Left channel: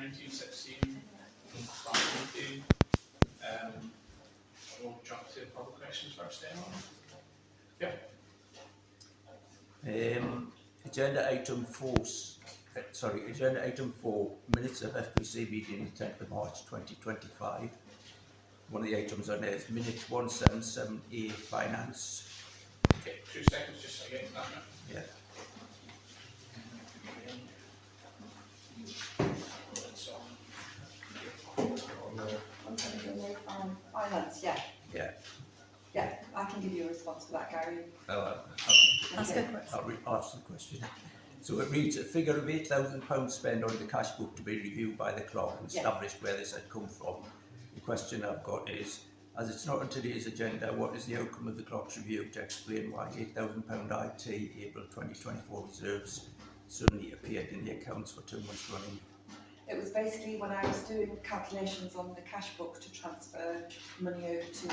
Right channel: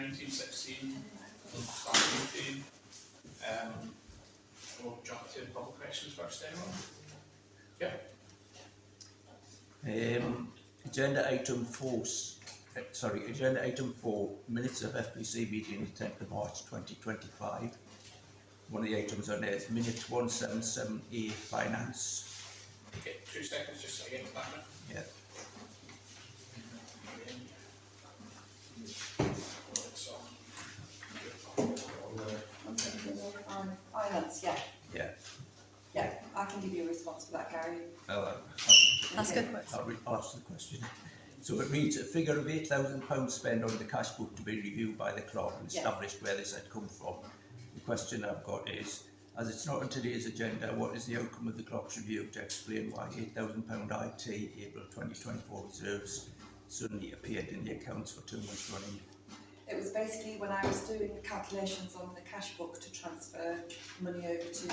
1916 from start meeting. We'll jump to public questions first then. Yeah. Agenda item 4, minutes of FPC meeting 10th of March 2025. One of the items on there is minute 177A, finance. Okay, 2 seconds just so I get to that now. Yeah. Finance, yeah. Yeah. Yeah, I can give you a response for that, Gary. Oh, That's good. I'll ask the question. So it reads, a figure of £8,000 spent on the cash book to be reviewed by the clerk and established where this had come from. The question I've got is, as it's not on today's agenda, what is the outcome of the clerk's review to explain why £8,000 IT April 2024 reserves suddenly appeared in the accounts for 2 months running? It was basically when I was doing calculations on the cash book to transfer money over to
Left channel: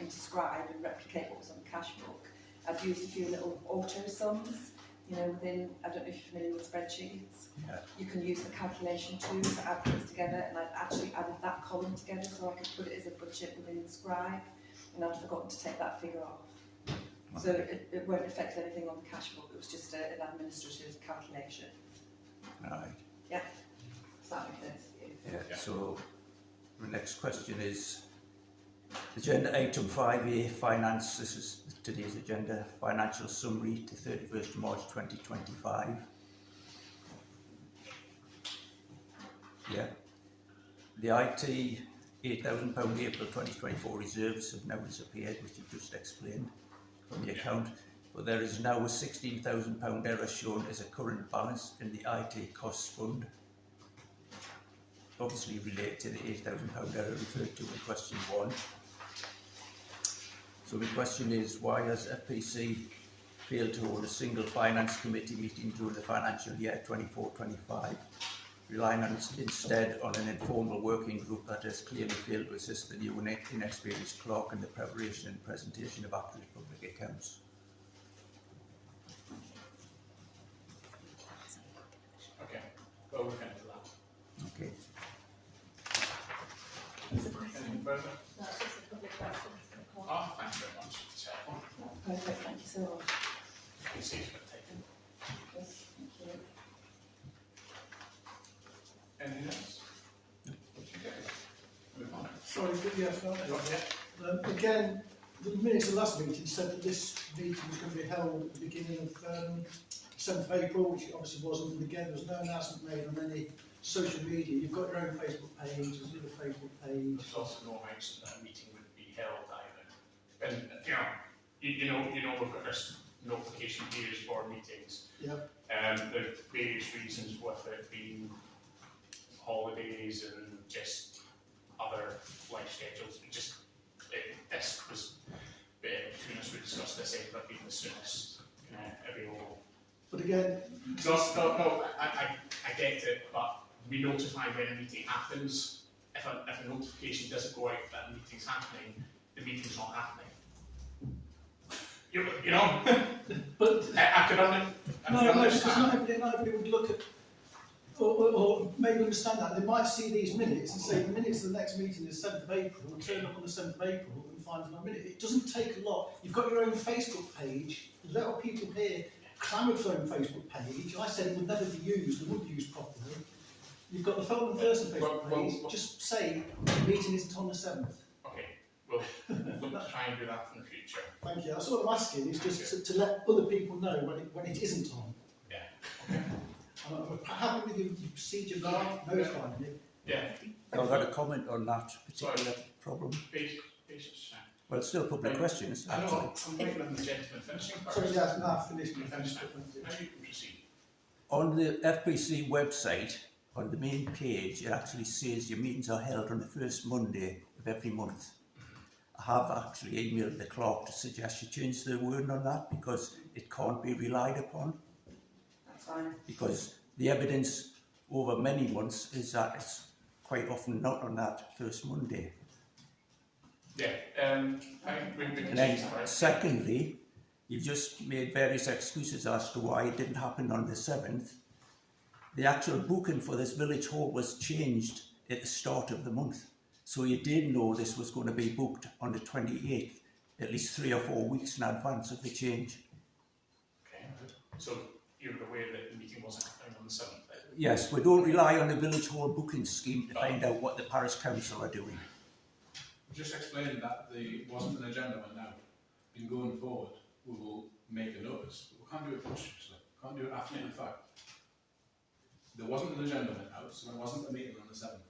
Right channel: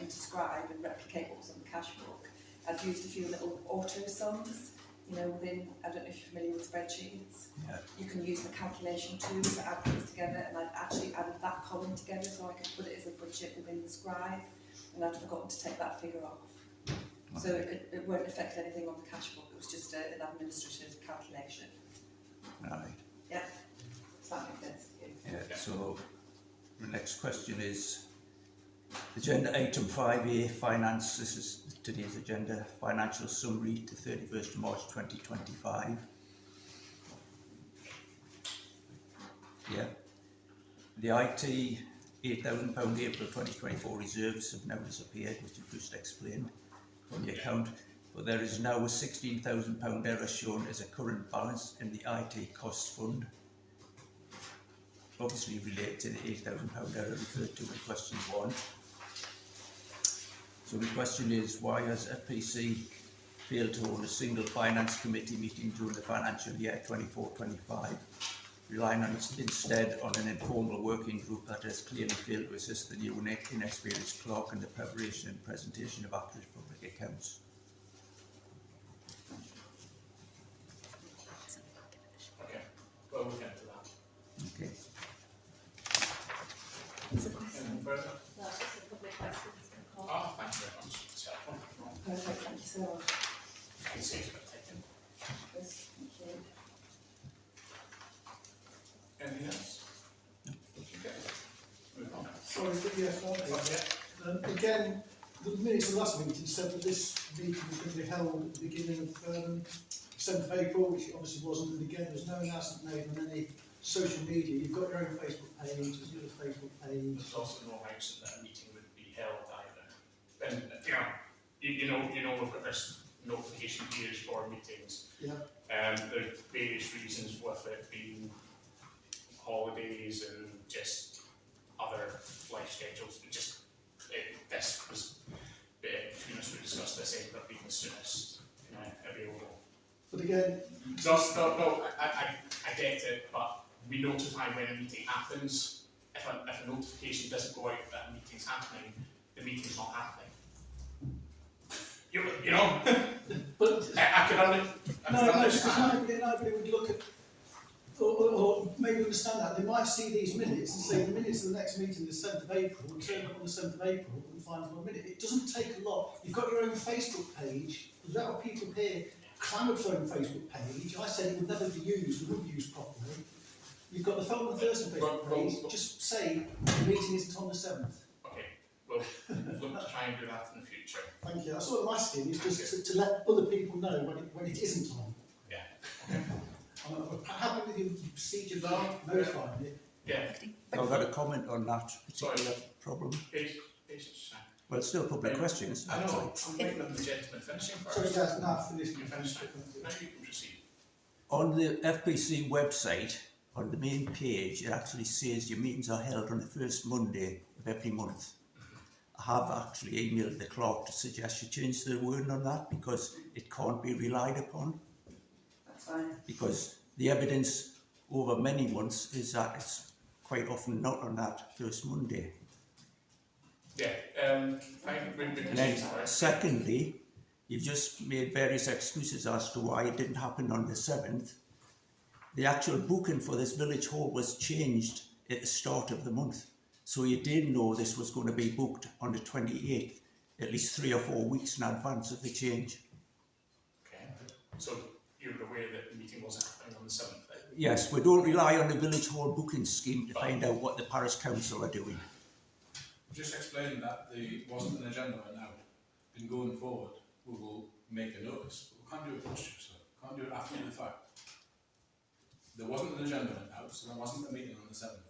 into Scribe and replicate what was on the cash book. I'd used a few little auto sums, you know, within, I don't know if you're familiar with spreadsheets. Yeah. You can use the calculation tool to add things together, and I'd actually added that column together so I could put it as a budget within the Scribe, and I'd forgotten to take that figure off. Okay. So it won't affect anything on the cash book, it was just an administrative calculation. Right. Yeah. Does that make sense to you? Yeah, so the next question is agenda item 5A, finance. This is today's agenda, financial summary to 31st of March 2025. Yeah. The IT £8,000 April 2024 reserves have now disappeared, which you've just explained from the account. But there is now a £16,000 error shown as a current balance in the IT costs fund, obviously related to the £8,000 error referred to in question 1. So the question is, why has FPC failed to hold a single finance committee meeting during the financial year 24-25, relying instead on an informal working group that has clearly failed to assist the new and inexperienced clerk in the preparation and presentation of accurate public accounts? Okay, well, we'll get to that. Okay. Anything further? No, it's just a public question. Oh, thank you very much. It's helpful. Perfect, thank you so much. I can see it's been taken. Yes, thank you. Anything else? Okay. Move on. Sorry, yes, Yeah. again, the minutes of the last meeting said that this meeting was going to be held at the beginning of 7th of April, which it obviously wasn't, and again, there was no announcement made on any social media. You've got your own Facebook page, there's your Facebook page. There's also no mention that a meeting would be held either. And you know, we've got this notification periods for meetings. Yeah. There's various reasons with it being holidays and just other life schedules. This was between us. We discussed this end up being the soonest available. But again, No, I get it, but we notify when a meeting happens. If a notification doesn't go out that a meeting's happening, the meeting's not happening. You know, but I could understand. because nobody would look at or maybe understand that. They might see these minutes and say the minutes of the next meeting is 7th of April and turn up on the 7th of April and find no minute. It doesn't take a lot. You've got your own Facebook page. A lot of people here clamoured for their own Facebook page. I said it would never be used, it wouldn't be used properly. You've got the Phone and Thursday Facebook page. Just say the meeting isn't on the 7th. Okay, well, we'll try and do that in the future. Thank you. That's what I'm asking, is just to let other people know when it isn't on. Yeah. Okay. I'm happy with your procedure there, notifying it. Yeah. I've got a comment on that particular problem. Patience. Well, it's still a public question, isn't it? I know. Actually. I'm waiting on the gentleman finishing first. Sorry, guys, now I've finished. You finished it. Now you can proceed. On the FPC website, on the main page, it actually says your meetings are held on the first Monday of every month. I have actually emailed the clerk to suggest you change the wording on that because it can't be relied upon. That's fine. Because the evidence over many months is that it's quite often not on that first Monday. Yeah. We can And then, change that. secondly, you've just made various excuses as to why it didn't happen on the 7th. the actual booking for this village hall was changed at the start of the month. So you did know this was going to be booked on the 28th, at least 3 or 4 weeks in advance of the change. Okay. So you were aware that the meeting wasn't happening on the 7th then? Yes, we don't rely on the village hall booking scheme to find out what the parish council are doing. Just explaining that there wasn't an agenda right now. In going forward, we will make a notice, but we can't do it post so we can't do it after the fact. There wasn't an agenda right now, so there wasn't a meeting on the 7th.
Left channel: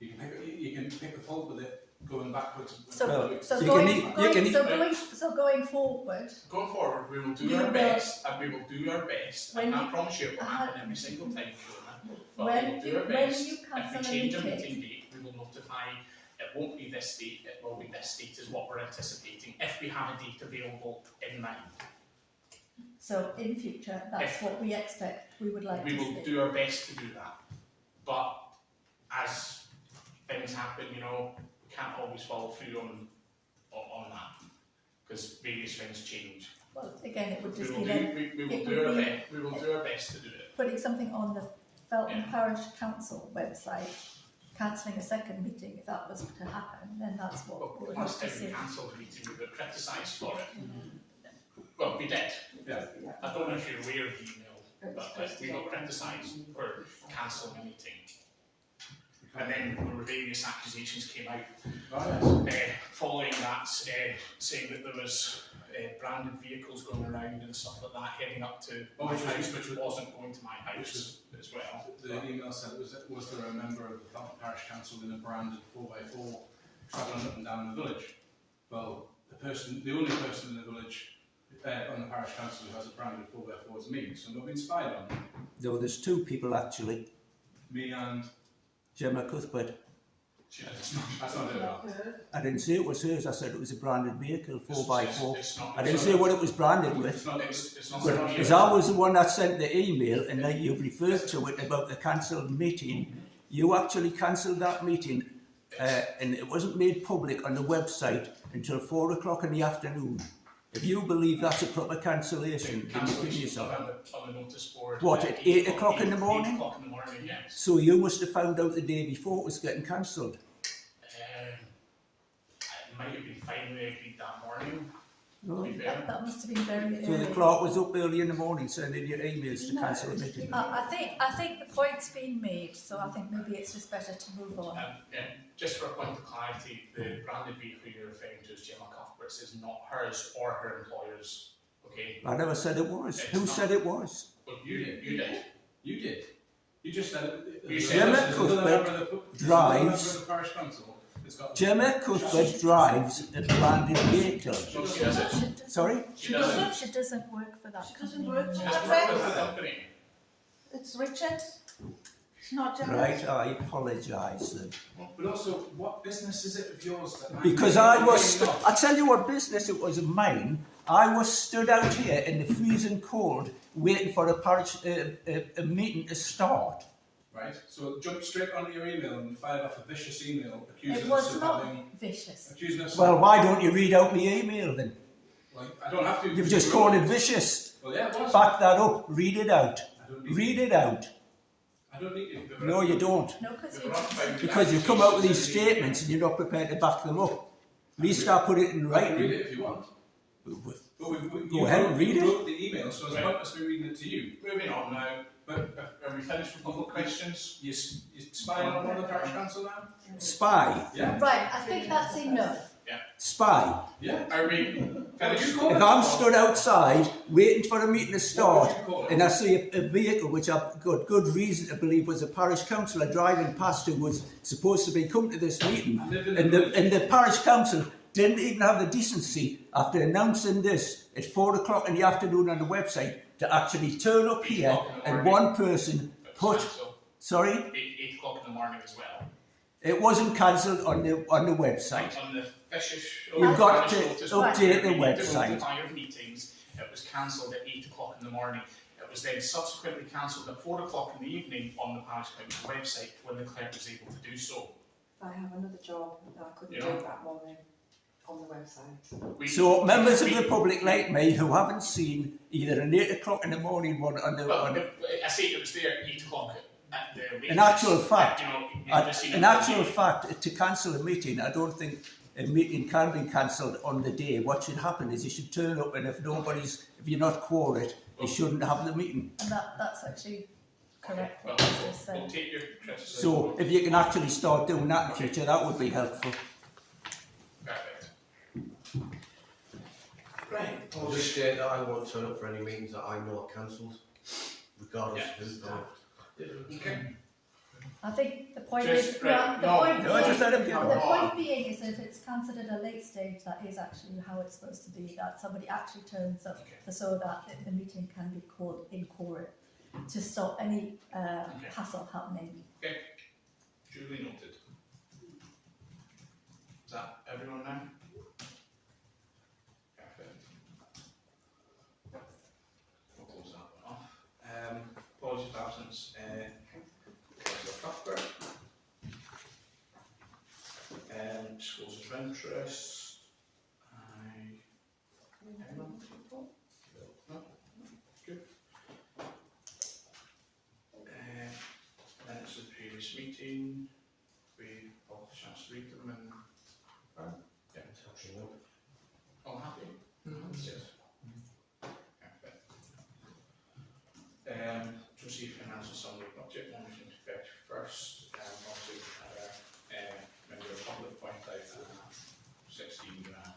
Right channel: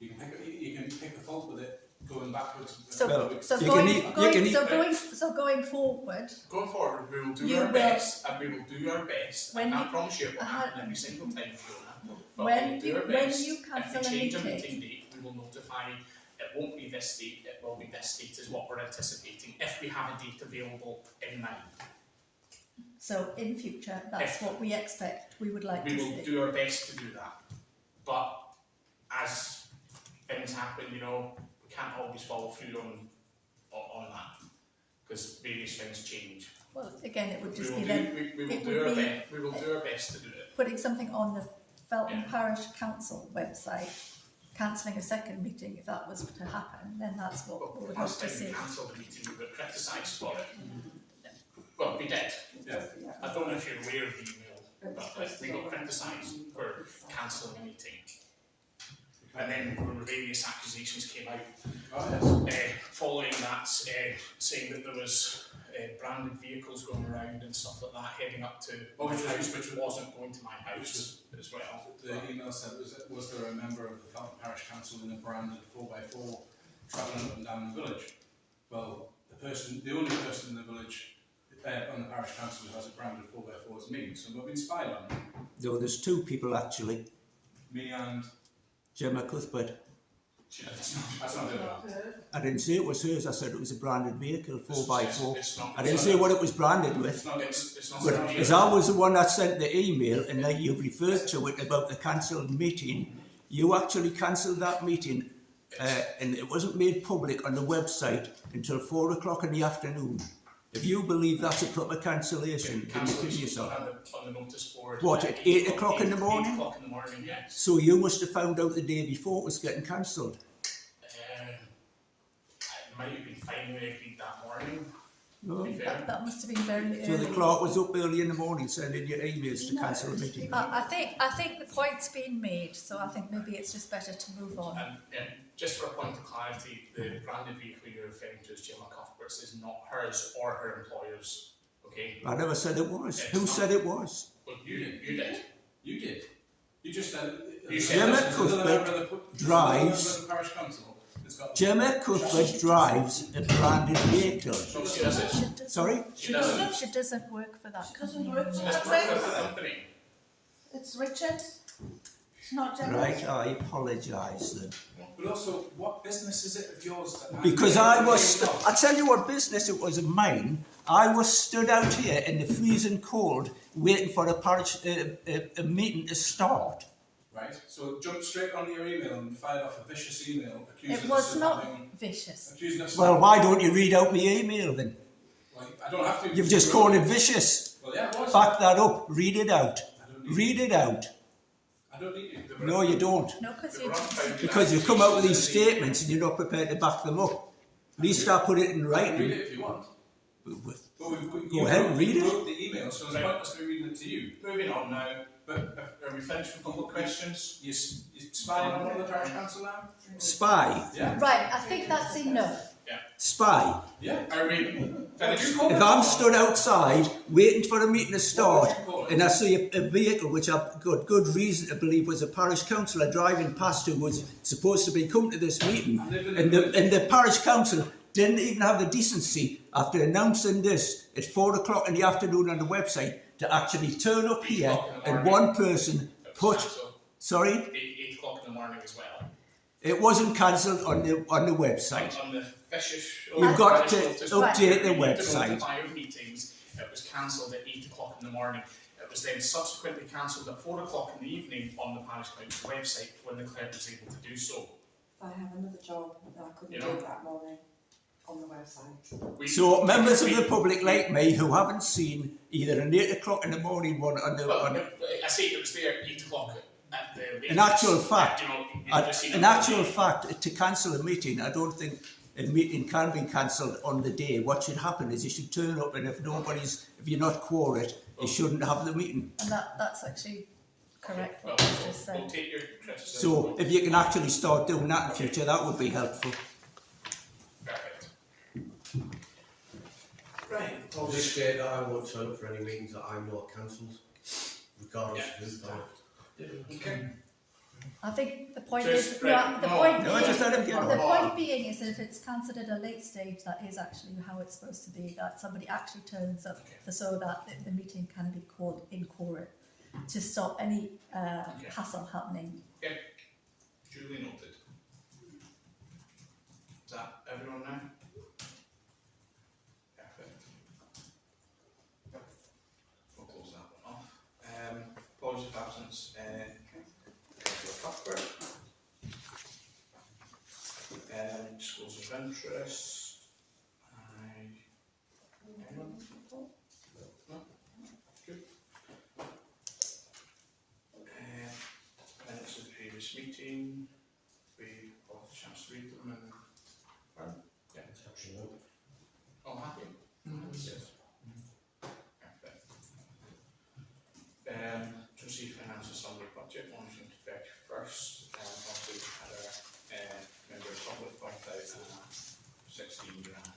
You can pick a fault with it going backwards. So, Well, so you going, can going, e- so going, so going forward, Going forward, we will do You our will- best, and we will do our best. I When can't you- promise you it will happen every single time, Fiona, but when we will do you- our when best. you If cancel we a change a meeting- meeting date, we will notify, it won't be this date, it will be this date is what we're anticipating, if we have a date available in mind. so in future, that's If- what we expect, we would like We to will see. do our best to do that. But as things happen, you know, we can't always follow through on that, because various things change. Well, again, it would We just will be do, then we will it do would our be- best, we will do our best to do it. putting something on the Felton Yeah. Parish Council website, cancelling a second meeting if that was to happen, then that's what Well, we would the like last to time we see. cancelled the meeting, we were criticised for it. Well, we did. Yeah. I don't know if you're aware of the email, but like, we got criticised for cancelling a meeting. And then there were various accusations came out following that, saying that there was branded vehicles going around and stuff like that heading up to my house, which wasn't going to my house as well. The email said, was there a member of the Felton Parish Council in a branded 4x4 travelling up and down the village? Well, the only person in the village on the Parish Council who has a branded 4x4 is me, so I'm being spied on. Though there's 2 people actually, Me and... Gemma Cuthbert. That's not it. I didn't say it was hers, I said it was a branded vehicle, 4x4. It's not- I didn't say what it was branded with. It's not... It's not But a as I was the one that sent the email and that you referred to it about the cancelled meeting, you actually cancelled that meeting and it wasn't made public on the website until 4 o'clock in the afternoon. If you believe that's a proper cancellation, then you kill yourself. on the notice board. What, at 8 o'clock in the morning? 8 o'clock in the morning, yes. So you must have found out the day before it was getting cancelled. It might have been finally agreed that morning, No? to be fair. That must have been very So early. the clerk was up early in the morning sending your emails to No. cancel a meeting. I think the point's been made, so I think maybe it's just better to move on. And just for a point of clarity, the branded vehicle you're referring to as Gemma Cuthbert's is not hers or her employer's, okay? I never said it was. Who said it was? Well, you did. You did. You just said... You said Gemma there's Cuthbert drives. Gemma Cuthbert drives a branded vehicle. So she doesn't. Sorry? She doesn't work for that. She doesn't company work for anymore. that. That's not the company. It's Richards. It's not Gemma. Right, I apologise then. But also, what business is it of yours that... Because I was, I'll tell you what business it was of mine. I was stood out here in the freezing cold waiting for a parish a meeting to start. Right, so jump straight onto your email and fired off a vicious email accusing It us was of not having... vicious. Accusing us Well, of... why don't you read out my email then? Well, I don't have to... You've just called it vicious. Well, yeah, it was. Back that up. Read it out. I don't need Read it out. I don't need you. No, you don't. No, because They were unfounded Because you've come out with these accusations statements and you're not prepared to back them up. At least I put it in I can read writing. it if you want. But Go ahead and read you it. wrote the email, so it's Right. pointless me reading it to you. Moving on now, but are we finished with public questions? You spying on one of the parish council now? Spy. Yeah? Right, I think that's enough. Spy. Yeah. Are we finished? If I'm stood outside waiting for a meeting to start and I see a vehicle which I've got good reason to believe was a parish councillor driving past who was supposed to be coming to this meeting and the parish council didn't even have the decency after announcing this at 4 o'clock in the afternoon on the website to actually turn up here and one person put, sorry, 8 o'clock in the morning as well. it wasn't cancelled on the website. On the vicious... You've got to notice update the board, we need to website. notify of meetings. It was cancelled at 8 o'clock in the morning. It was then subsequently cancelled at 4 o'clock in the evening on the Parish Council website when the clerk was able to do so. I have another job that I couldn't You do know. that morning. on the website. So members of the public like me who haven't seen either an 8 o'clock in the morning one on the... Well, on, I say it was there at 8 o'clock at the latest. in actual fact, you know, you've received in it actual all day. fact, to cancel a meeting, I don't think a meeting can be cancelled on the day. What should happen is you should turn up, and if you're not quorate, you shouldn't have the meeting. And that's actually correct. Well, what you just we'll said. take your criticism. So if you can actually start doing that in future, that would be helpful. Perfect. Right, I'll just state that I won't turn up for any meetings that I know are cancelled, regardless of who's there. Okay. I think the point Just is, right, the no, point no, being, just let him get the on. point being is that if it's cancelled at a late stage, that is actually how it's supposed to be, that somebody actually turns up so that the meeting can be called in court to stop any hassle happening. Okay. Duly noted. Is that everyone now? Perfect. We'll close that one off. Apologies of absence. Councillor Cuthbert. Disclosures of interest. Anyone? No? Good. Minutes of the previous meeting. We all had a chance to read them and yeah. It's actually no. All happy? Yes. Perfect. To receive financial summary budget monitoring to 31st. Also had a member of the public point out 16 grand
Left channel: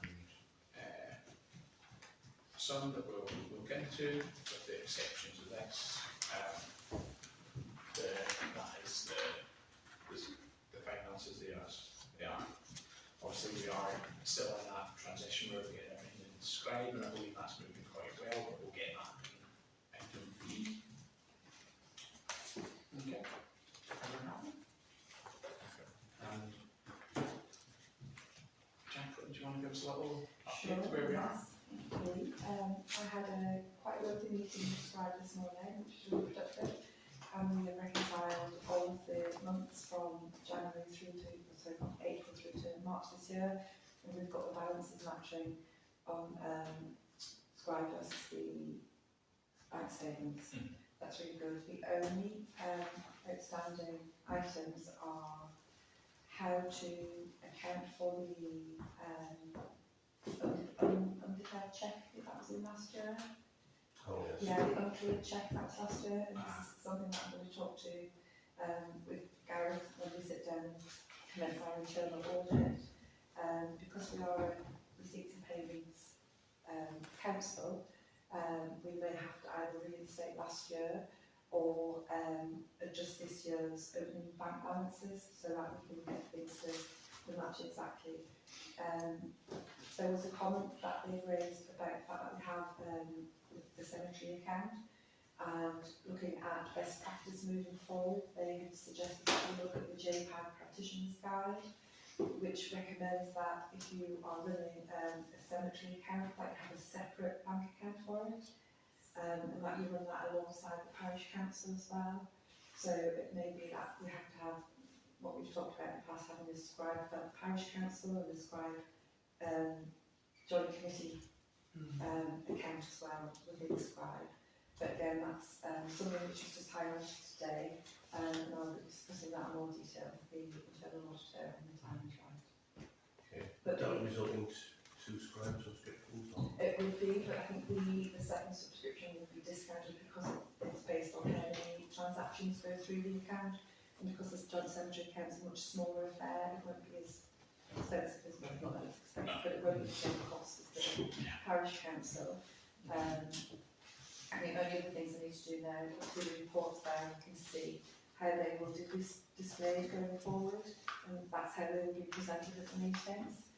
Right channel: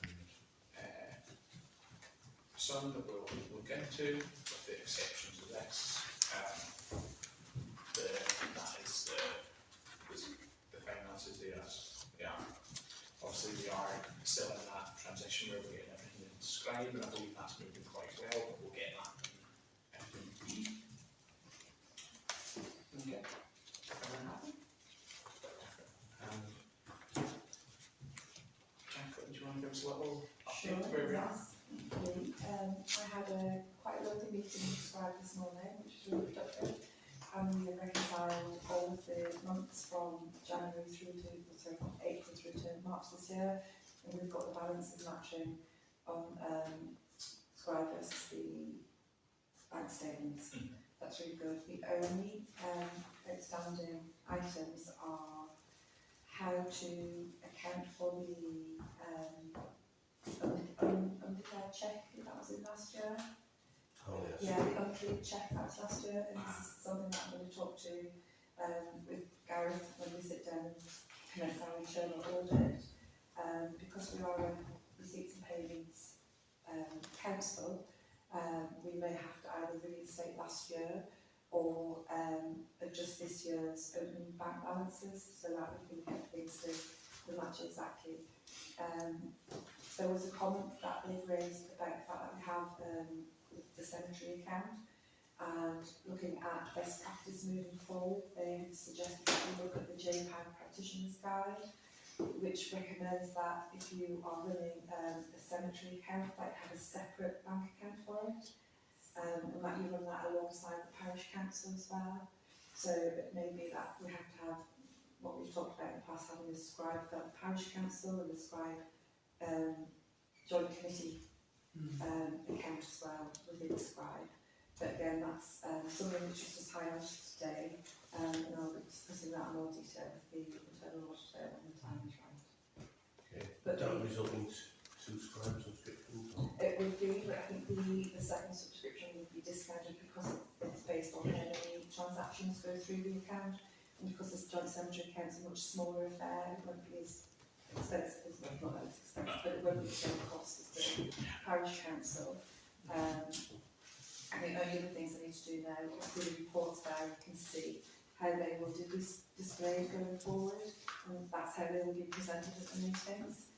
sum that we'll look into, with the exceptions of this. That is the finances there as they are. Obviously we are still in that transition where we're getting everything described, and I believe that's moving quite well, but we'll get that in FPC. Okay. Everyone happy? Jacqueline, do you want to give us a little update Sure, where we are? yes. I had quite a lovely meeting with Scribe this morning, which was really productive, and we have reconciled all of the months from January through to, sorry, from April through to March this year, and we've got the balances matching on Scribe versus the bank statements. That's really good. The only outstanding items are how to account for the undeclared cheque that was in last year. Oh, yes. Yeah, the uncleared cheque that was last year, and this is something that I'm going to talk to with Gareth when we sit down and commence our internal audit. Because we are a receipts and payments council, we may have to either reinstate last year or adjust this year's opening bank balances so that we can get things to match exactly. There was a comment that they've raised about the fact that we have the cemetery account, and looking at best practice moving forward, they have suggested that we look at the JPAG Practitioner's Guide, which recommends that if you are running a cemetery account, that you have a separate bank account for it, and that you run that alongside the parish council as well. So it may be that we have to have what we've talked about in the past, having a scribe for the parish council and a scribe joint committee account as well within scribe. But again, that's something which was just highlighted today, and I'll be discussing that in more detail with the internal auditor when the time is right. Okay. But That would result in two scribe subscriptions, or? it would be, but I think the second subscription would be discounted because it's based on how many transactions go through the account, and because this joint cemetery account is a much smaller affair, it won't be as expensive as, not that it's expensive, but it won't be the same cost as the parish council. And the only other things I need to do now is do the reports there, and you can see how they will be displayed going forward, and that's how they will be presented at the meetings.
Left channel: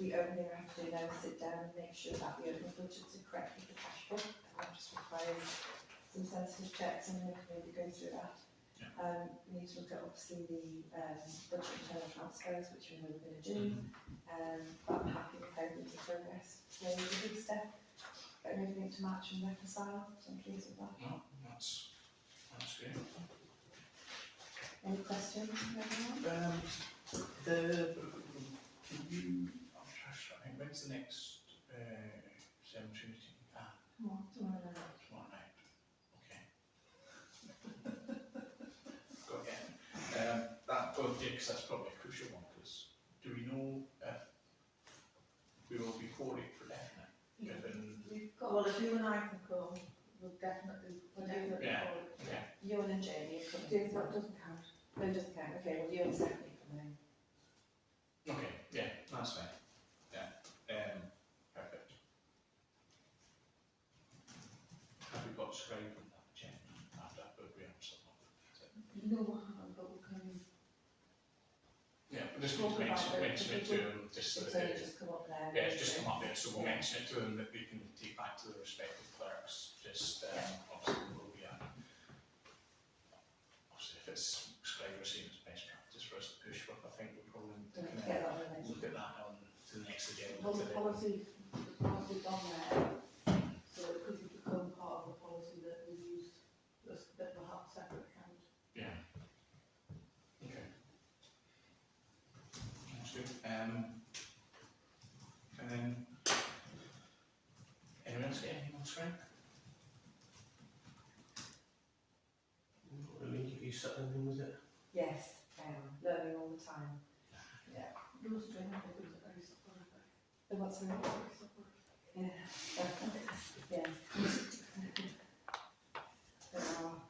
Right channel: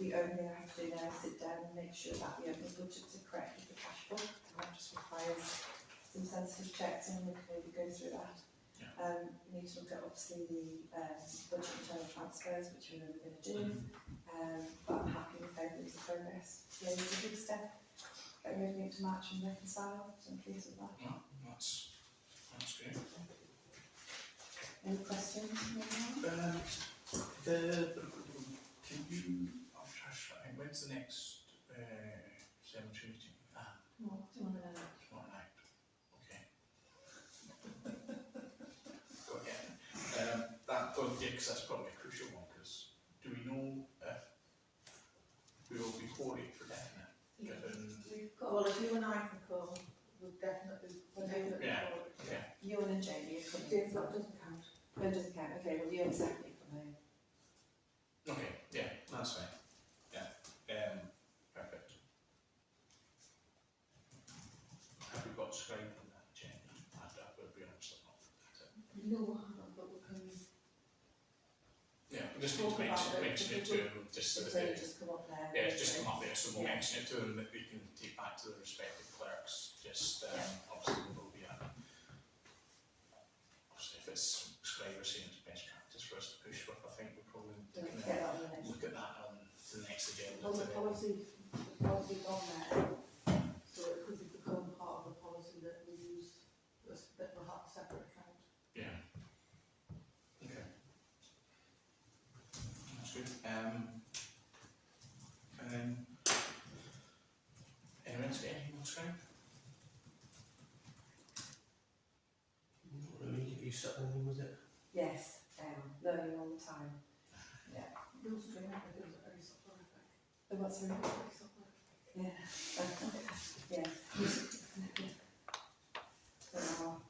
The only thing I have to do now is sit down and make sure that the opening budgets are correct with the cash book, and that just requires some sensitive checks, and we can maybe go through that. We need to look at obviously the budget internal transfers, which we're going to do, but I'm happy with how things are progress. So it's a big step, getting everything to match and reconcile, so I'm pleased with that. No, that's great. Any questions from everyone? when's the next cemetery meeting? Tomorrow night. Tomorrow night. Okay. Got it. That, because that's probably a crucial one, because do we know if we will be quoted for definite, given... We've got, well, if you and I can come, we'll definitely Yeah. call it. Okay. Ewan and Jamie are coming. Dave, that doesn't count. No, it doesn't count. Okay, well, Ewan's definitely coming. Okay, yeah, that's fine. Yeah, perfect. Have we got scribe in that, Jen? That would be absolutely not. No, we haven't, but we can. Yeah, we just need Talk to about mention it to him, just so It's that only they, just come up there. yeah, it's just come up there, so we'll mention it to them that they can take back to the respective clerks. Just obviously there will be a, obviously if it's scribe or saying it's best practice for us to push with, I think we'll probably Don't forget that on the next. look at that on to the next agenda. Well, the today. policy's on there, so it could become part of the policy that we use, that will have a separate account. Yeah. Okay. That's good. And then, anyone else get anything on screen? Not really. Are you settling in with it? Yes, learning all the time. Those training videos are very supportive. The what's the Very supportive. Yeah. Yeah. They are.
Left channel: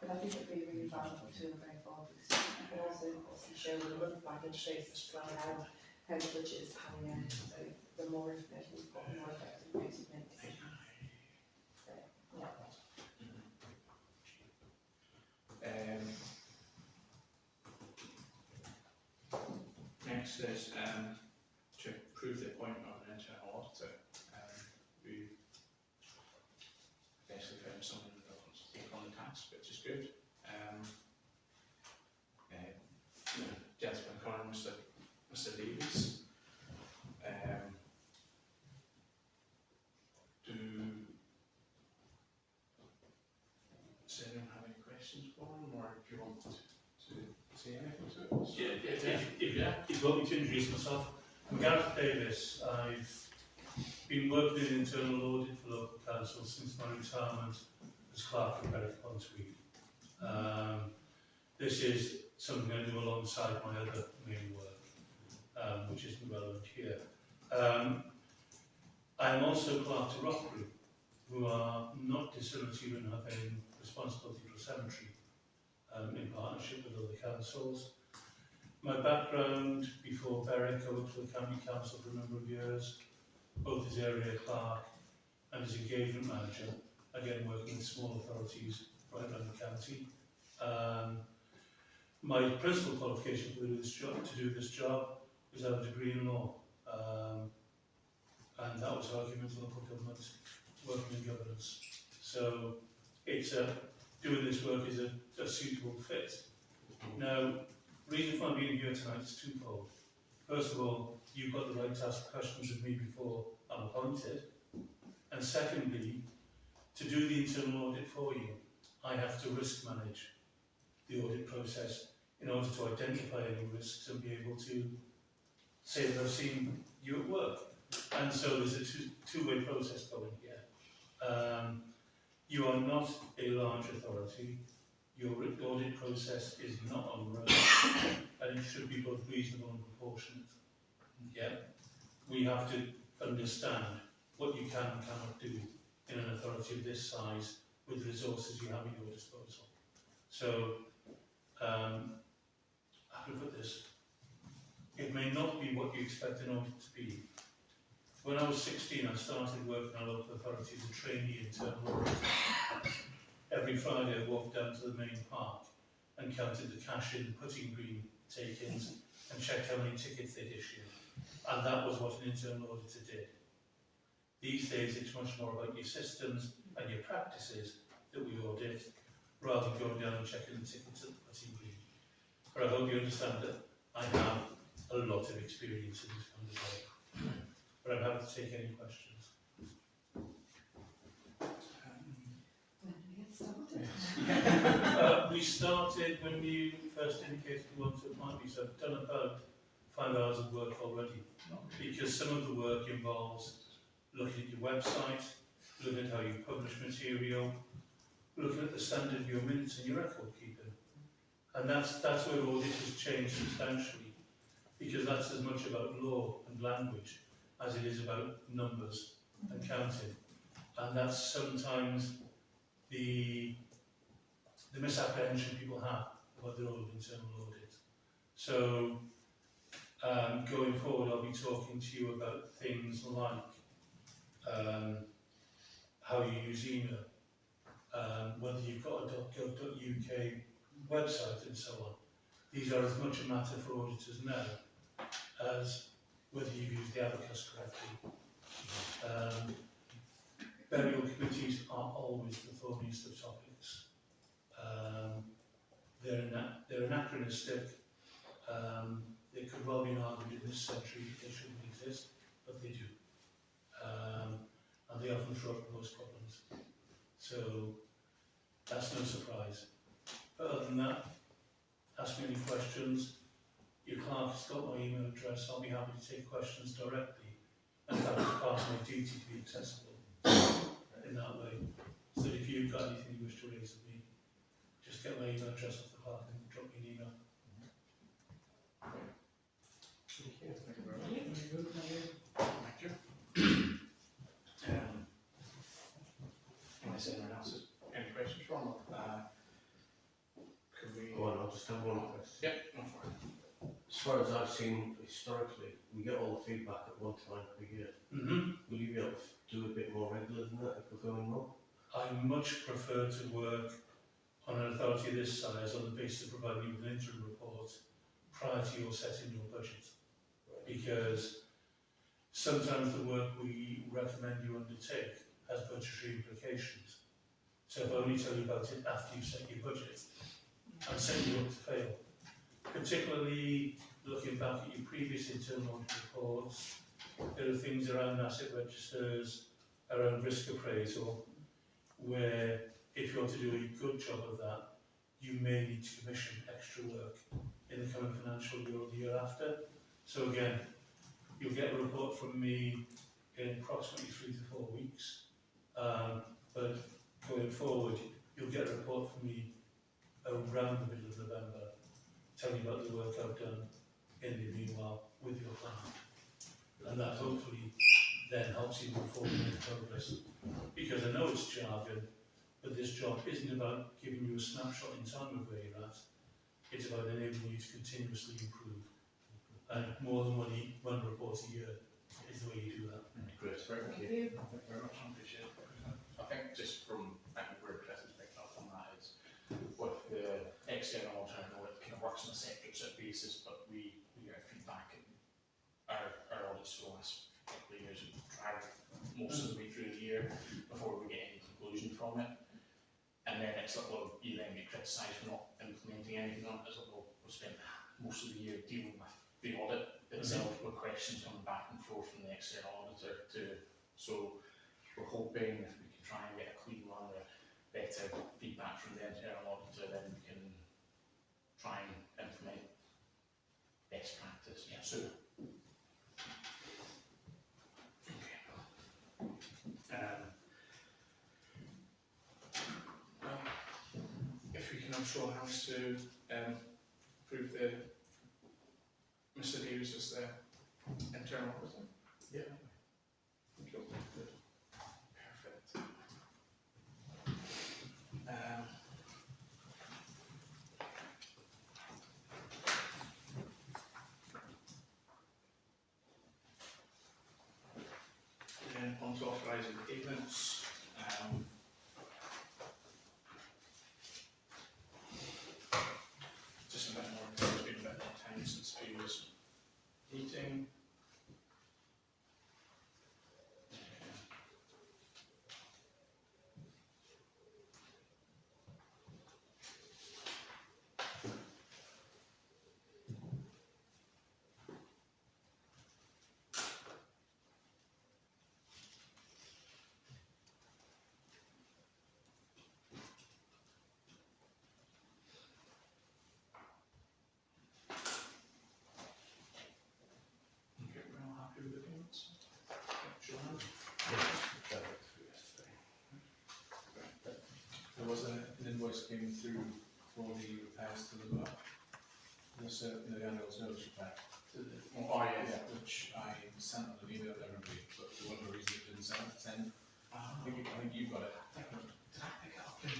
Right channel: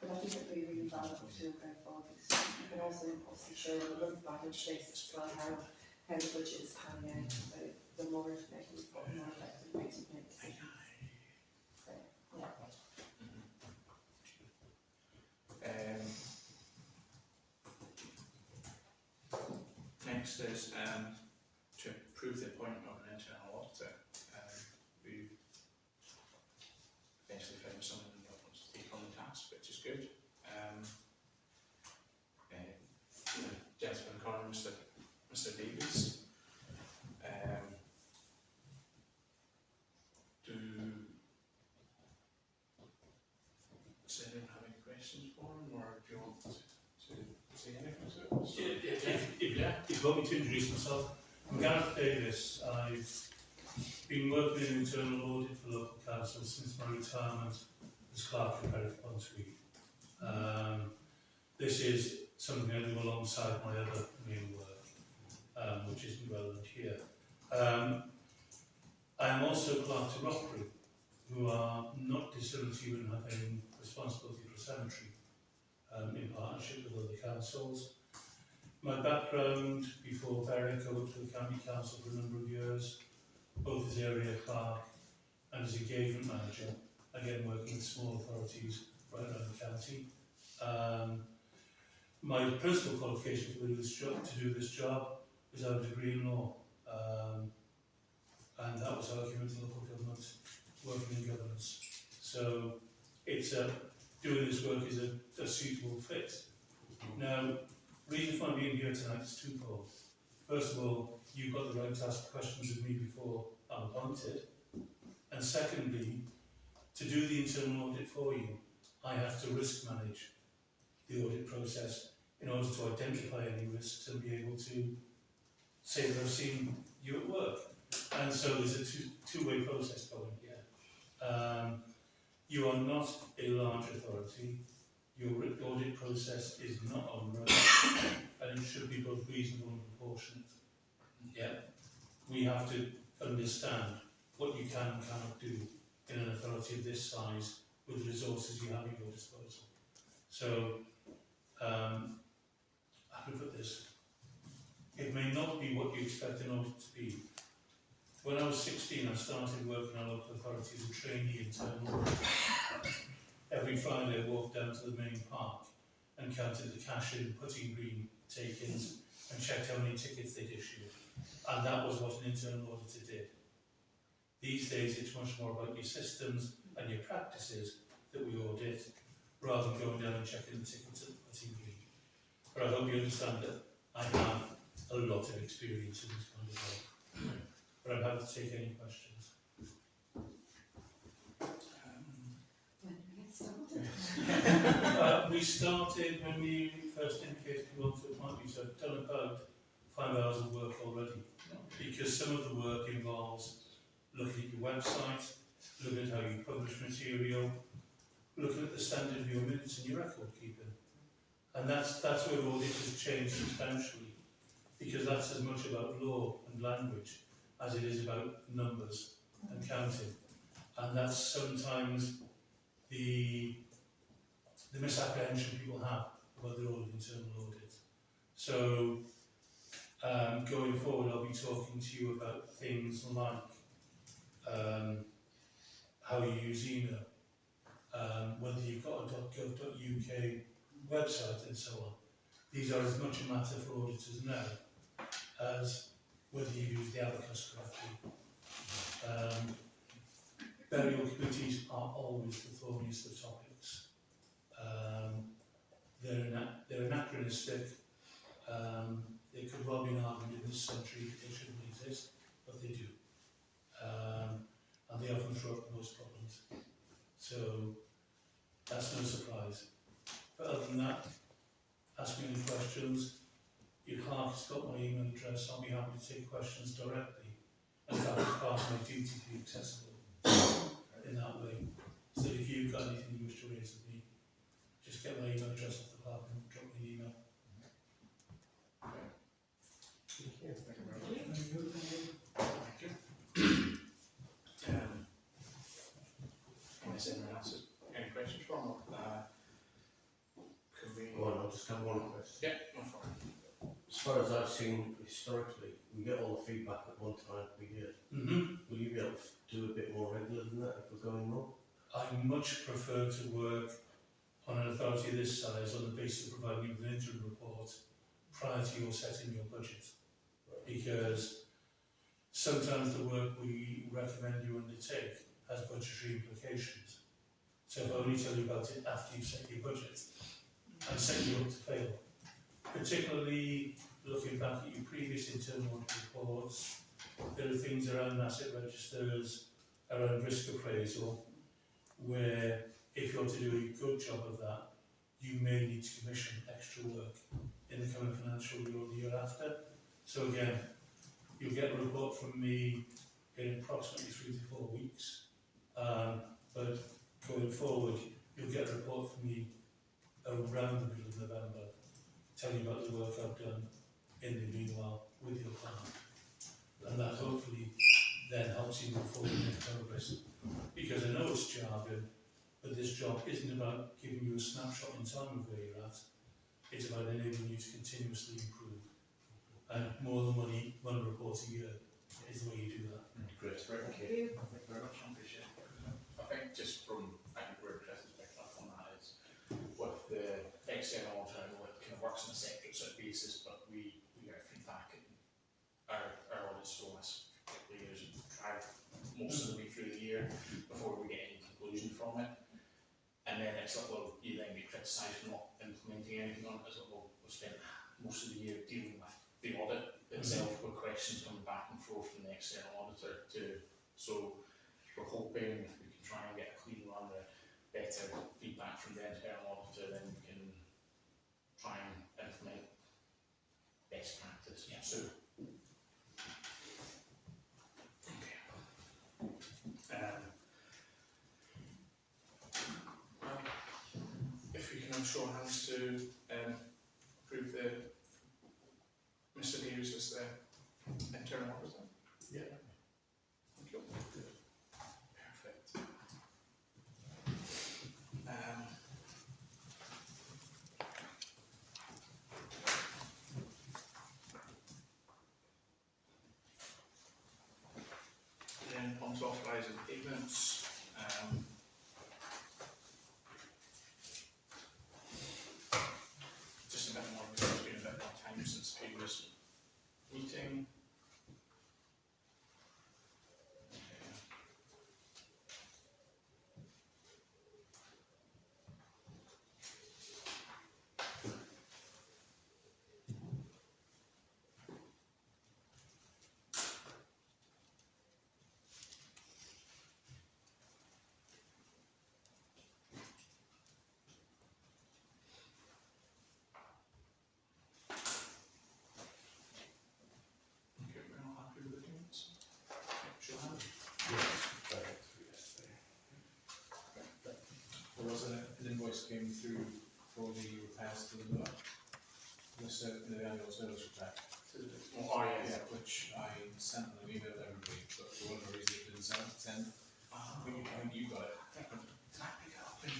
But I think it'd be really valuable to going forward because you can also obviously show on a month-by-month basis as well how the budget is coming in. So the more information we've got, the more effective we can make decisions. So, yeah. Next is to approve the appointment of an internal auditor. We've eventually found someone that wants to take on the task, which is good. Gentleman Connor, Mr. Davies. Does anyone have any questions for him, or do you want to say anything to it? If you want me to introduce myself, I'm Gareth Davis. I've been working in internal audit for local council since my retirement as clerk of Parish Councillor. This is something I do alongside my other main work, which isn't relevant here. I am also clerk to Rockery, who are not dissimilar to you in having responsibility for a cemetery in partnership with other councils. My background before Berwick, I worked for the County Council for a number of years, both as area clerk and as engagement manager, again working with small authorities right around the county. My principal qualification to do this job was I have a degree in law, and that was argument in local government, working in governance. So it's doing this work is a suitable fit. Now, the reason for being here tonight is twofold. First of all, you've got the right to ask questions of me before I'm appointed. And secondly, to do the internal audit for you, I have to risk manage the audit process in order to identify any risks and be able to say that I've seen you at work. And so there's a two-way process going here. You are not a large authority. Your audit process is not onerous, and it should be both reasonable and proportionate. Yeah, we have to understand what you can and cannot do in an authority of this size with the resources you have at your disposal. So, how to put this? It may not be what you expect an audit to be. When I was 16, I started working on a local authority as a trainee internal auditor. Every Friday I walked down to the main park and counted the cash in, putting green take-ins, and checked how many tickets they'd issued. And that was what an internal auditor did. These days it's much more about your systems and your practices that we audit, rather than going down and checking the tickets and putting green. But I hope you understand that I have a lot of experience in this kind of work. But I'm happy to take any questions. When do we get started? We started when you first indicated you want to appoint me, so I've done about 5 hours of work already, because some of the work involves looking at your website, looking at how you publish material, looking at the standard of your minutes and your record keeping. And that's where audit has changed substantially, because that's as much about law and language as it is about numbers and counting. And that's sometimes the misapprehension people have about the role of internal audit. So going forward, I'll be talking to you about things like how you use email, whether you've got a .gov.uk website and so on. These are as much a matter for auditors now as whether you've used the abacus correctly. Burial committees are always the thorniest of topics. They're anachronistic. There could well be an argument in this century they shouldn't exist, but they do. And they often throw up the most problems. So that's no surprise. But other than that, ask me any questions. Your clerk has got my email address. I'll be happy to take questions directly. And that is part of my duty to be accessible in that way. So if you've got anything you wish to raise with me, just get my email address off the clerk and drop me an email. Thank you. Thank you very much. Thank you. Unless anyone else has any questions from can we... Go on, I'll just have one question. Yeah, no problem. As far as I've seen historically, we get all the feedback at one time per year. Will you be able to do a bit more regular than that if we're going wrong? I much prefer to work on an authority this size on the basis of providing you with an interim report prior to your setting your budget. Because sometimes the work we recommend you undertake has budgetary implications. So if I only tell you about it after you've set your budget, I'm setting you up to fail. Particularly looking back at your previous internal audit reports, there are things around asset registers, around risk appraisal, where if you want to do a good job of that, you may need to commission extra work in the coming financial year or the year after. So again, you'll get a report from me in approximately 3 to 4 weeks. But going forward, you'll get a report from me around the middle of November, telling you about the work I've done in the meanwhile with your client. And that hopefully then helps you move forward and make progress. Because I know it's jargon, but this job isn't about giving you a snapshot in time of where you're at. It's about enabling you to continuously improve. And more than one report a year is the way you do that. Great, thank you. Thank you very much, I appreciate it. I think just from, I think where Chris has picked up on that is, with the external auditor, I know it kind of works on a separate sort of basis, but we get feedback in our audits for the last couple of years, tried most of the way through the year before we get any conclusion from it. And then it's like, well, you then get criticised for not implementing anything on it. It's like, well, we've spent most of the year dealing with the audit itself, with questions coming back and forth from the external auditor too. So we're hoping if we can try and get a clean run or better feedback from the internal auditor, then we can try and implement best practice. Yeah. So, if we can all show hands to approve the Mr. Davies as the internal auditor. Yeah. Thank you. Perfect. Then on to authorising payments. Just a bit more, because it's been a bit more time since previous meeting. invoice came through for the repairs to the motor, the annual service repair. Oh, yeah. Yeah, which I sent on an email to everybody, but for whatever reason it didn't send. I think you got it. Did I pick it up in?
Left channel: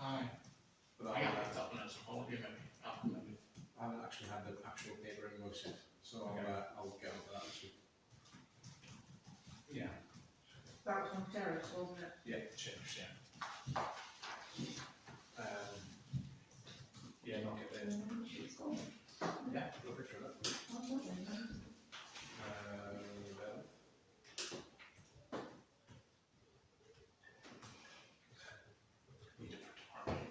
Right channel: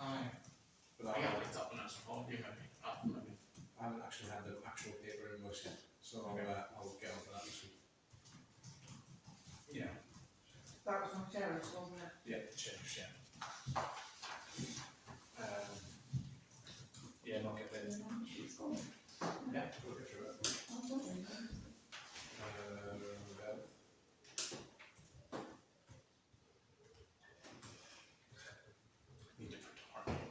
Aye. But I picked it up when I was on holiday, maybe. Maybe. I haven't actually had the actual paper invoice yet, so I'll get onto that this week. Yeah. That was from Sheriff's, wasn't it? Yeah. Cheers, yeah. Yeah, not get there. Yeah, put a picture of it. Well, Need it for tomorrow night.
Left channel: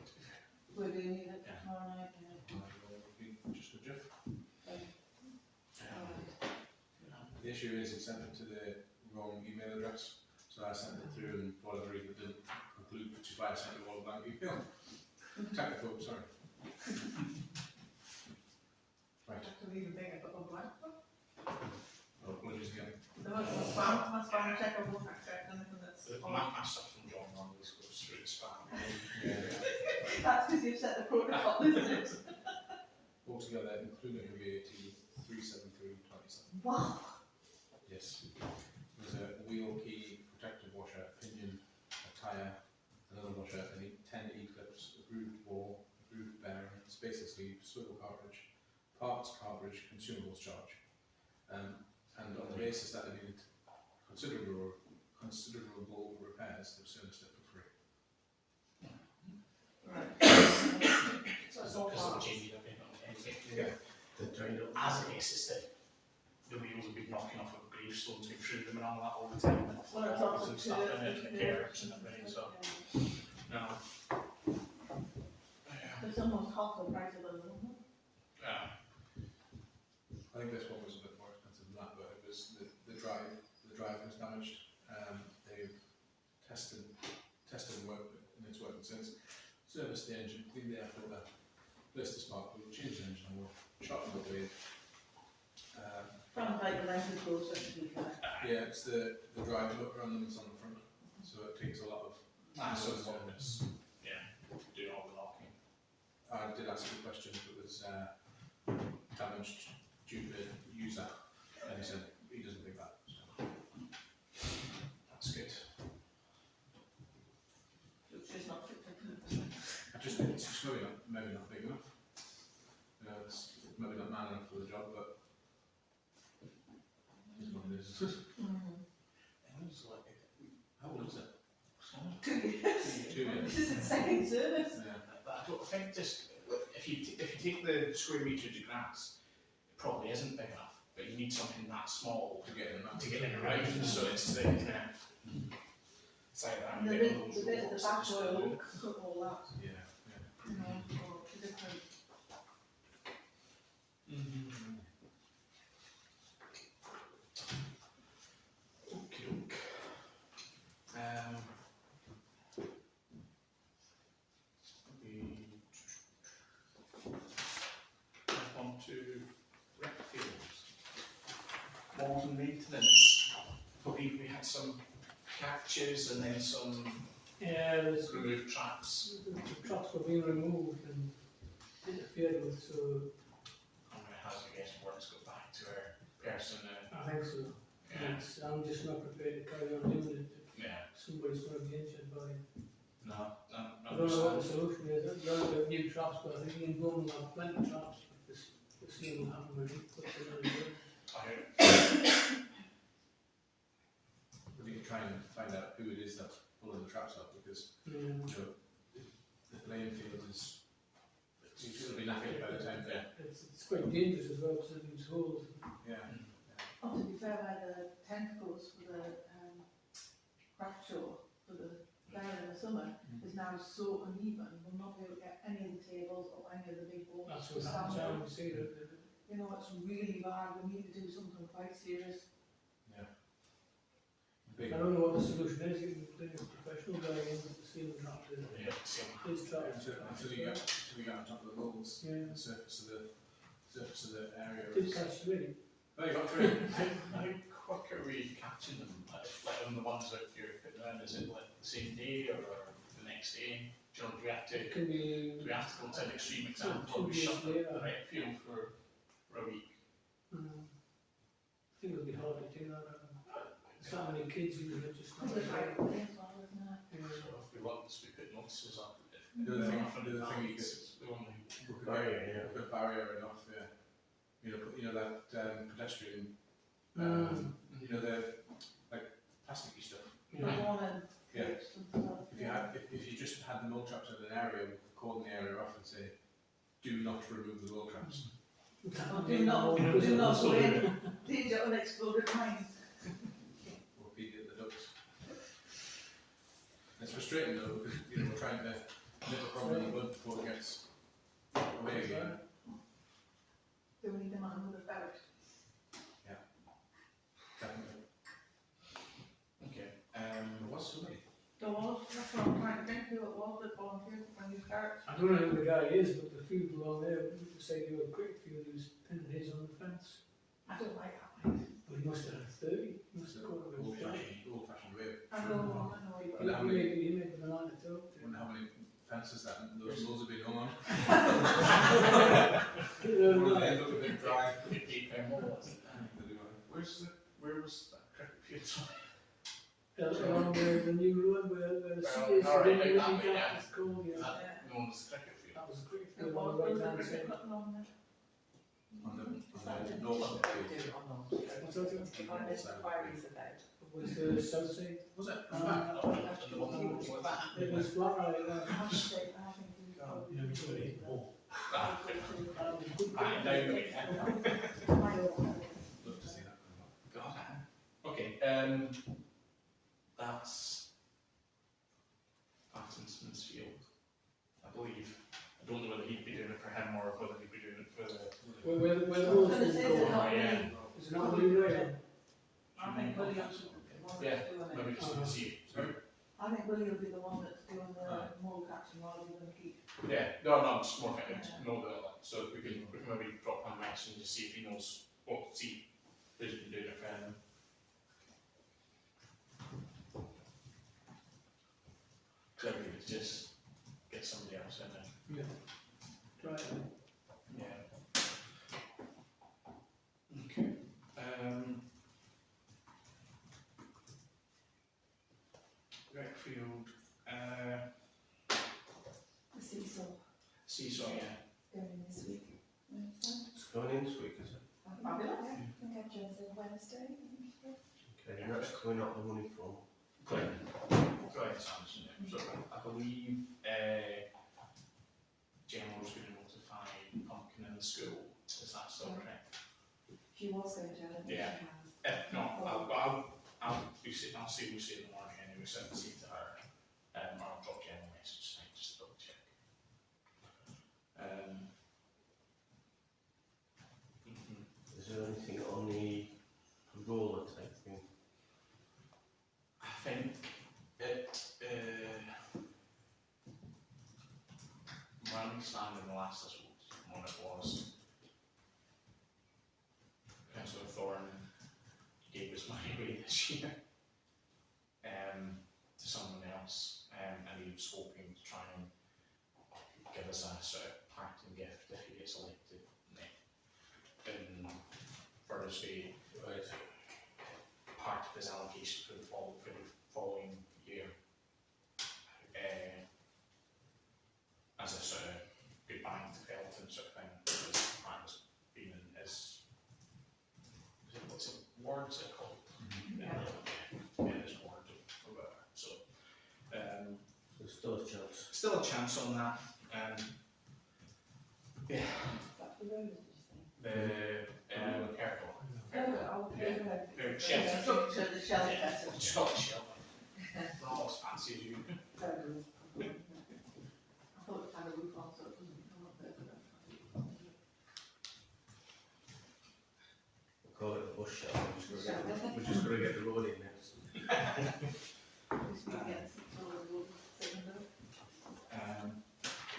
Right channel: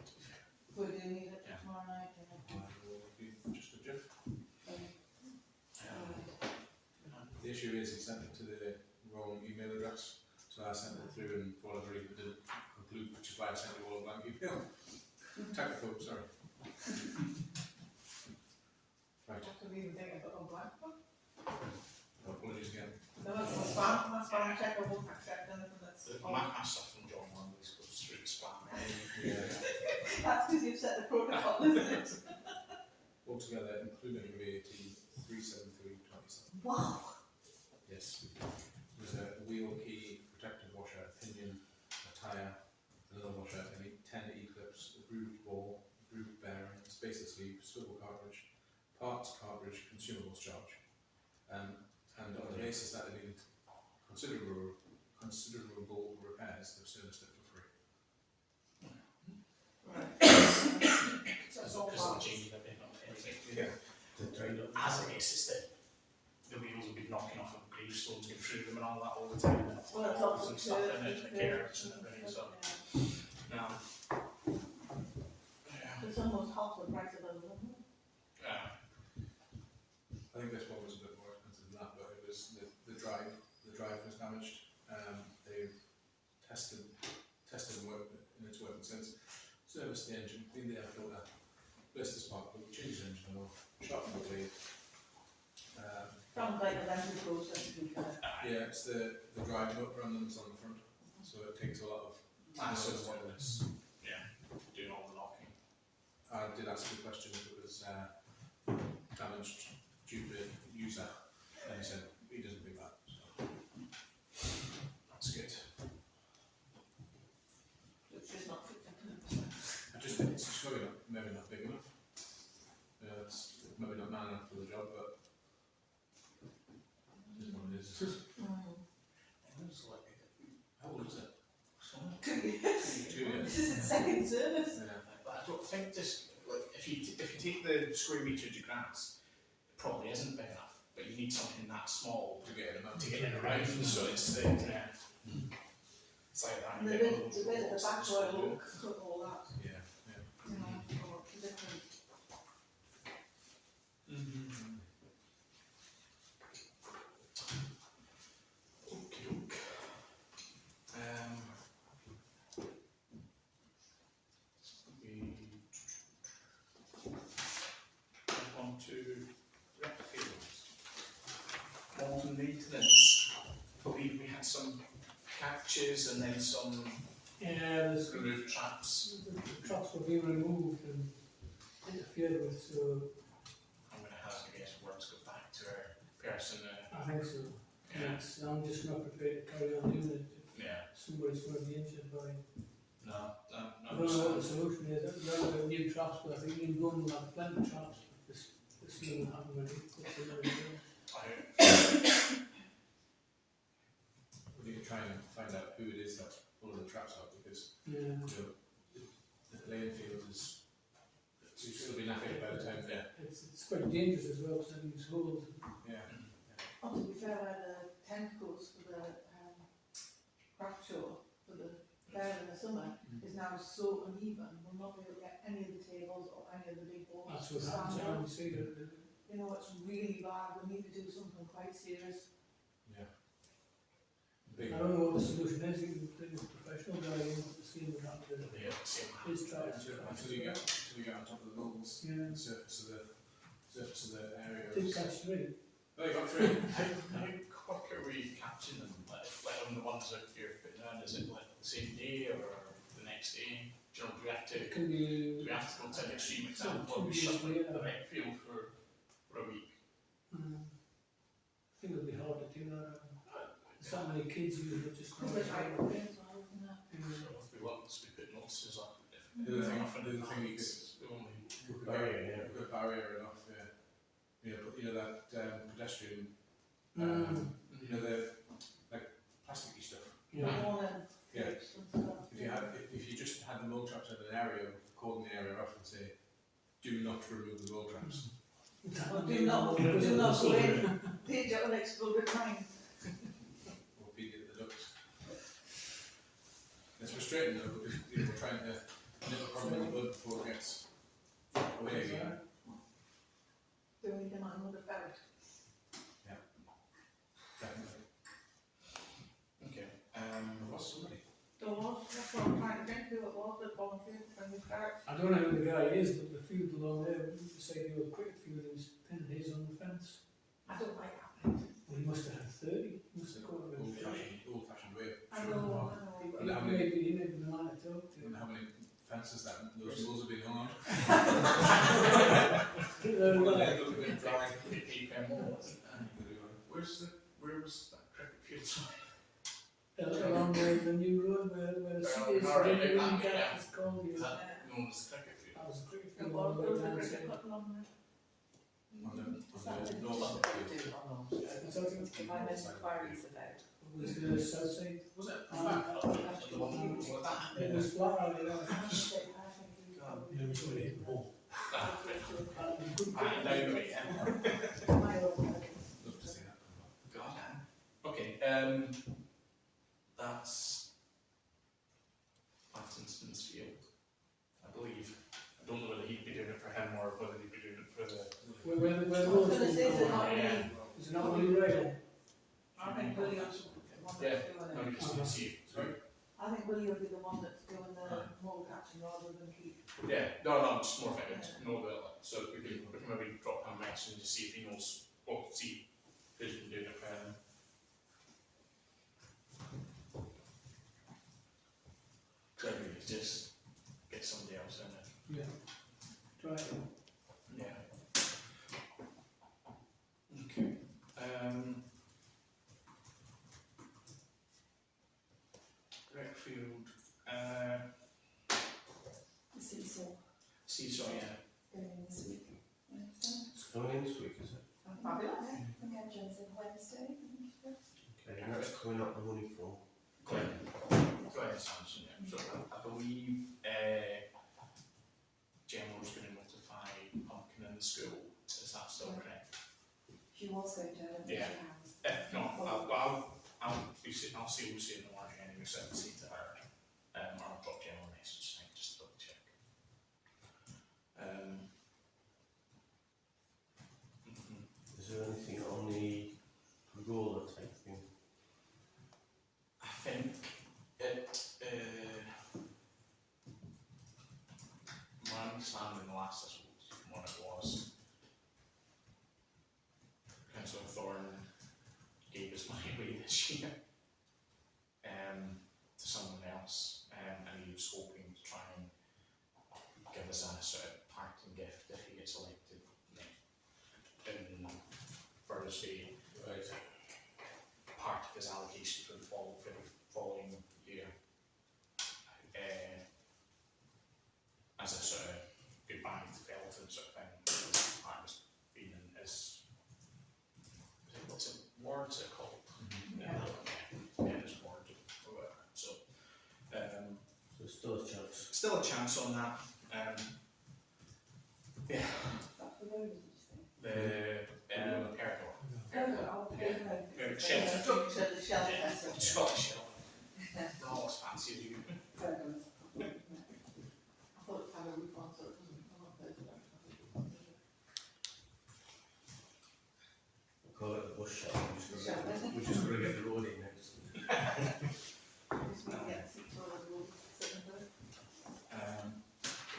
We do need it Yeah. tomorrow night, will be just a GIF. The issue is it sent it to the wrong email address, so I sent it through and for whatever reason it didn't conclude, which is why I sent you all a blank email. Technical, sorry. Right, That's an even bigger, but a blank book. apologies again. No, it's my spam checker won't accept anything that's on. My stuff from John always goes through the spam. Yeah. That's because you've set the protocol, isn't it? Altogether, including VAT, 373.27. Wow. Yes. There's a wheel key, protective washer, a pinion, a tyre, another washer, 10 E-clips, a grooved ball, a grooved bearing, spacer sleeve, swivel cartridge, parts, cartridge, consumables charge. And on the basis that it needed considerable repairs, they've serviced it for free. Right. So it's not just changing everything. Yeah. The trade up. As a case, it's the wheels have been knocking off of gravestones, going through them and all that all the time, and Well, it's bottles also and stuff in it, and the carrots and everything, so, no. Yeah. It's almost half the price of those, isn't it? Yeah. I think this one was a bit more expensive than that, but it was the drive was damaged. They've tested and worked in its working since. Serviced the engine, cleaned the air filter, replaced the spark plug, changed the engine oil, sharpened the blade. Sounds like the lengthy process to be fair. Yeah, it's the drive motor on them that's on the front, so it takes a lot of. So it's one that's, yeah, doing all the locking. I did ask the question if it was damaged due to user, and he said he doesn't think that. So. That's good. It's just not fit for purpose. I just think it's just maybe not big enough. It's maybe not man enough for the job, but it is what it is. How old is it? 2 years. 2 years. This is its second service. Yeah. But I don't think just, if you take the square meterage of grass, it probably isn't big enough, but you need something that small To get in to get in around, so it's the, it's like that. And the bit at the back where it looks, all that, Yeah. you know, or different. Okie doke. We jump on to rec fields. Mold maintenance. We had some catches and then some Yeah, removed traps. the traps were being removed and interfered with, so I'm going to hazard a guess worms go back to our person. I think so. Yeah. I'm just not prepared to carry on doing it Yeah. if somebody's going to be injured by it. No, I don't know what the solution is. There are new traps, but I think you can go and have plenty of traps, but this thing will happen when he puts them in the We need to try and find out who it is that's pulling the traps up, because yeah. the playing field is usually be knackered by the time. Yeah. It's quite dangerous as well, because it leaves holes. Yeah. Oh, to be fair, where the tent goes for the craft show, for the fair in the summer, is now so uneven, we'll not be able to get any of the tables or any of the big boards That's to what stand happens. I on. would say that You know, it's really bad, we need to do something quite serious. Big. I don't know what the solution is. You can bring a professional guy in to see him how to Yeah, same. his traps. Until you get on top of the moles, Yeah. the surface of the area. Did catch 3. Oh, you got 3. How quick are we catching them? Like on the ones that you're putting in, is it like the same day or the next next day? Do we have to? Can Do you, we have to go to an extreme example? two We days shut the later. rec field for a week. I think it'll be hard to do that. So many kids usually just. Because it's right away as well, isn't it? Yeah. So if we want to, we put notices up. The other thing you could, only. we could Barrier, get yeah. a good barrier enough, yeah. Put, that pedestrian, Mm. the like plasticky stuff. The warning Yeah. tapes and stuff. If you just had the mole traps in an area, cordon the area off and say, do not remove the mole traps. Or do not go in, leave your unexploded mine. Or feed it the ducks. It's frustrating though, because we're trying to nip a problem in the bud before it gets away again. Do we need them on another ferret? Definitely. Okay. What's somebody? There was, that's what I'm trying to think who it was that volunteered for new ferrets. I don't know who the guy is, but the field below there, we say the old cricket field, he was pinning his on the fence. I don't like that place. Well, he must have had 30, he must have caught about 30. Old fashioned way. I know. Well, how many- He may be the man to talk to. Wonder how many fences that those rules have been hung on. Or they look a bit dry. Where was that cricket field? Along the new road where the sea is, Alright, the like that, yeah. it's called, Is yeah. that known as cricket field? That was a cricket It field was, on the there was right a hand cricket side. button on there. On the Is that the north field. What's that? If I made inquiries about. Was the south side? Was it? It was flat out there. I have to say, I think he was probably. Yeah, we should have hit more. Right, now the way, yeah. My own. Love to see that. God, okay, that's Pattinson's field, I believe. I don't know whether he'd be doing it for him or whether he'd be doing it for the. Where the I was road's gonna say, is it going. not yeah. really, Is it not really right? I think William's the one Yeah, that's doing maybe it. just to see. I think Willie will be the one that's doing the mole catching rather than Keith. Yeah, no, just more thinking to know that, like, so we can maybe drop him a message and just see if he knows, see who's been doing it for him. Clearly, just get somebody else in there. Yeah. Try it. Yeah. Okay. Redfield, The seesaw seesaw, yeah. going in this week. It's going in this week, is it? Fabulous. I think I've chosen Wednesday. Okay, and that's coming out the money from. Glenn Sanderson, yeah. So I believe Gemma's going to notify Pumpkin in the school. Is that still correct? She was going to, I don't think Yeah. she has. If not, I'll see Lucy in the morning anyway, so I can see to her. Or I'll drop Gemma a message tonight just to double check. Is there anything on the pergola type thing? I think it, my understanding the last one it was, Councillor Thorne gave us money away this year to someone else, and he was hoping to try and give us a sort of parting gift if he gets elected in Burrisby. Right. Part of his allocation for the following year, as a sort of goodbye to Felton sort of thing. His part was being in his, what's it, wards are called? Yeah, his ward or whatever. So, So still a chance. still a chance on that. Yeah, That's the road, did you say? the Perigord. Shelter. Structure, the shelter. Yeah, Scottish shelter. We're not as fancy as you. I thought it had a roof on, so it doesn't come up there. We'll call it the bush shelter. We're just going to get the road in next. Just need to get six or the road, cylinder.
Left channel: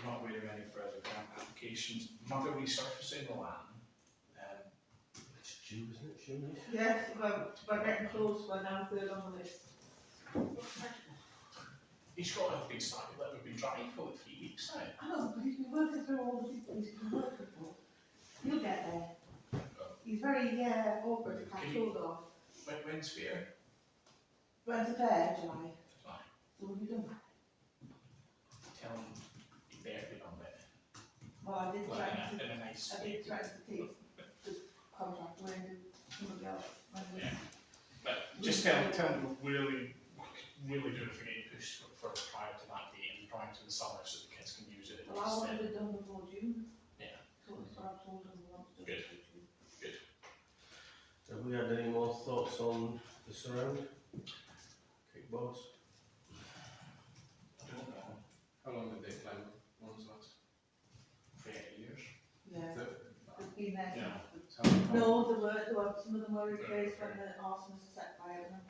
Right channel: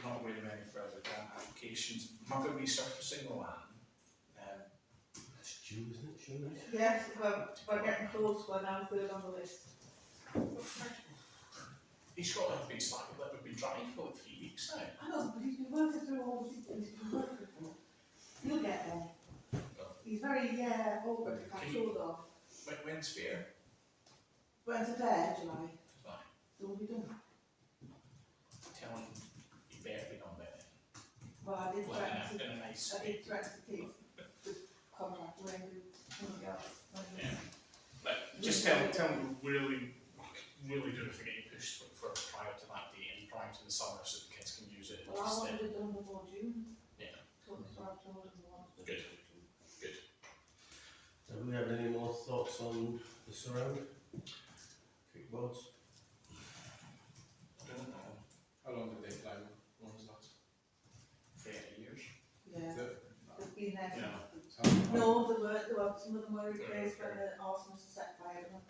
Not aware of any further grant applications. Mother resurfacing the land. It's due, isn't it? Sure. Yes, we're getting close, we're now third on the list. He's got a big slightly that we've been trying for like 3 weeks now. I know, but he's been working through all the people he's been working for. He'll get there. He's very, awkward to catch hold of. When's fair? When's the fair? July. July. So will be done. Tell him he better be done by then. Well, I did Like threaten to, in a nice I way. did threaten to take the contract away and do somebody else. Yeah. But just tell him we're really doing a thing push for prior to that date and prior to the summer so the kids can use it. Well, I wanted it done before June. Yeah. So I told him we wanted to do Good. it before June. Have we had any more thoughts on the surround? Kickboards? I don't know. How long did they play ones last? 30 years. Yeah, they've been there. Yeah. No, there were, some of them were replaced when the arsonists set fire to them.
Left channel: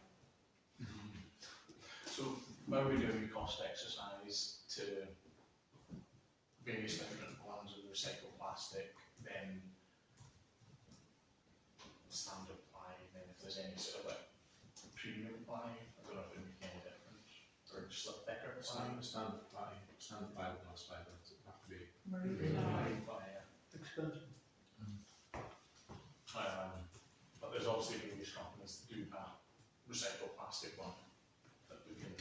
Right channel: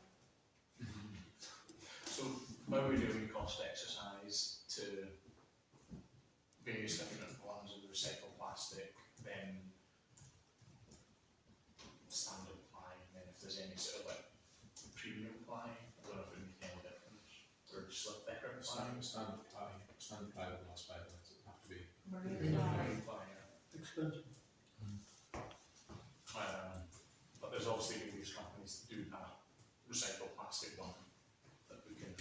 So when we do a cost exercise to various different ones of recycled plastic, then standard ply, and then if there's any sort of like premium ply, I don't know if it would make any difference, or just like thicker ply. Standard ply would last 5 minutes, it would have to be. Marine Marine ply, yeah. Expensive. But there's obviously various companies that do have recycled plastic one that we can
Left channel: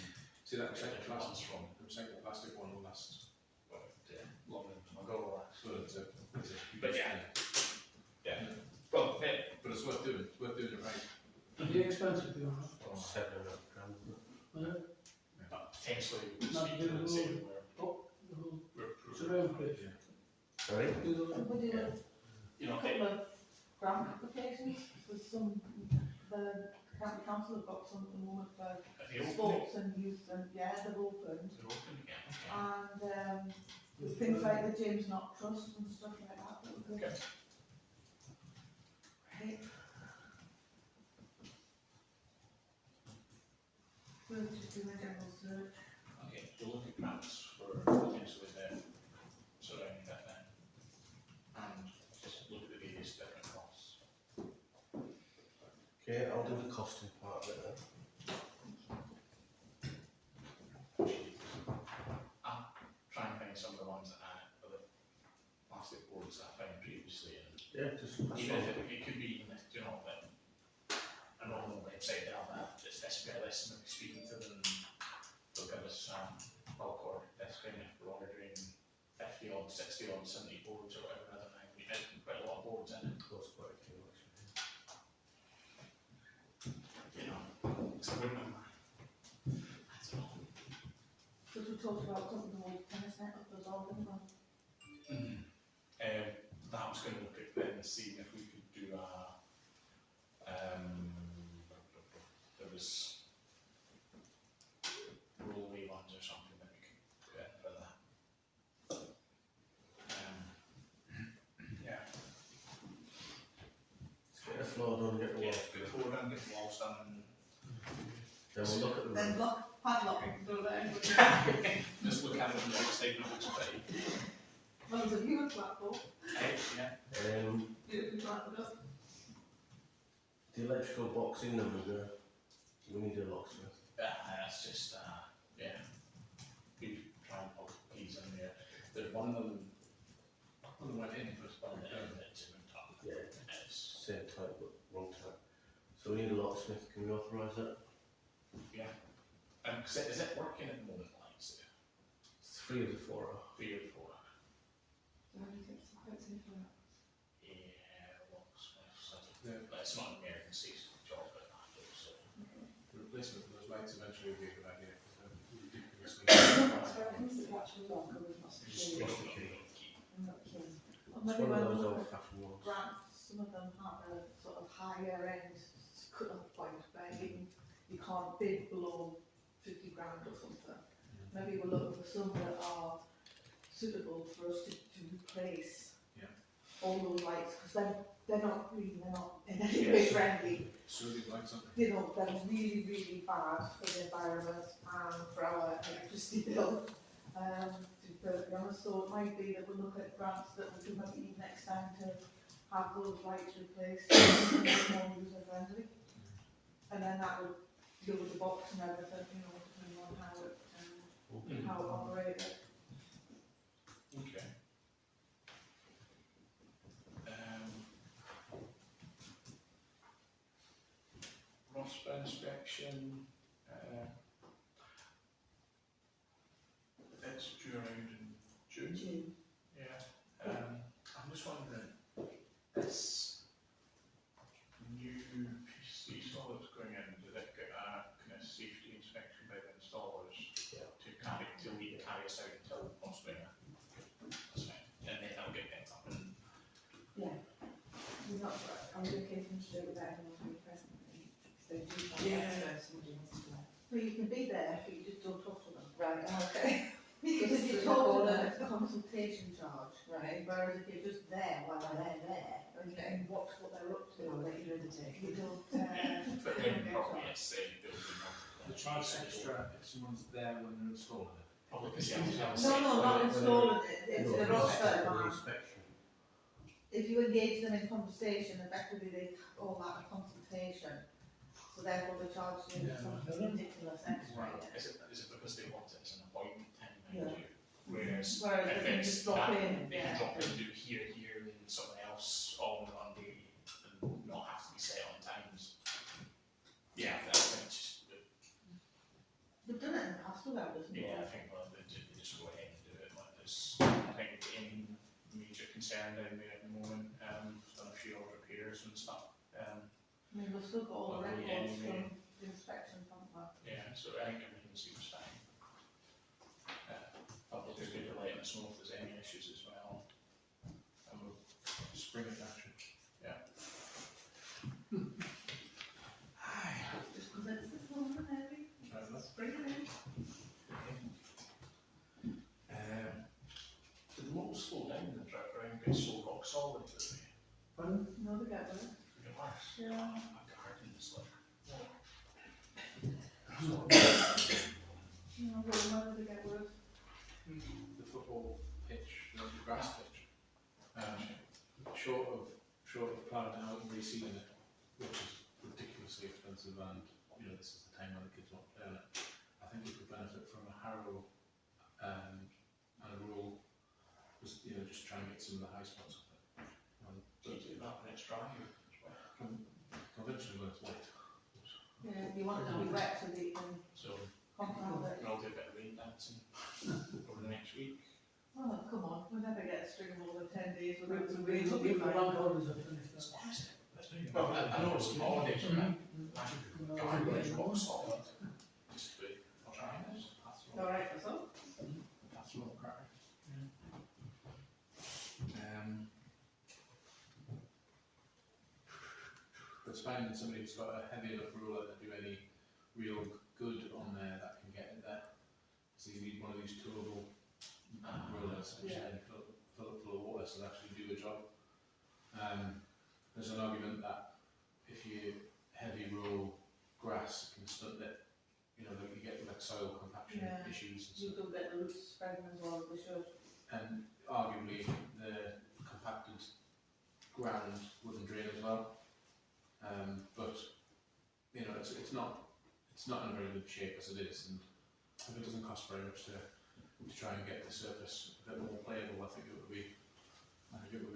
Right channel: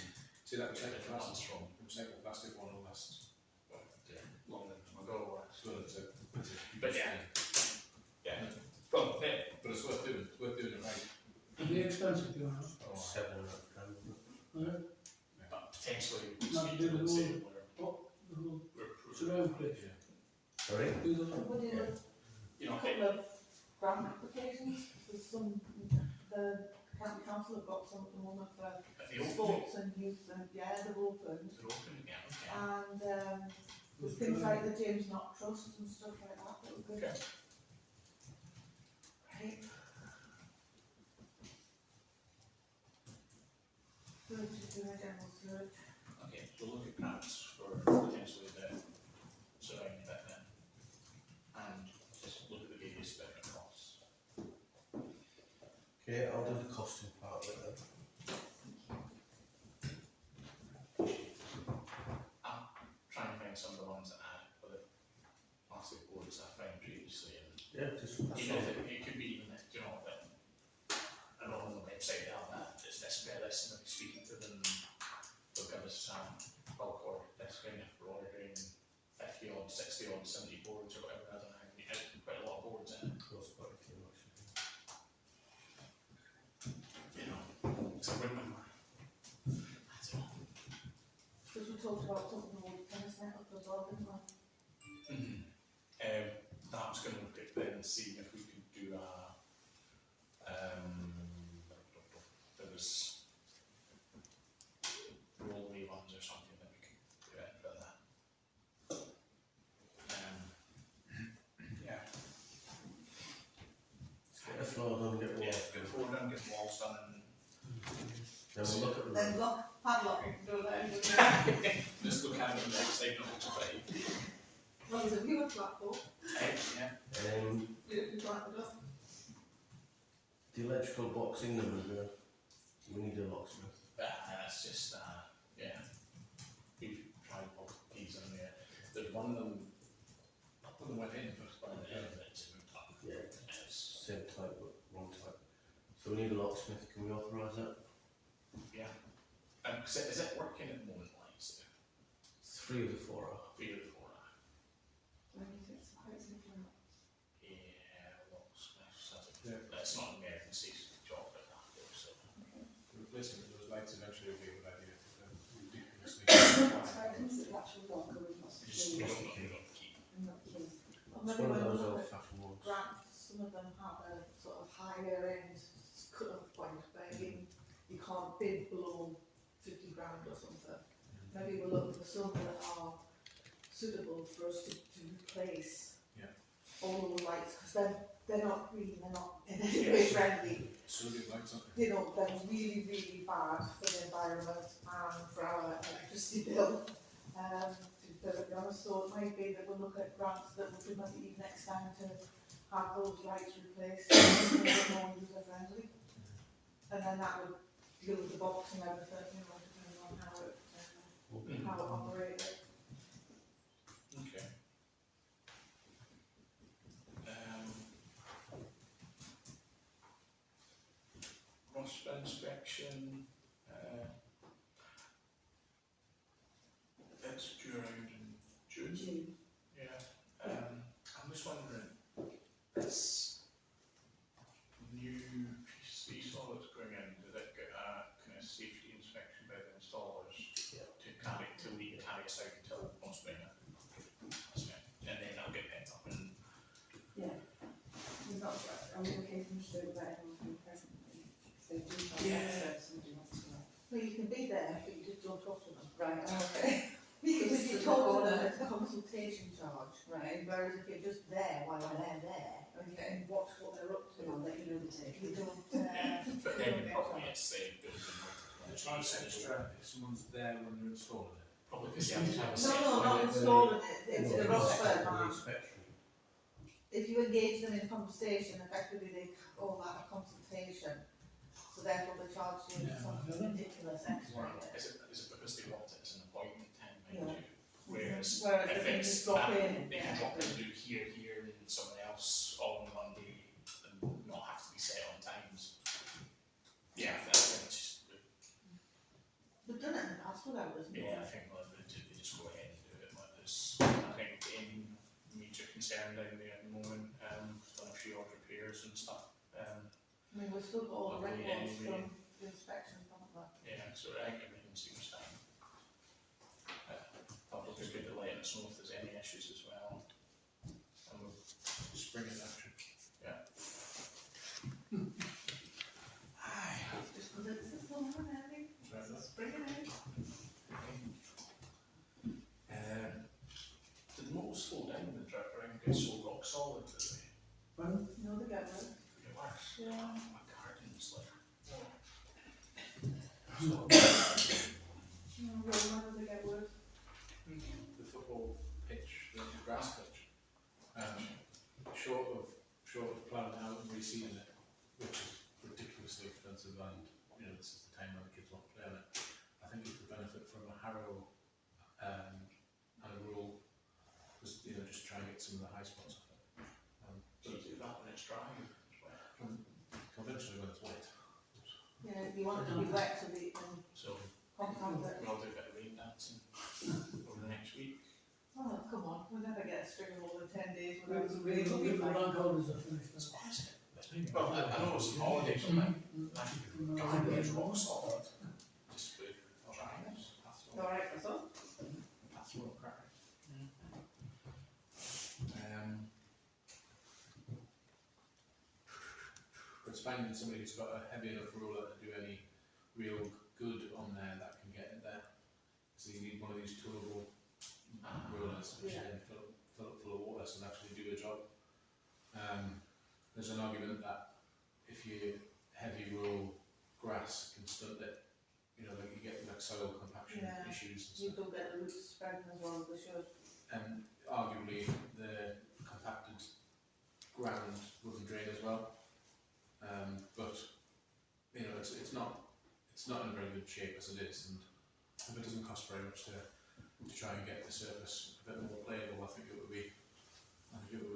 See that get recycled different ones plastic, from. recycled plastic one will last. Well, yeah, longer than a go or So it's a huge But yeah. thing. yeah. Well, yeah. But it's worth doing. It's worth doing it right. It'd be expensive, you know. £700 grand. But potentially we Not speak to doing and the say whole- we're The whole approved. surround place. Sorry? Do the ply. We did You a know, couple of grant applications. There's some, the county council have got some at the moment for they open, sports and youth and yeah, they've opened. they're open again. Okay. And there's things like the James Knott Trust and stuff like that that we could. Okay. Right. We'll just do a general search. Okay, we'll look at grants for potentially the surrounding bit then. And just look at the various different costs. Okay, I'll do the costing part of it then. I'll try and find some of the ones that are for the plastic boards that I found previously, and Yeah, just that's even all. if it could be even if, you know, like a normal website they have that, it's this bit list and speaking to them, they'll give us bulk order discount if we're ordering 50 odd, 60 odd, 70 boards or whatever, I don't know, we had quite a lot of boards in it, Cost quite a few actually. you know, so I wouldn't mind. That's all. Because we talked about something called tennis net up as well, didn't we? That was going to look at then seeing if we could do a, there was rollaway ones or something that we could do in for that. Yeah. Get the floor done, get the Yeah, walls get done. forward and get the walls done and Then we'll look at the Then roof. lock, padlock, we can go there. just look at it and like say, no, it's pretty. Well, there's a viewer platform, Yeah. beautifully planted up. The electrical box in them, we need a locksmith. That's just, yeah. We've tried to put keys in there. There's one of them went in first, but it's moved up. Yeah, It's, same type but wrong type. So we need a locksmith, can we authorise that? yeah. Is it working at the moment, like, so 3 of the 4 are. 3 or 4? So I think it's quite simple. Yeah, locksmiths, Yeah. it's not an emergency job at that, so. The replacement of those lights eventually will be a good idea. Ridiculously. That's why I consider the actual locker we've not We secured. don't know, we don't keep. Not keen. Or It's maybe one of when we those look old at fashioned ones. grants, some of them have a sort of higher end cut-off point where you can't bid below 50 grand or something. Maybe we're looking for some that are suitable for us to replace all those lights, because they're not green, they're not in any way friendly. Sodium lights, aren't they? You know, they're really, really bad for the environment and for our electricity bill. To be perfectly honest, so it might be that we'll look at grants that we could maybe even extend to have those lights replaced and make it more user friendly. And then that would deal with the box and everything, you know, depending on how it how it operated. Okay. Roster inspection, it's due around in June. Yeah. I'm just wondering, this new PC saw that's going in, does it get a kind of safety inspection by the installers to carry till we carry us out until most winter? That's fine. And then it'll get picked up and We're not, are we okay for them to do it without everyone being present? So do you want Yeah. somebody wants to know? Well, you can be there, but you just don't talk to them. Right, okay. Because if you talk to them, it's a consultation charge. Right, Whereas if you're just there while they're there, you okay. can watch what they're up So I'll to. let you know the date. You don't, but you then don't get probably charged. it's building The charge extra if someone's there when they're installing it. probably because you have to have a No, set. no, not installing it, it's the roster. Inspection. If you engage them in conversation, effectively they call that a consultation. So therefore they charge you Yeah. something ridiculous extra. Is it because they want it as an appointment time, Yeah. mind you? Whereas Whereas if they can it's just drop in, they can yeah. drop in and do here, and someone else all in one day and not have to be set on times. Yeah, I think it's just, They've done it in the past without us. yeah, I think they just go ahead and do it. Like there's, I think any major concern down there at the moment, done a few odd repairs and stuff. I mean, we've still got all the Lovely records anyway. from the inspection, haven't we? Yeah, so I think everything seems fine. Public is good at letting us know if there's any issues as well. And we'll Spring it action. Just because it's this long and heavy, Try that. just bring it in. did the motors slow down the trip around get so rock solid today? No, they get worse. It worse. Yeah. My garden's like, No, well, why do they get worse? The football pitch, the grass pitch, short of planning out and reseeding it, which is ridiculously expensive, and you know this is the time when the kids want to play on it. I think it could benefit from a harrow and a roll, just just try and get some of the high spots off it. so do that when it's dry. Conventionally when it's wet. Yeah, you want it to be wet so that you can So compound it. we'll do a bit of rain dancing over the next week. Oh, come on, we'll never get a string of more than 10 days without some We rain. look at the bank holidays are finished. It's honest. Well, I know it's holidays, but garden's rock solid. Just trying this. Alright, that's all. That's what crack. But it's finding somebody who's got a heavy enough ruler to do any real good on there that can get it there. So you need one of these toolable rulers which Yeah. then fill up full of water so they actually do the job. There's an argument that if you heavy roll grass can stunt it, like you get like soil compaction Yeah. issues and You stuff. don't get the roots spreading as well as they should. And arguably the compacted ground wouldn't drain as well. But it's not in a very good shape as it is, and if it doesn't cost very much to try and get the surface a bit more playable, I think it would be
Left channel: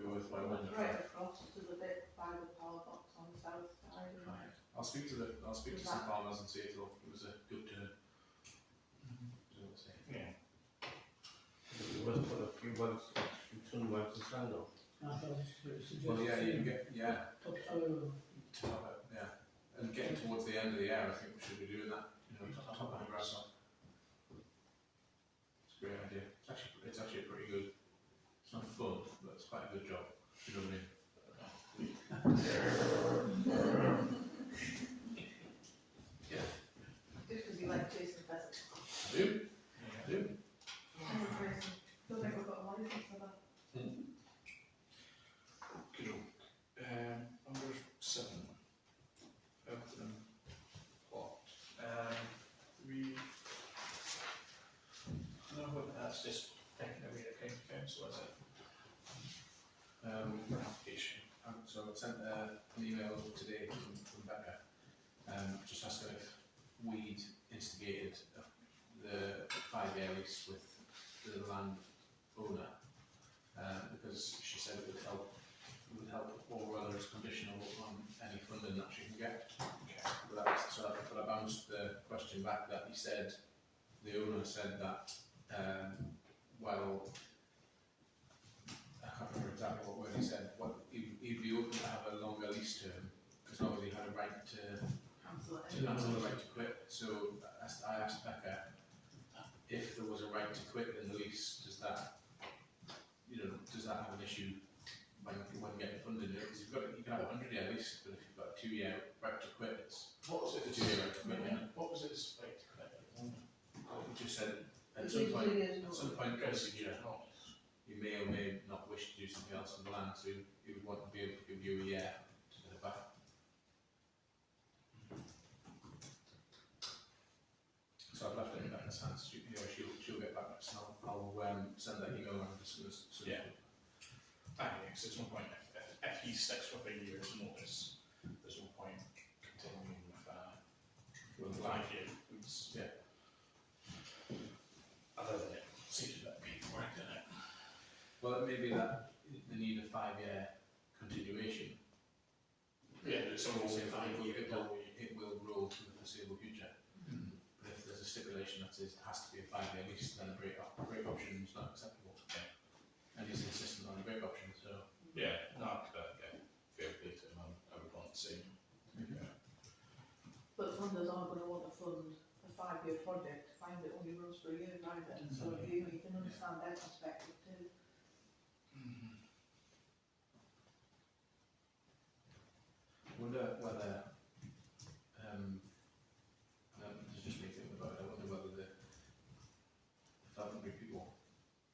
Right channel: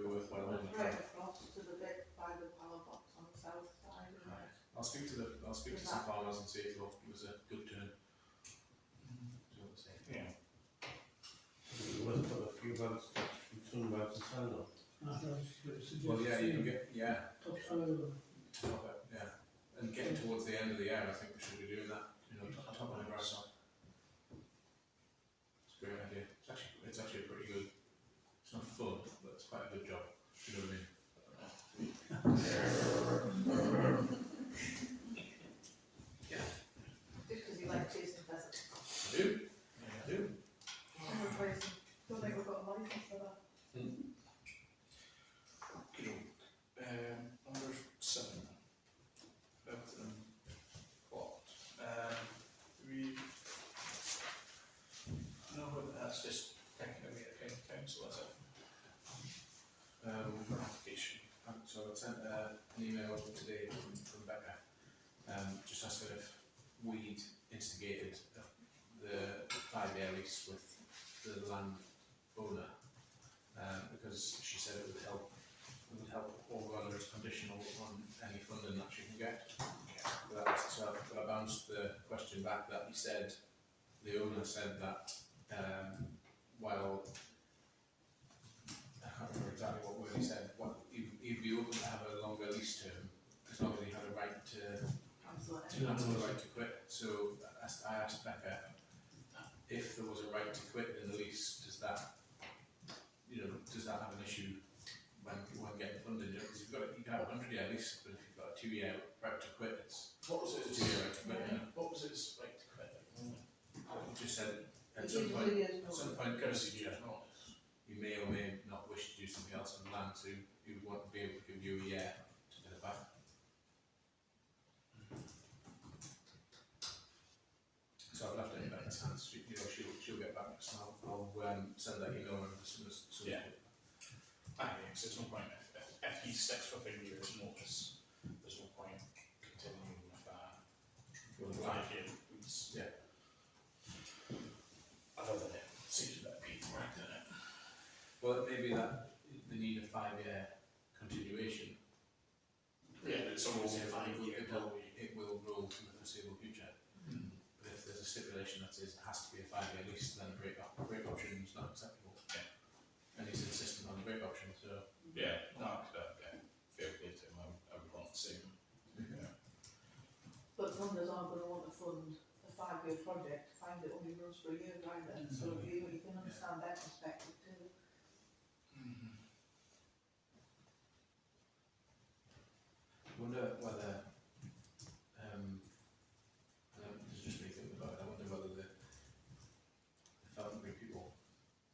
worthwhile. It's right across to the bit by the power box on the south side. Isn't Right. it? I'll speak to some farmers and see if it was a good turn. See what they say. Yeah. You want to put a few wells, ton wells of sand on. Well, yeah, you can get Top soil. top it, yeah, and getting towards the end of the year, I think we should be doing that. Top the grass up. It's a great idea. It's actually a pretty good. It's not fun, but it's quite a good job. You know what I mean? Just because you like chasing pheasants. I do. I do. Don't think we've got a license for that. Number 7. Everton plot. That's just taking away the county council, is it? For application. So I sent an email today from Becca, just asking if we'd instigated the 5-year the land owner, because she said it would help or whether it's conditional on any funding that she can get. But I bounced the question back that he said, the owner said that while, I can't remember exactly what word he said, he'd be open to have a longer lease term as long as he had a right to Cancel it. cancel the right to quit. So I asked Becca if there was a right to quit in the lease, does that have an issue when getting funding? Because you can have a 100-year lease, but if you've got a 2-year right to quit, it's What was it? a 2-year right to quit. What was its right to quit at the moment? He just said at It some gives point, 2 years notice. Courtesy year notice. you may or may not wish to do something else on the land, so he would want to be able to give you a year to get it back. So I've left it in Becca's hands. She'll get back to us, and I'll send that email around as soon as. Yeah. Because there's no point if he sticks with a year's notice. There's no point continuing with 5 year lease. Yeah. Other than it seems a bit of paperwork, doesn't it? Well, it may be that they need a 5-year continuation. Yeah, it's almost It 5 year. will roll for the foreseeable future. But if there's a stipulation that says it has to be a 5-year lease, then a break option is not acceptable. Yeah. And he's insistent on a break option, so. Yeah, no, fair play to him. I would want the same. Yeah. But funders aren't going to want to fund a 5-year project, find it only runs for a year either. So you can understand their perspective too. I wonder whether, and this is just me thinking about it, I wonder whether the Falconbury people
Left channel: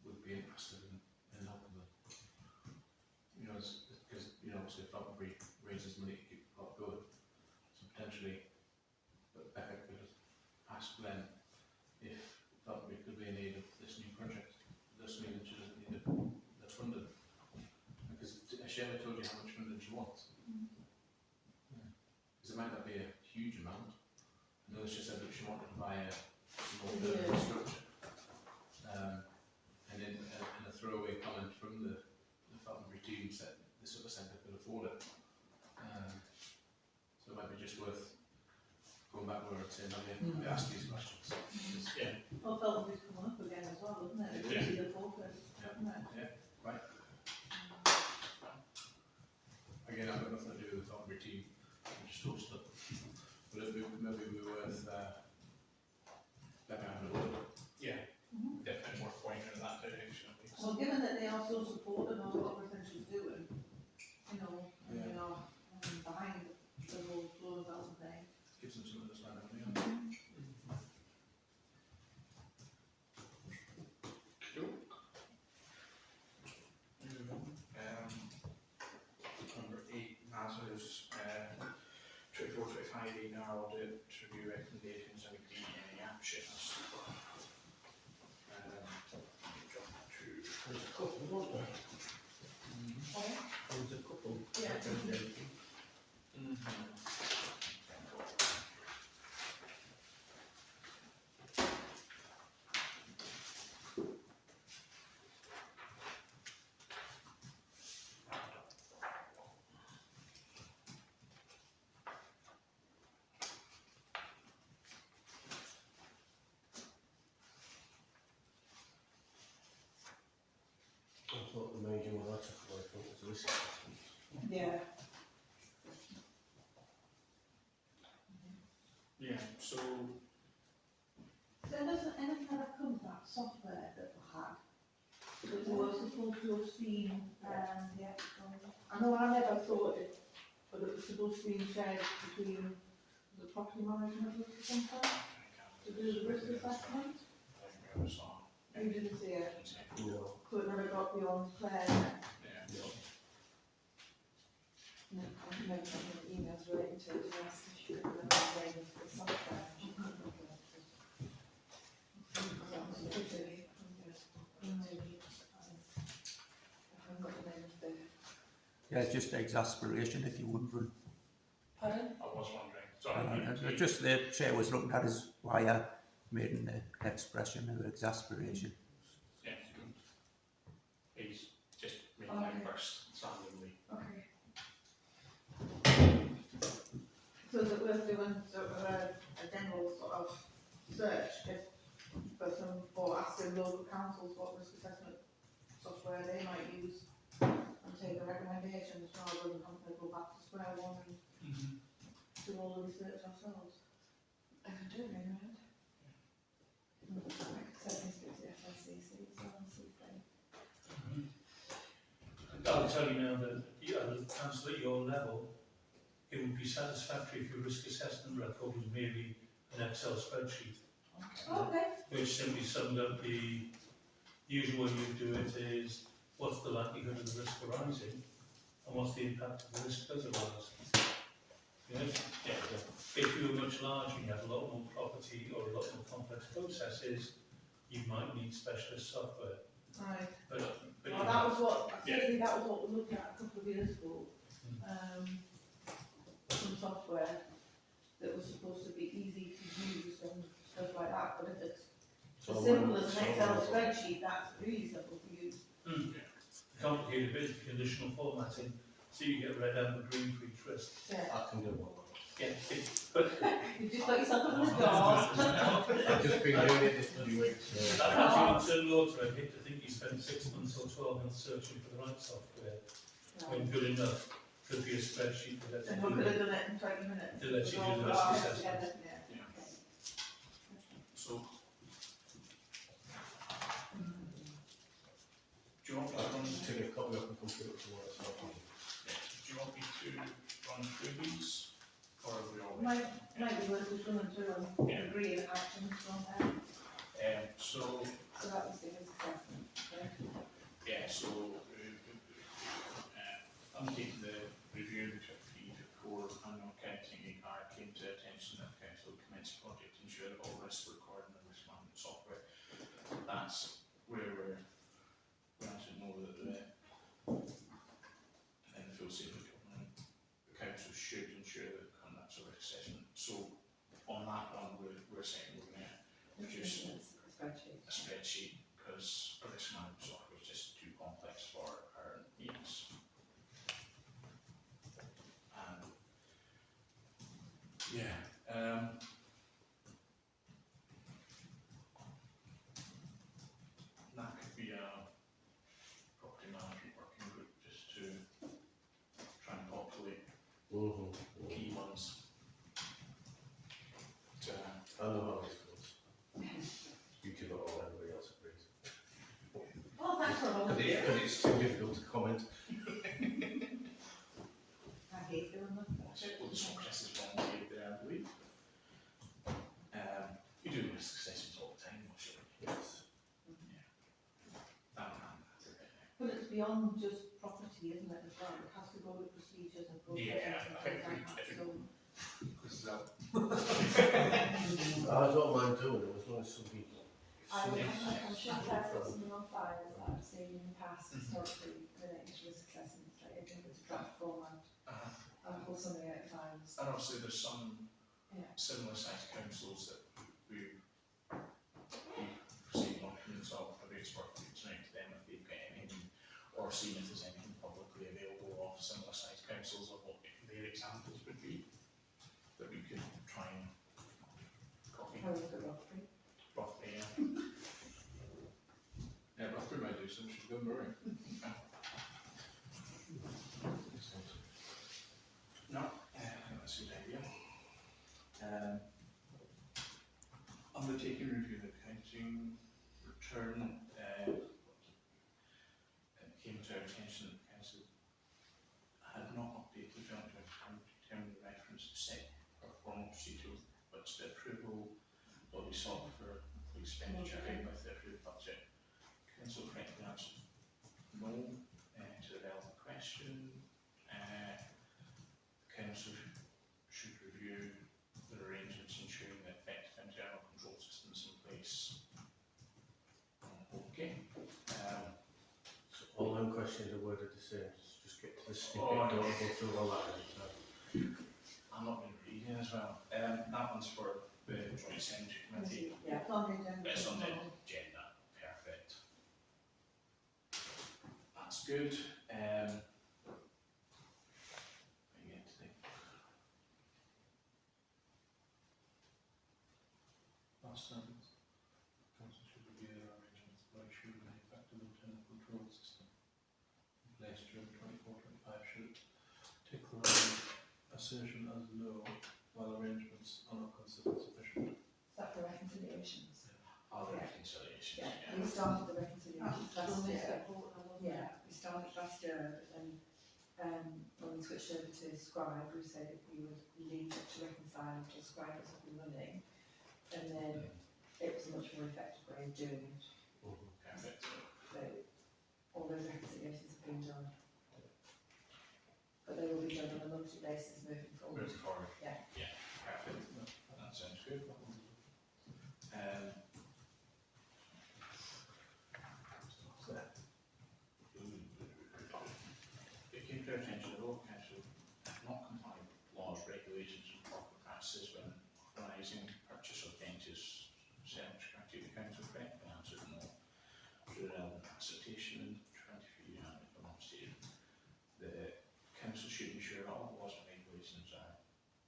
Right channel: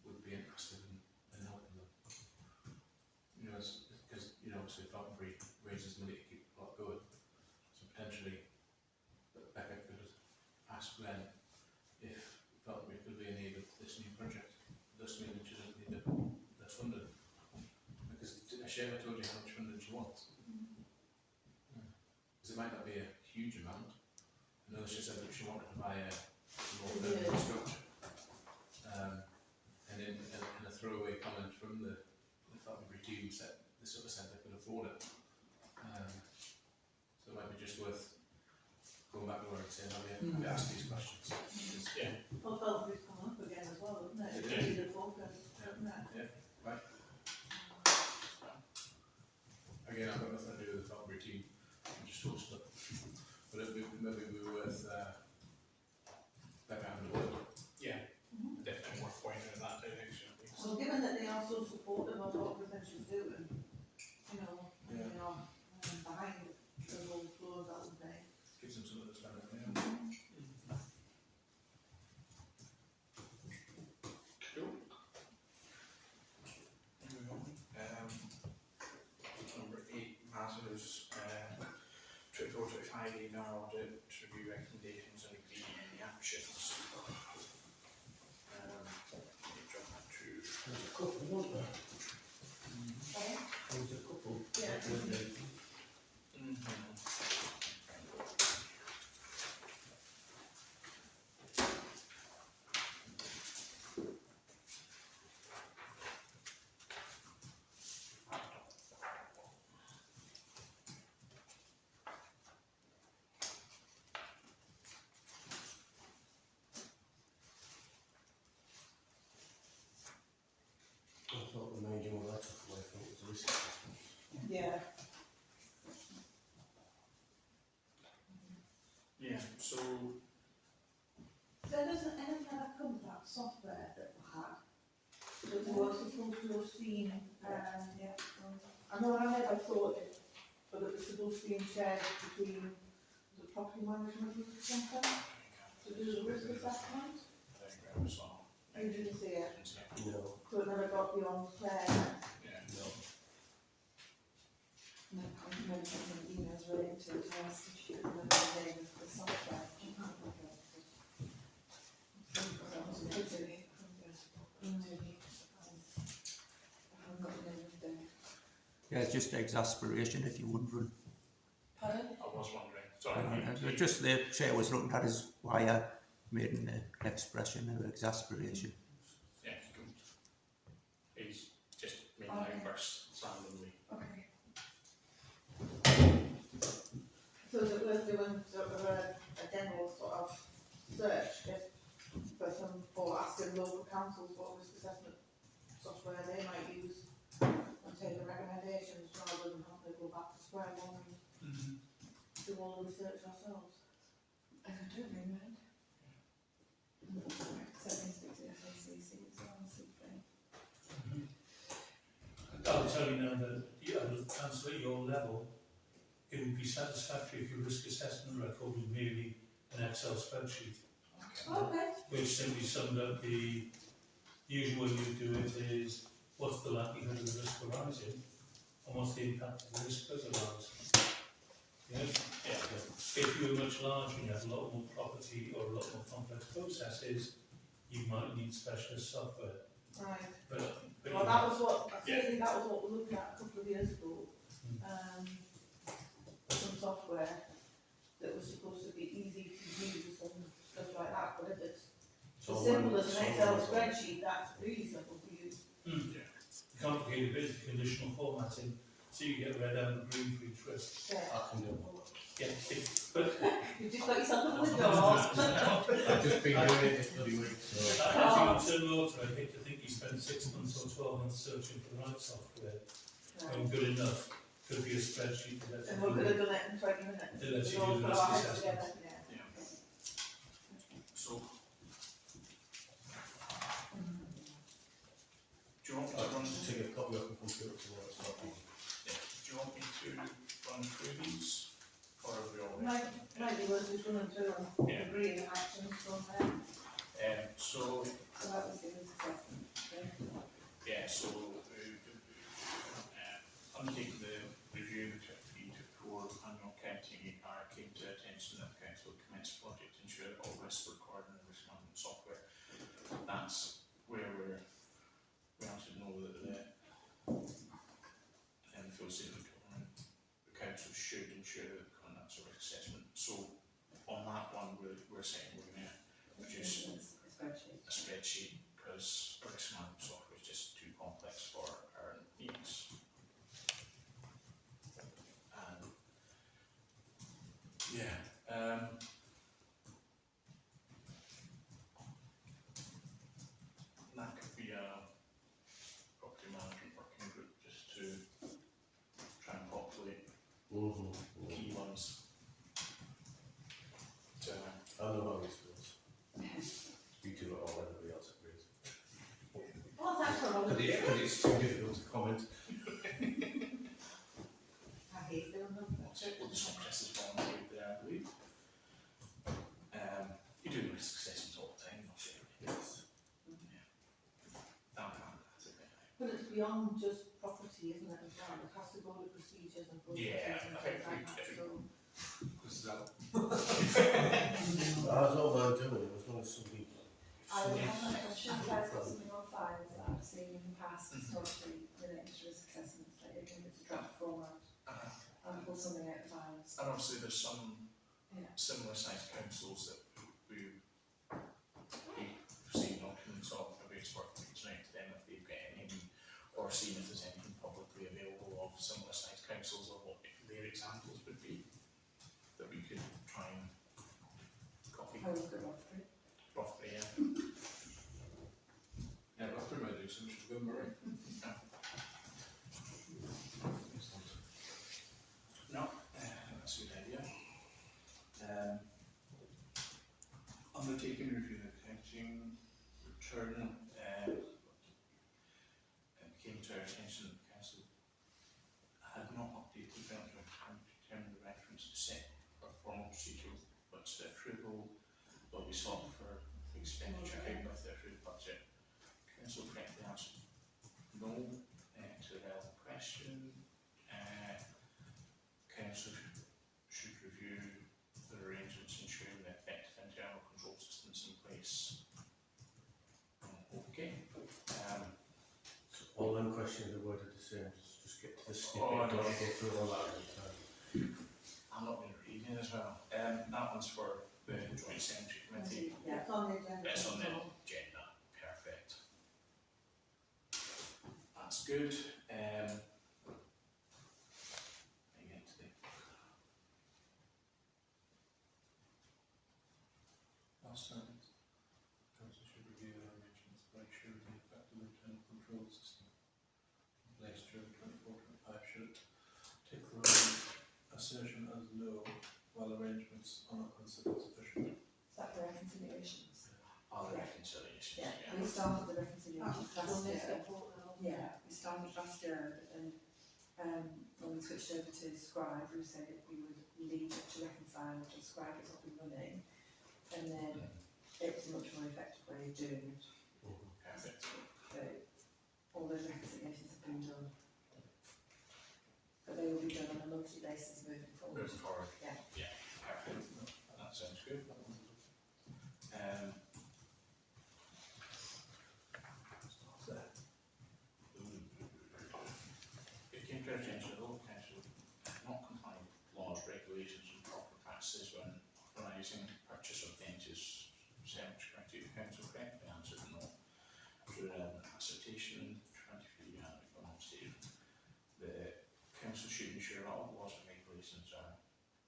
would be interested in helping them. Because obviously Falconbury raises money to keep the plot going, so potentially Becca could ask them if Falconbury could be in aid of this new project, thus meaning she doesn't need the funding. Because Shema told you how much funding she wants. Because it might not be a huge amount. I know she said that she wanted to buy a more permanent structure. And in a throwaway comment from the Falconbury team said the sort of centre could afford it. So it might be just worth going back to her and saying, we asked these questions. Yeah. Well, Feltonbury's coming up again as well, isn't it? It It's is. easy to focus, isn't it? Right. Again, I've got nothing to do with the Falconbury team. I'm just host it. But it would maybe be worth Becca having a look. Yeah. Definitely worth pointing in that direction at least. Well, given that they are so supportive of what everything she's doing, behind the whole flow development thing. Gives them something to spend their money on. Cool. Number 8 matters 24-25 ENR audit to review recommendations and agree any actions. Jump to There's a couple, wasn't there? Okay. There's a couple. Yeah. I thought the major one I took away from it was the risk assessment. Yeah. yeah, so There doesn't anything ever come to that software that we had. That we were supposed to have seen, I know I never thought it, but it was supposed to be shared between the property management or something to do the risk assessment. You didn't see it, No. so it never got beyond Claire. Yeah. No. No, I remember sending emails relating to it, and asked if she could remember the name of the software. She couldn't remember it. That was a bit silly. Maybe. I haven't got the name of the. Yeah, it's just exasperation if you're wondering. Pardon? I was wondering. Sorry. Just the chair was looking at us why I made an expression of exasperation. Yeah. councils what risk assessment software they might use and take the recommendations rather than having to go back to square one and do all the research ourselves. I could do it in red. I could certainly speak to the FPC as well and see if they. I'll tell you now that as a council at your level, it would be satisfactory if your risk assessment record was merely an Excel spreadsheet, Okay. which simply summed up the usual way you do it is what's the likelihood of the risk arising and what's the impact of the risk does arise. Yes? Yeah. If you were much larger and you had a lot more property or a lot more complex processes, you might need specialist software. Right. But Well, that was what, certainly that was what we looked at a couple of years ago. Some software that was supposed to be easy to use and stuff like that, but if it's as simple as an Excel spreadsheet, that's really simple to use. The complicated bit is the conditional formatting, so you get red, amber, green for each risk. Yeah. I can do all that. Yeah, but You've just got yourself in the door. I've just been doing it this bloody week, so. as you turn water, I hate to think you spend 6 months or 12 months searching for the right software, when good enough could be a spreadsheet that lets And you we do could have it. done it in 20 minutes. That lets you We've all do the put risk our heads assessment. together, yeah. Yeah. So, do you want me to run? I'll take a copy off the computer tomorrow, so I'll Yeah. Do you want me to run through these, or are we all? Might be worth just running through and Yeah. agreeing actions from there. So So that was the risk assessment. Yeah. yeah, so undertaking the review of the 2024 annual accounting came to attention that council commenced a project to ensure that all risks were recorded in risk management software. That's where we actually know that in the full statement of government, the council should ensure that conducts a risk assessment. So on that one, we're saying we're going to produce A spreadsheet. a spreadsheet because risk management software is just too complex for our needs. That could be a property management working group just to try and populate key ones. I know how this goes. You do it all, everybody else agrees. Oh, thanks for running. Because it's too difficult to comment. I hate doing that. Well, the Chris is volunteered there, I believe. We do risk assessments all the time, not sure. Yes. But it's beyond just property, isn't it, as well? It has to go to procedures and processes Yeah, and I think things like that, if so. I don't mind doing it as long as somebody. I would have, I'm sure Claire's got something on file that I've seen in the past historically relating to risk assessments, like if it's a draft format, and pull something out of files. And obviously there's some Yeah. similar sized councils that we receive documents of, maybe it's worth reaching out to them if they've got anything, or seeing if there's anything publicly available of similar sized councils of what their examples would be, that we could try and copy. I'll look at Rothbury. Roughly, yeah. Yeah, Rothbury might do some, she's good, Murray. No, I think that's a good idea. Undertaking review of the accounting return, it came to our attention that the council had not updated the account to determine the reference to set for formal procedure with budget approval, but we sought for expenditure in with the approved budget. Council correctly answered no to the relevant question. Council should review the arrangements ensuring the effective internal control systems in place. Okay. So all them questions are worded the same, just get to the snippet, Oh, don't go through all that every time. I'm not going to read it as well. That one's for the Joint Cemetery Committee. Yeah. It's on the agenda. It's on the agenda. Perfect. That's good. I get to the Last sentence. Council should review their arrangements to make sure the effective internal control system in place during 24-25 should take the assertion as no while arrangements are not considered sufficient. Is that for reconciliations? Other Yeah. reconciliations, Yeah, yeah. we started the reconciliations That's last done this year. report now, hasn't it? Yeah, we started last year, but then when we switched over to Scribe, we said that we would leave it to reconcile until Scribe was up and running, and then it was a much more effective way of doing it. Perfect. So all those reconciliations have been done, but they will be done on a monthly basis moving forward. Moving forward. Yeah. Yeah, perfect. That sounds good. It came to our attention that the local council have not complied with laws, regulations and proper practices when authorising purchase of benches. Secretary of the council correctly answered no. Through relevant acceptation in 23 and if I'm not mistaken, the council should ensure all laws and regulations are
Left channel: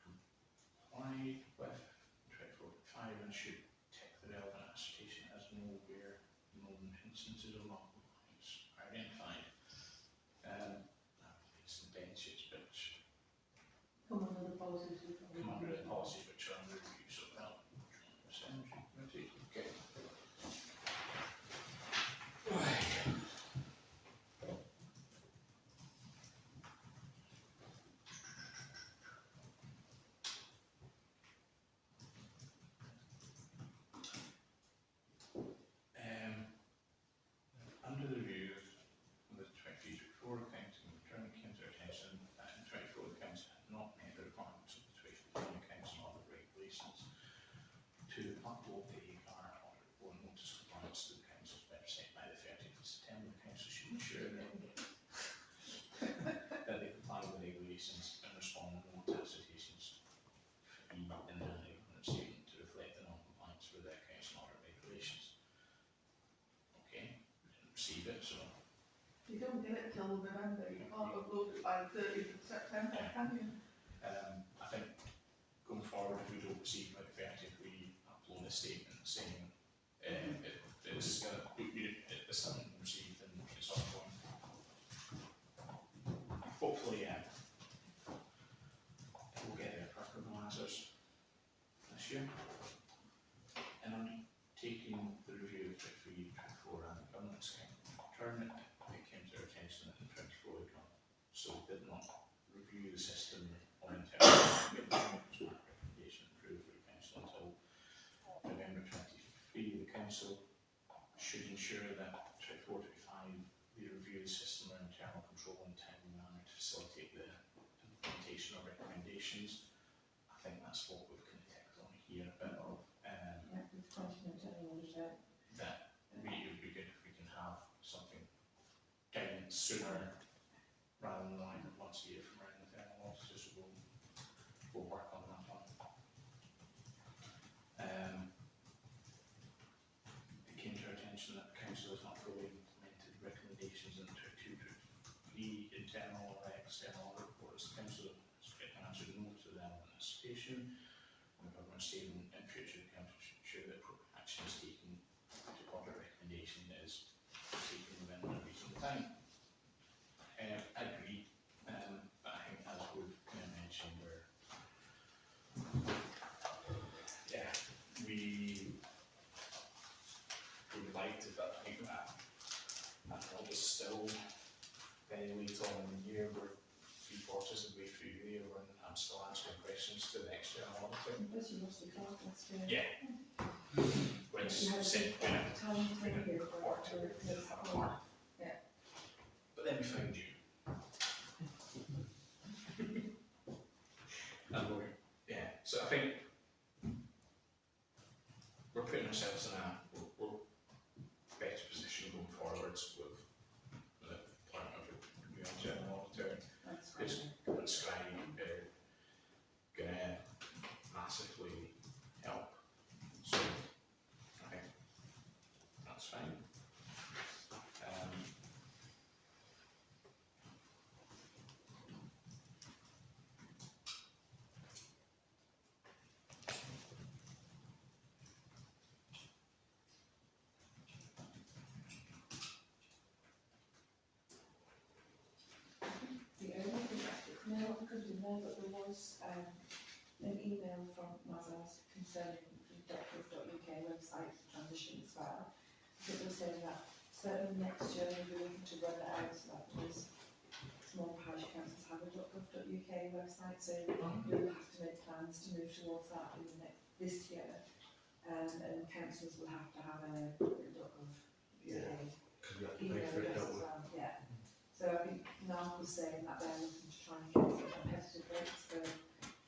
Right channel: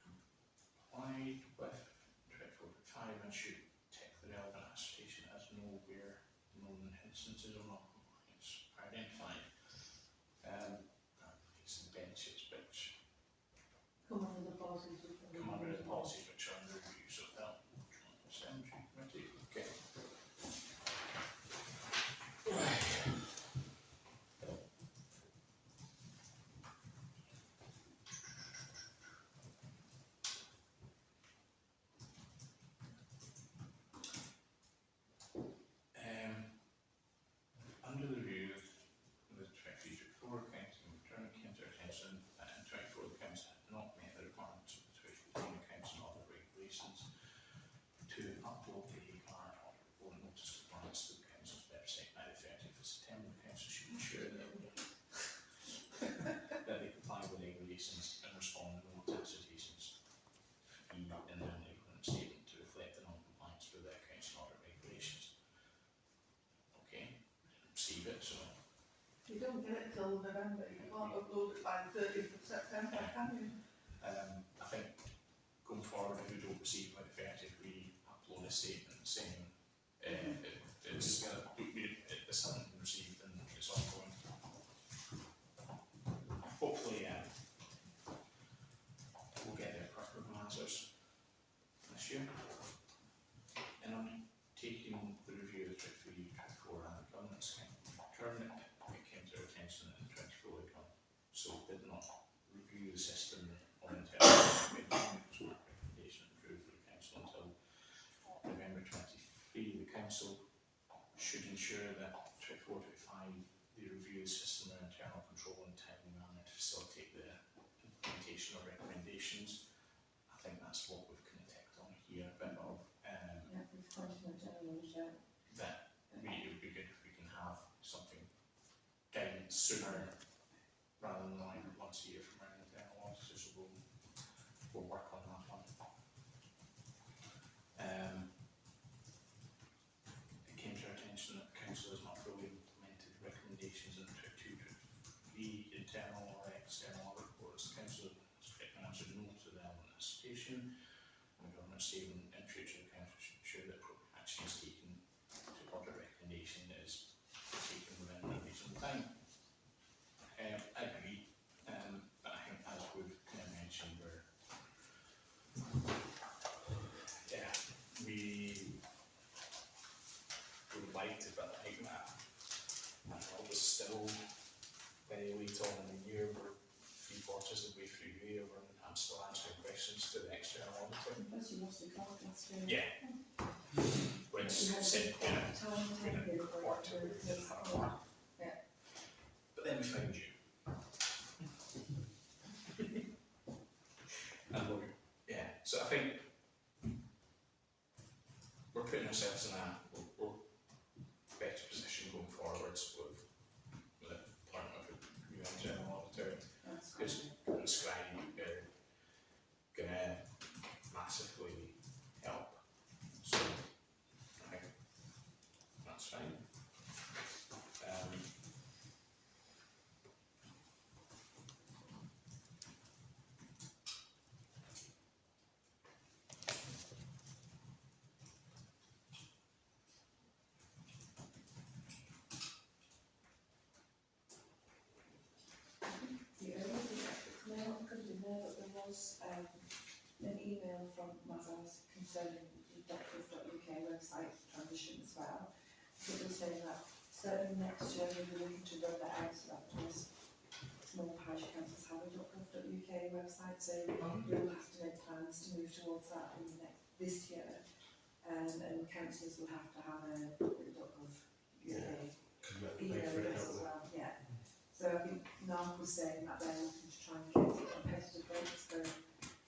complied with 24.5 and should take the relevant attestation as no where known instances of non-compliance are identified. It's the benches which Come under the policies we've got. come under the policies which are under review, so that cemetery committee. Okay. Under the review of the 23-24 accounting return came to our attention that in 24 the council had not met the requirements of the 2015 accounts and audit regulations to upload the AR audit report notice compliance to the council's website by the 30th of September. The council should ensure that that they comply with regulations and respond to no attestations in the annual equivalent statement to reflect the non-compliance with the accounts and audit regulations. Okay, we didn't receive it, so You don't get it till November, you can't upload it by the 30th of September, can you? I think going forward, if we don't receive it by the 30th, we upload a statement saying it's something received and it's ongoing. Hopefully, we'll get their proper answers this year. And undertaking the review of the 23-24 and the governance return, it came to our attention that in 24 the council did not review the system on internal recommendation approved for the council until November 23. The council should ensure that 24-25 they review the system of internal control in a timely manner to facilitate the implementation of recommendations. I think that's what we've kind of ticked on here, a bit of Yeah, we've continued to auditor. that it would be good if we can have something guidance sooner rather than like once a year from our internal auditors. We'll work on that one. It came to our attention that the council has not fully implemented recommendations in the 22-23 internal or external audit reports. The council has correctly answered no to the relevant attestation. And the government statement in future, the council should ensure that appropriate action is taken to audit recommendation is taken within a reasonable time. I agree, but I think as we've kind of mentioned, we would like to, but I think that it was still very late on in the year. We're 3/4 of the way through the year and I'm still answering questions to the external auditor. Plus you lost the card last year. Yeah. Which You had a said, big talent we in didn't you report for to the report. Yeah. But then we found you. And so I think we're putting ourselves in a better position going forwards with the appointment of a new internal auditor. That's Because great. scribing are going to massively help. So I think that's fine. was an email from Mazars concerning the .gov.uk website transition as well. It was saying that certainly next year we'll be looking to roll it out so that most small parish councils have a .gov.uk website, so we'll have to make plans to move towards that in this year, and councils will have to have a .gov.uk Because you have to pay email for it, address don't as we? well. Yeah. So I think NARC was saying that they're looking to try and get some competitive rates for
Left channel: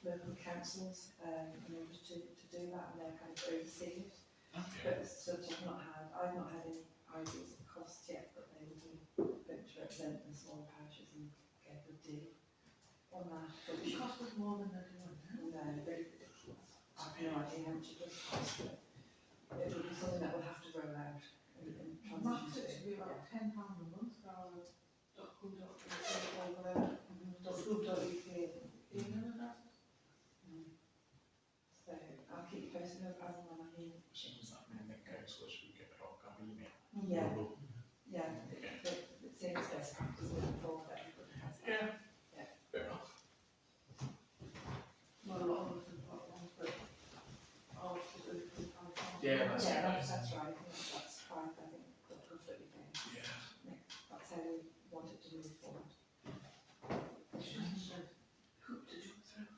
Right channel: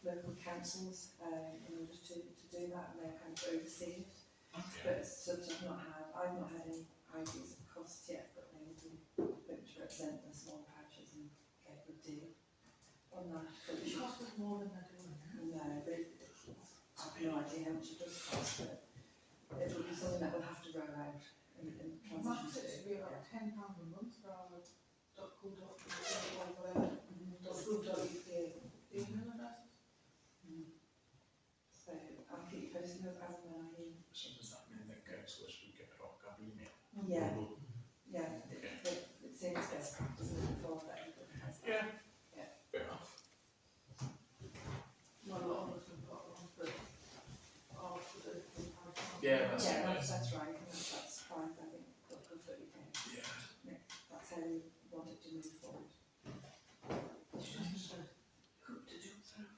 local councils in order to do that, and they're kind of overseeing it. Okay. But as such, I've not had any ideas of costs yet, but they will be looking to represent the small parishes and get a good deal on that. But we It should, costs us more than they're doing, yeah? no, I have no idea how much it does cost, but it will be something that we'll have to roll out and Max, transition it to. should be about £10 a month for our .co.uk or whatever, .gov.uk email addresses. So I'll keep you posted as and when I hear. So does that mean that councillors would get a .gov email? Yeah, yeah, it seems best practice moving forward that everybody has that. Yeah. Fair enough. Not a lot of us have got one, but all specifically parish council. Yeah, that's Yeah, it. that's right, I think that's fine, I think .gov.uk. Yeah. That's how we want it to move forward. It's just a hoop to jump through.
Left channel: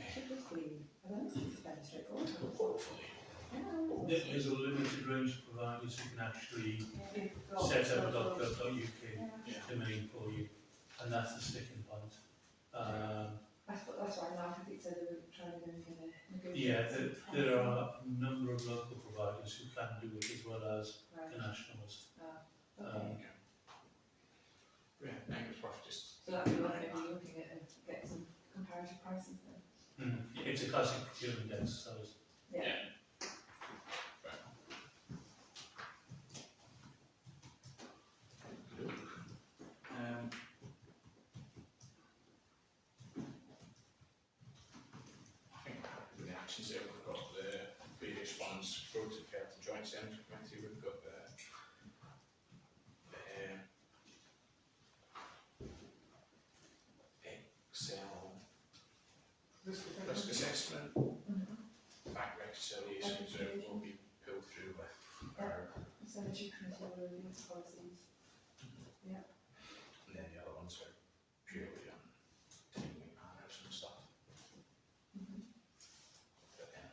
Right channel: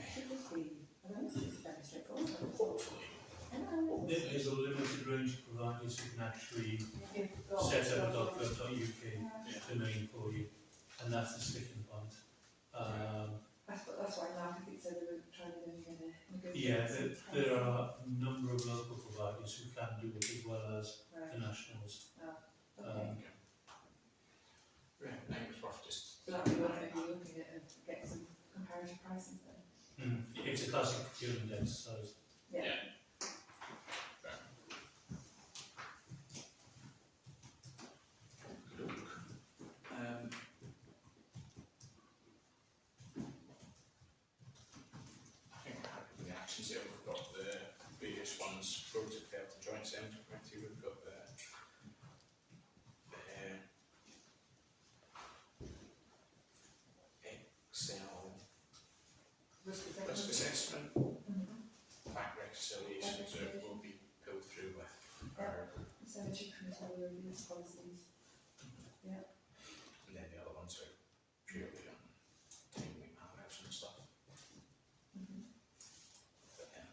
Should this be, I don't know, should be fairly straightforward. Hopefully. There's a limited range of providers who can actually If we've got- set up a .gov.uk Yeah. domain for you, and that's the sticking point. That's why NARC, I think, said they were trying to negotiate. Yeah, some there pricing. are a number of local providers who can do it as well as Right, the nationals. okay. Yeah, I think it was worth just. So that'd be worth maybe looking at and get some comparative prices then. It's a classic procurement exercise. Yeah. Yeah. Fair enough. I think with the actions there, we've got the various ones, roads that fell to joint centre committee, we've got the Excel risk assessment, bank reconciliation, so it will be pulled through with our, Cemetery committee will review its policies. and then the other ones are purely on timely manners and stuff. But then,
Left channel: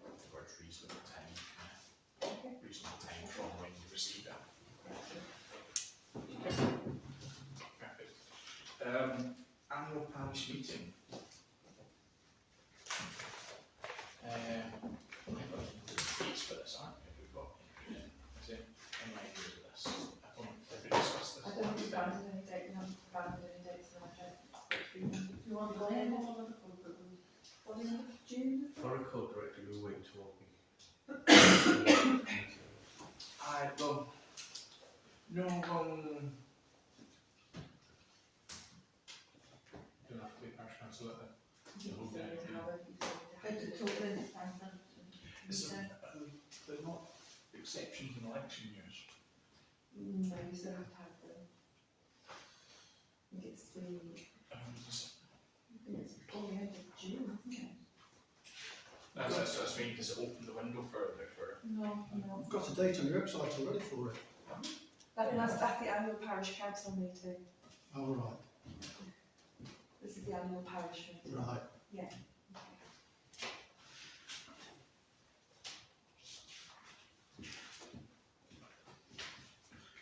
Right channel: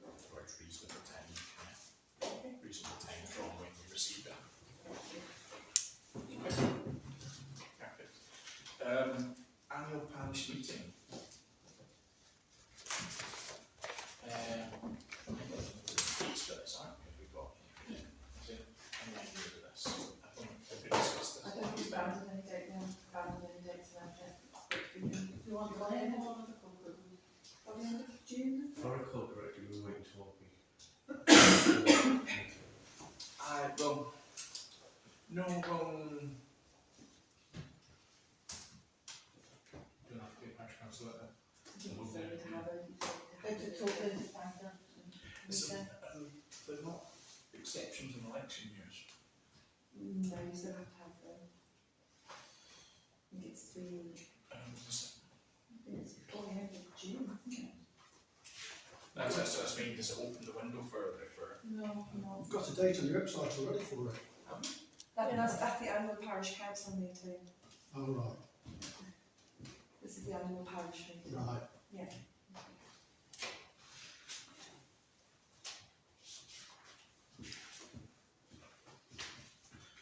the word's reasonable time, yeah, Okay. reasonable time from when you receive it. Perfect. Annual parish meeting. Dates for this, aren't we? Have we got anything? Is it any idea of this? I don't think we discussed this. I don't think we've found any date, we haven't found any dates around it. Do you want to play more on the corporate one? What do you think, June? For a code director, we were waiting to open. Don't have to be a parish councillor. It's a total independent. They're not exceptions in election years. No, you still have to have them. I think it's before the end of June, isn't it? That's me, does it open the window further for? No, no. You've got a date on your website already for it. That's the annual parish council meeting. Oh, right, This is the annual parish meeting. right. Yeah.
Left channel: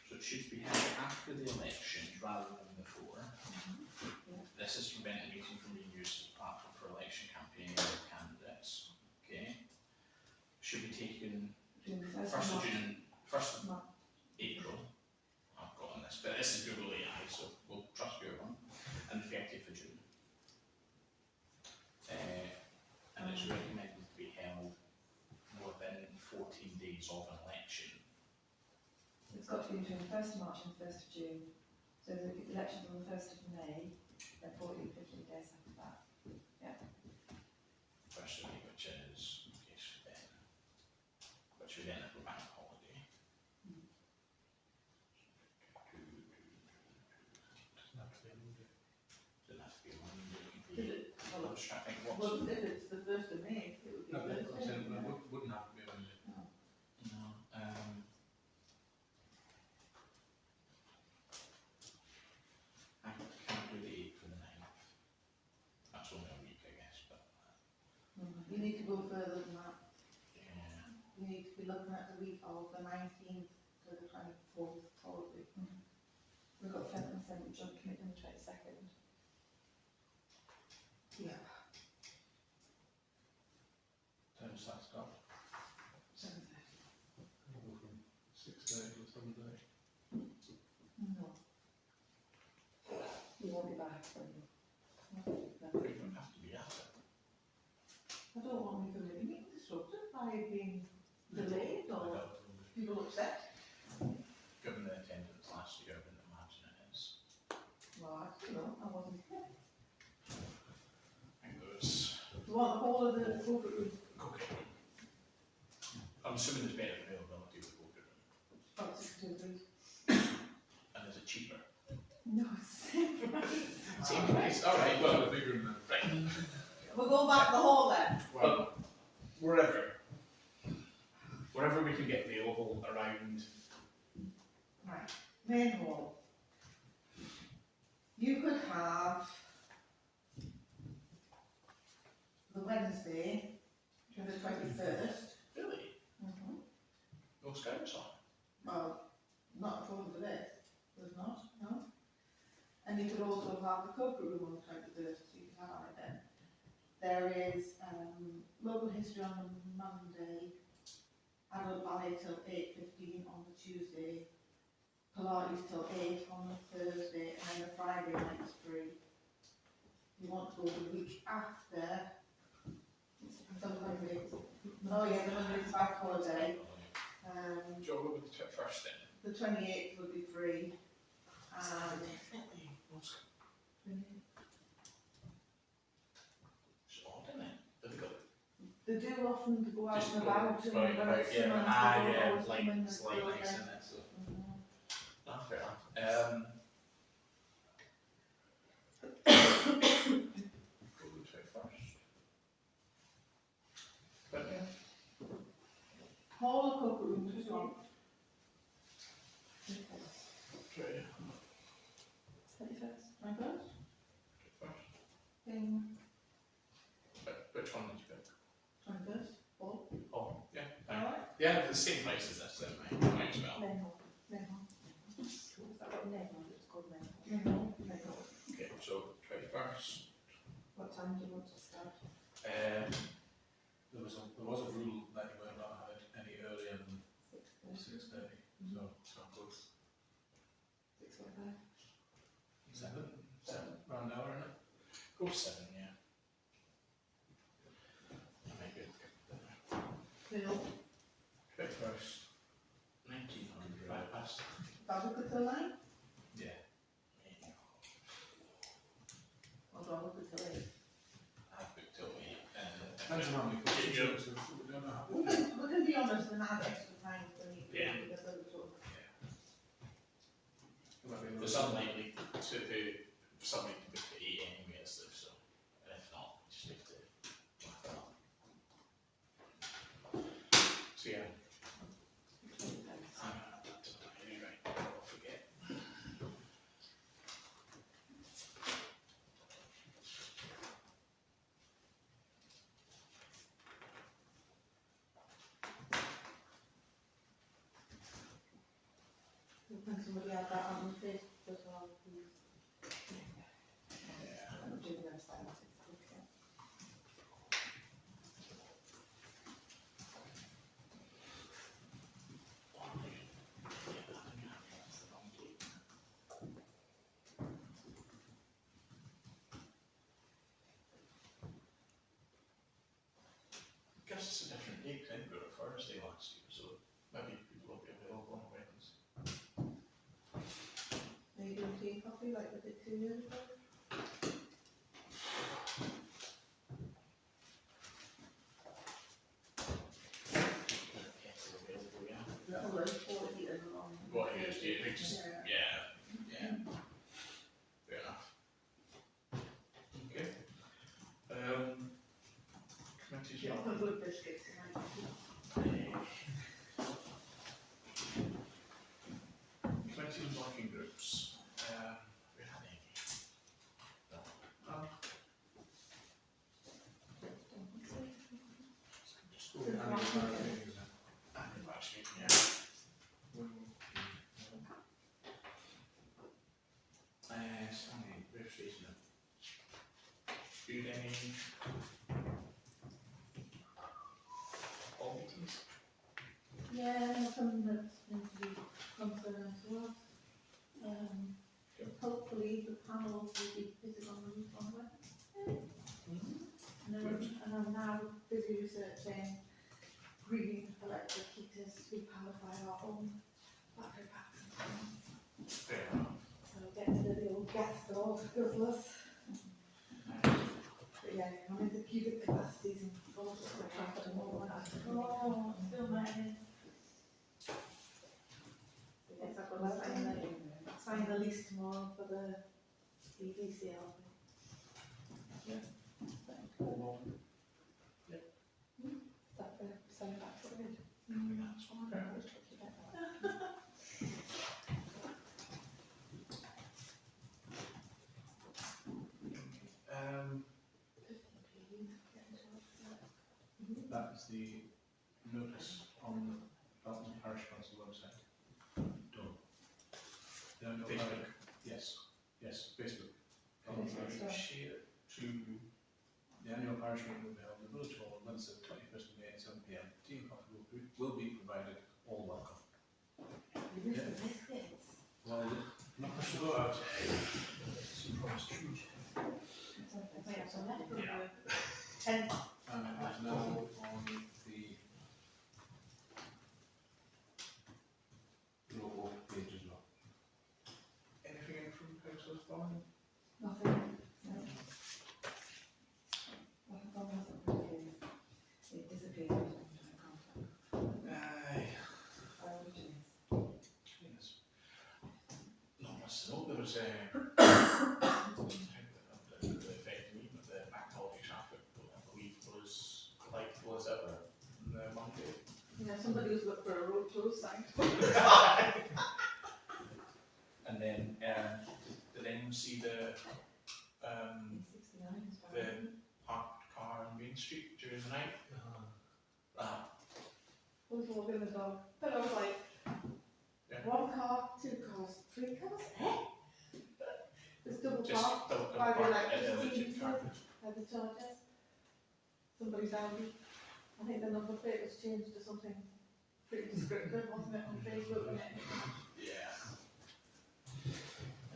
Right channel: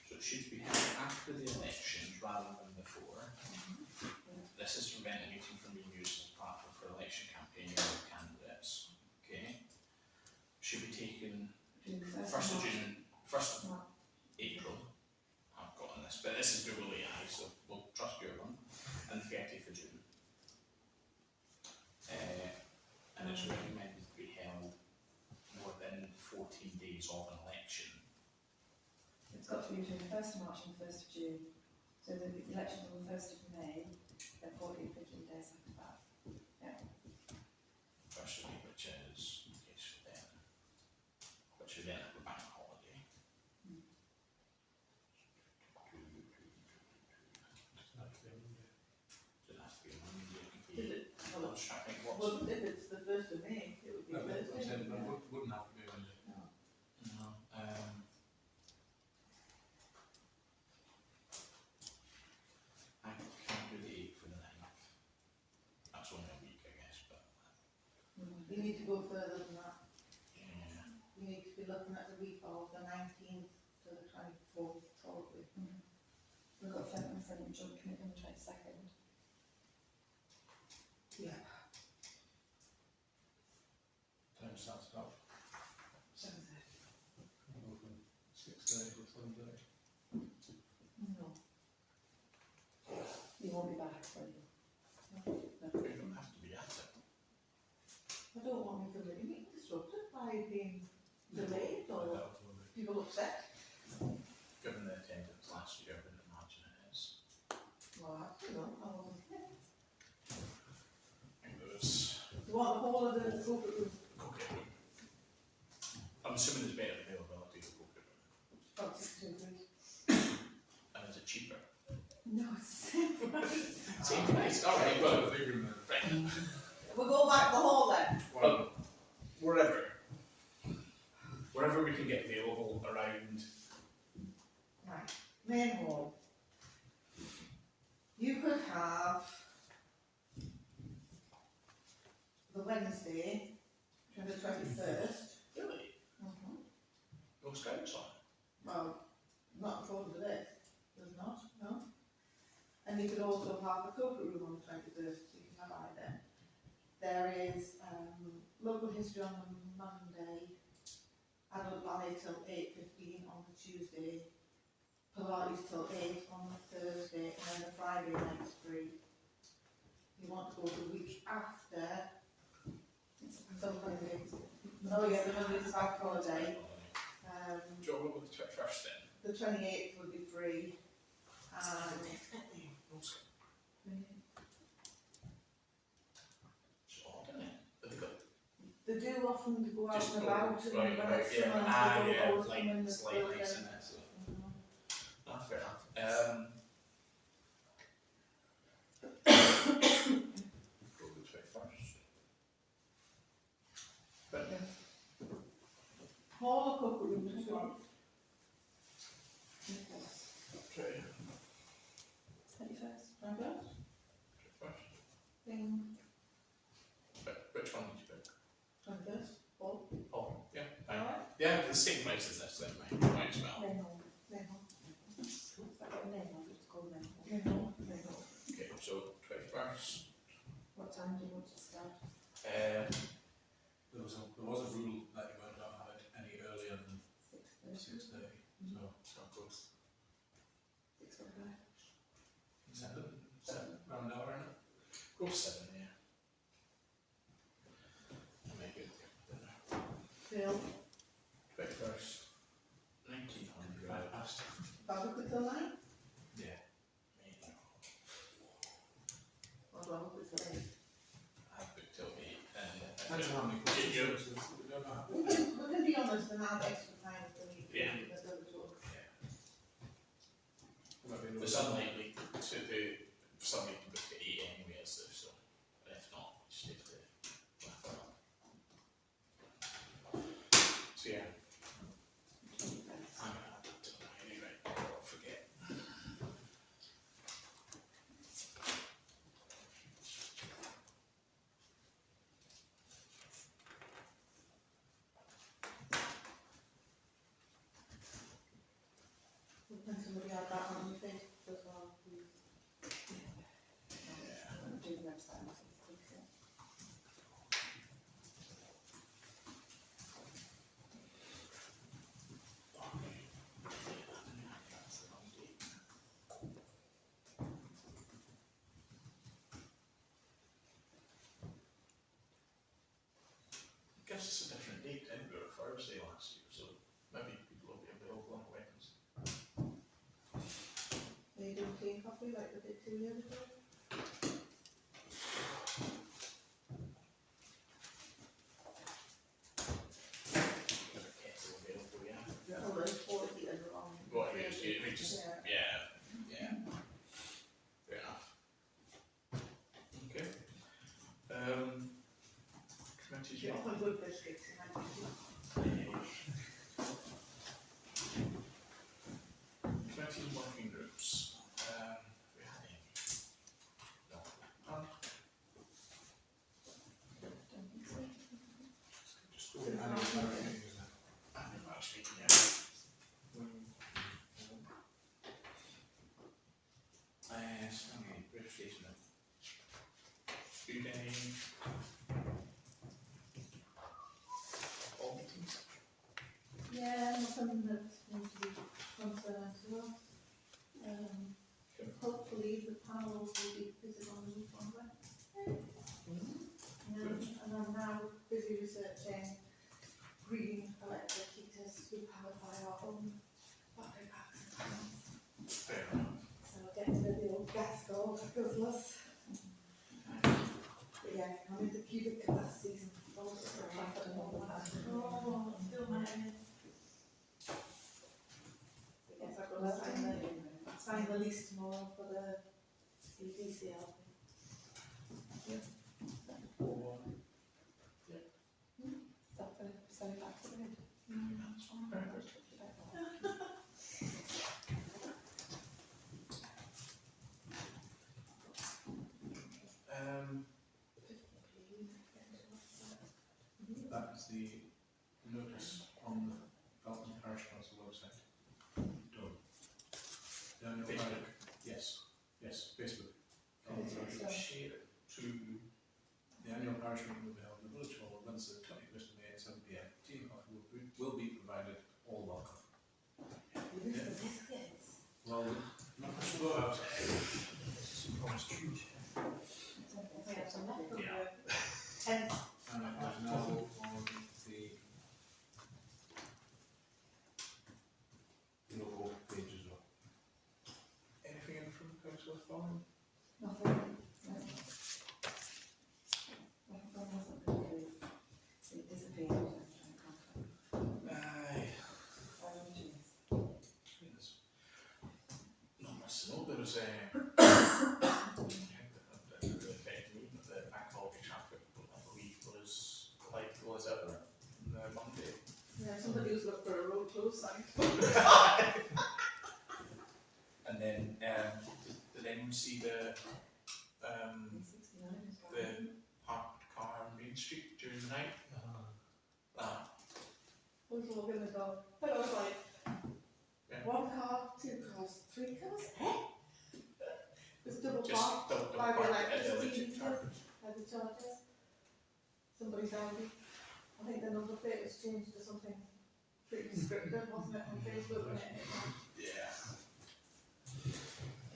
So it should be held after the elections rather than before. This is to prevent the meeting from being used as a platform for election campaigning of candidates. Okay. Should be taken June the 1st of March. June, 1st of March. April. I've got on this, but this is Google AI, so we'll trust your one. And the 30th of June. And it's recommended to be held within 14 days of an election. It's got to be between the 1st of March and the 1st of June. So the election's on the 1st of May, then 14, 15 days after that. First of May, which is, yes, then, which would then have a bank holiday. Doesn't have to be Monday. Doesn't have to be a Monday. Did it, I'm well, just trying to think what's. well, if it's the 1st of May, it would be No, but I'm Thursday. saying, Yeah. it wouldn't have to be a Monday. No. No, I can't do the 8th for the 9th. That's only a week, I guess, but You need to go further than that. yeah. You need to be looking at the week of the 19th to the 24th, probably. We've got 7th and 7th joint committee on the 22nd. Yeah. Time starts up. 7:30. Go from 6:30 to 7:30. No. You won't be back, will you? We don't have to be at it. I don't want me to be disrupted by being delayed I or doubt it will be. people upset. Given the attendance last year, I wouldn't imagine it is. Well, I don't know, I wasn't here. I think there was. You want the whole of the corporate room? Okay. I'm assuming there's better availability with poker room. About 62 degrees. And is it cheaper? No, it's the same price. Same price, alright, well, the big room then. right. We'll go back the hall then. Well, wherever we can get available around. Right, main hall. You could have the Wednesday, the 21st. Really? No scouts on? Well, not according to this, there's not, no. And you could also have the corporate room on the 21st, so you could have it then. There is local history on the Monday, adult ballet till 8:15 on the Tuesday, Pilates till 8 on the Thursday, and then the Friday night's free. You want to go the week after, some Monday. Oh yeah, the Monday's back holiday. Joe, what would the 21st then? The 28th will be free. Definitely no scouts. It's odd, isn't it? Have they got They do often go out just and go about, and right, when it's right, yeah, summer, ah, they yeah, always like, come in it's the like building. nice, isn't it? So, Mhm. ah, fair enough. Go with 21st. But Hall or corporate room, which one? okay, 21st. 21st? 21st. Thing, But which one did you pick? 21st, Hall. Oh, yeah, fine. Alright. Yeah, the same price as this then, might as well. Main hall. Main hall. Is that got a name on it? It's called main hall. Main hall. Main hall. Okay, so 21st. What time do you want to start? There was a rule that you weren't allowed to have it any earlier than 6:30. 6:30, so it's not close. 6:45. 7, round hour, isn't it? Go for 7, yeah. I might be able to get dinner. Phil, 21st, 1900, 5 past. Barbara could till 9? Yeah. Or Barbara could till 8? I've booked till 8. Depends on how many questions, so we don't know how. We can be honest and have extra time if we need to, Yeah. because they're the sort of- It might be a little- It's unlikely to be for somebody to book at 8 anyway, as if so. And if not, we just have to wrap it up. So yeah, I'm gonna add that to the diary, right? I'll forget. Can somebody add that on the Facebook as well, please? Yeah. I'm doing the website. I'll take a picture. That's the wrong date. It gives us a different date. I think we were Thursday last year, so maybe people will be available on Wednesday. Are you doing tea and coffee like we did 2 years ago? Kettle available, yeah. Well, there's 4 heaters on. What it is, it just, Yeah. yeah, fair enough. Okay. Not the good biscuits, you know. Committee and working groups. We had any? No. Just go with annual parish meetings then. Annual parish meeting, yeah. Stanley, registration then. Food any all meetings? Yeah, nothing that's going to be concerning to us. Hopefully the panels will be fitted on the roof on Wednesday. And I'm now busy researching green electric heaters to be powered by our own battery packs and things. Fair enough. So getting rid of the old gas guzzlers. But yeah, I'm into cubic capacities and all sorts of crap and all that. Oh, I'm still married. I guess I've got to sign the lease tomorrow for the EDCL. Send it back to the grid. That is the notice on the Felton Parish Council website. Done. The annual Facebook. Yes, Facebook. Share it to The annual parish meeting will be held in the village hall on Wednesday, the 21st of May at 7 p.m. Tea and coffee will be provided. All welcome. You missed the biscuits. Well, not much to go out. I have some left from Yeah. the 10. And it is now on the local page as well. Anything in from Councillor Thorne? Nothing. No. Nothing from us, it disappeared. Aye. Yes. Not much to know. There was the Macdonald traffic, I believe, was like was ever on the Monday. Yeah, somebody was looking for a road close sign. And then, did anyone see the parked car on Main Street during the night? I was walking the dog, but I was like, Yeah. 1 car, 2 cars, 3 cars, eh? It's double Just parked double by the parked at the electricity electric car. meters, by the chargers. Somebody's Audi. I think the number plate was changed to something pretty descriptive, wasn't it, on Facebook when it hit me? Yeah.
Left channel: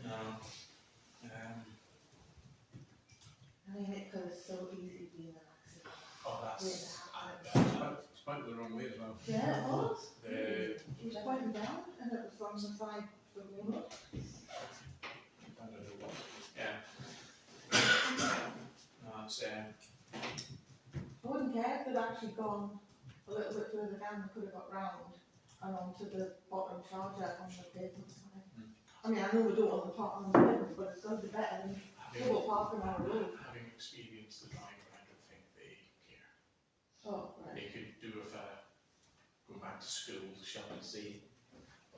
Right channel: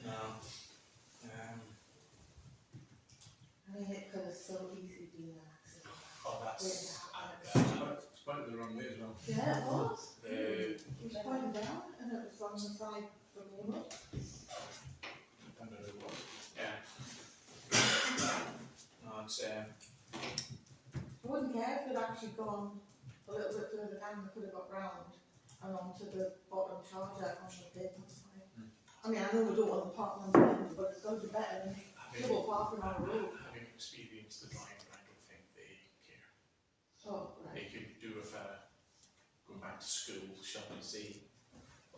No. I mean, it could have so easily been an accident. Oh, that's. It's pointed the wrong way as well. Yeah, it was. The It was pointing down and it was from the side from the road. Found out who it was. yeah. No, it's I wouldn't care if they'd actually gone a little bit further down, they could have got round and onto the bottom charger on the pavement side. I mean, I know we don't want the park on the pavement, but it's going to be better than double parking on the road. having experienced the driving, I don't think they care. Oh, right. They could do with going back to school, shall I say,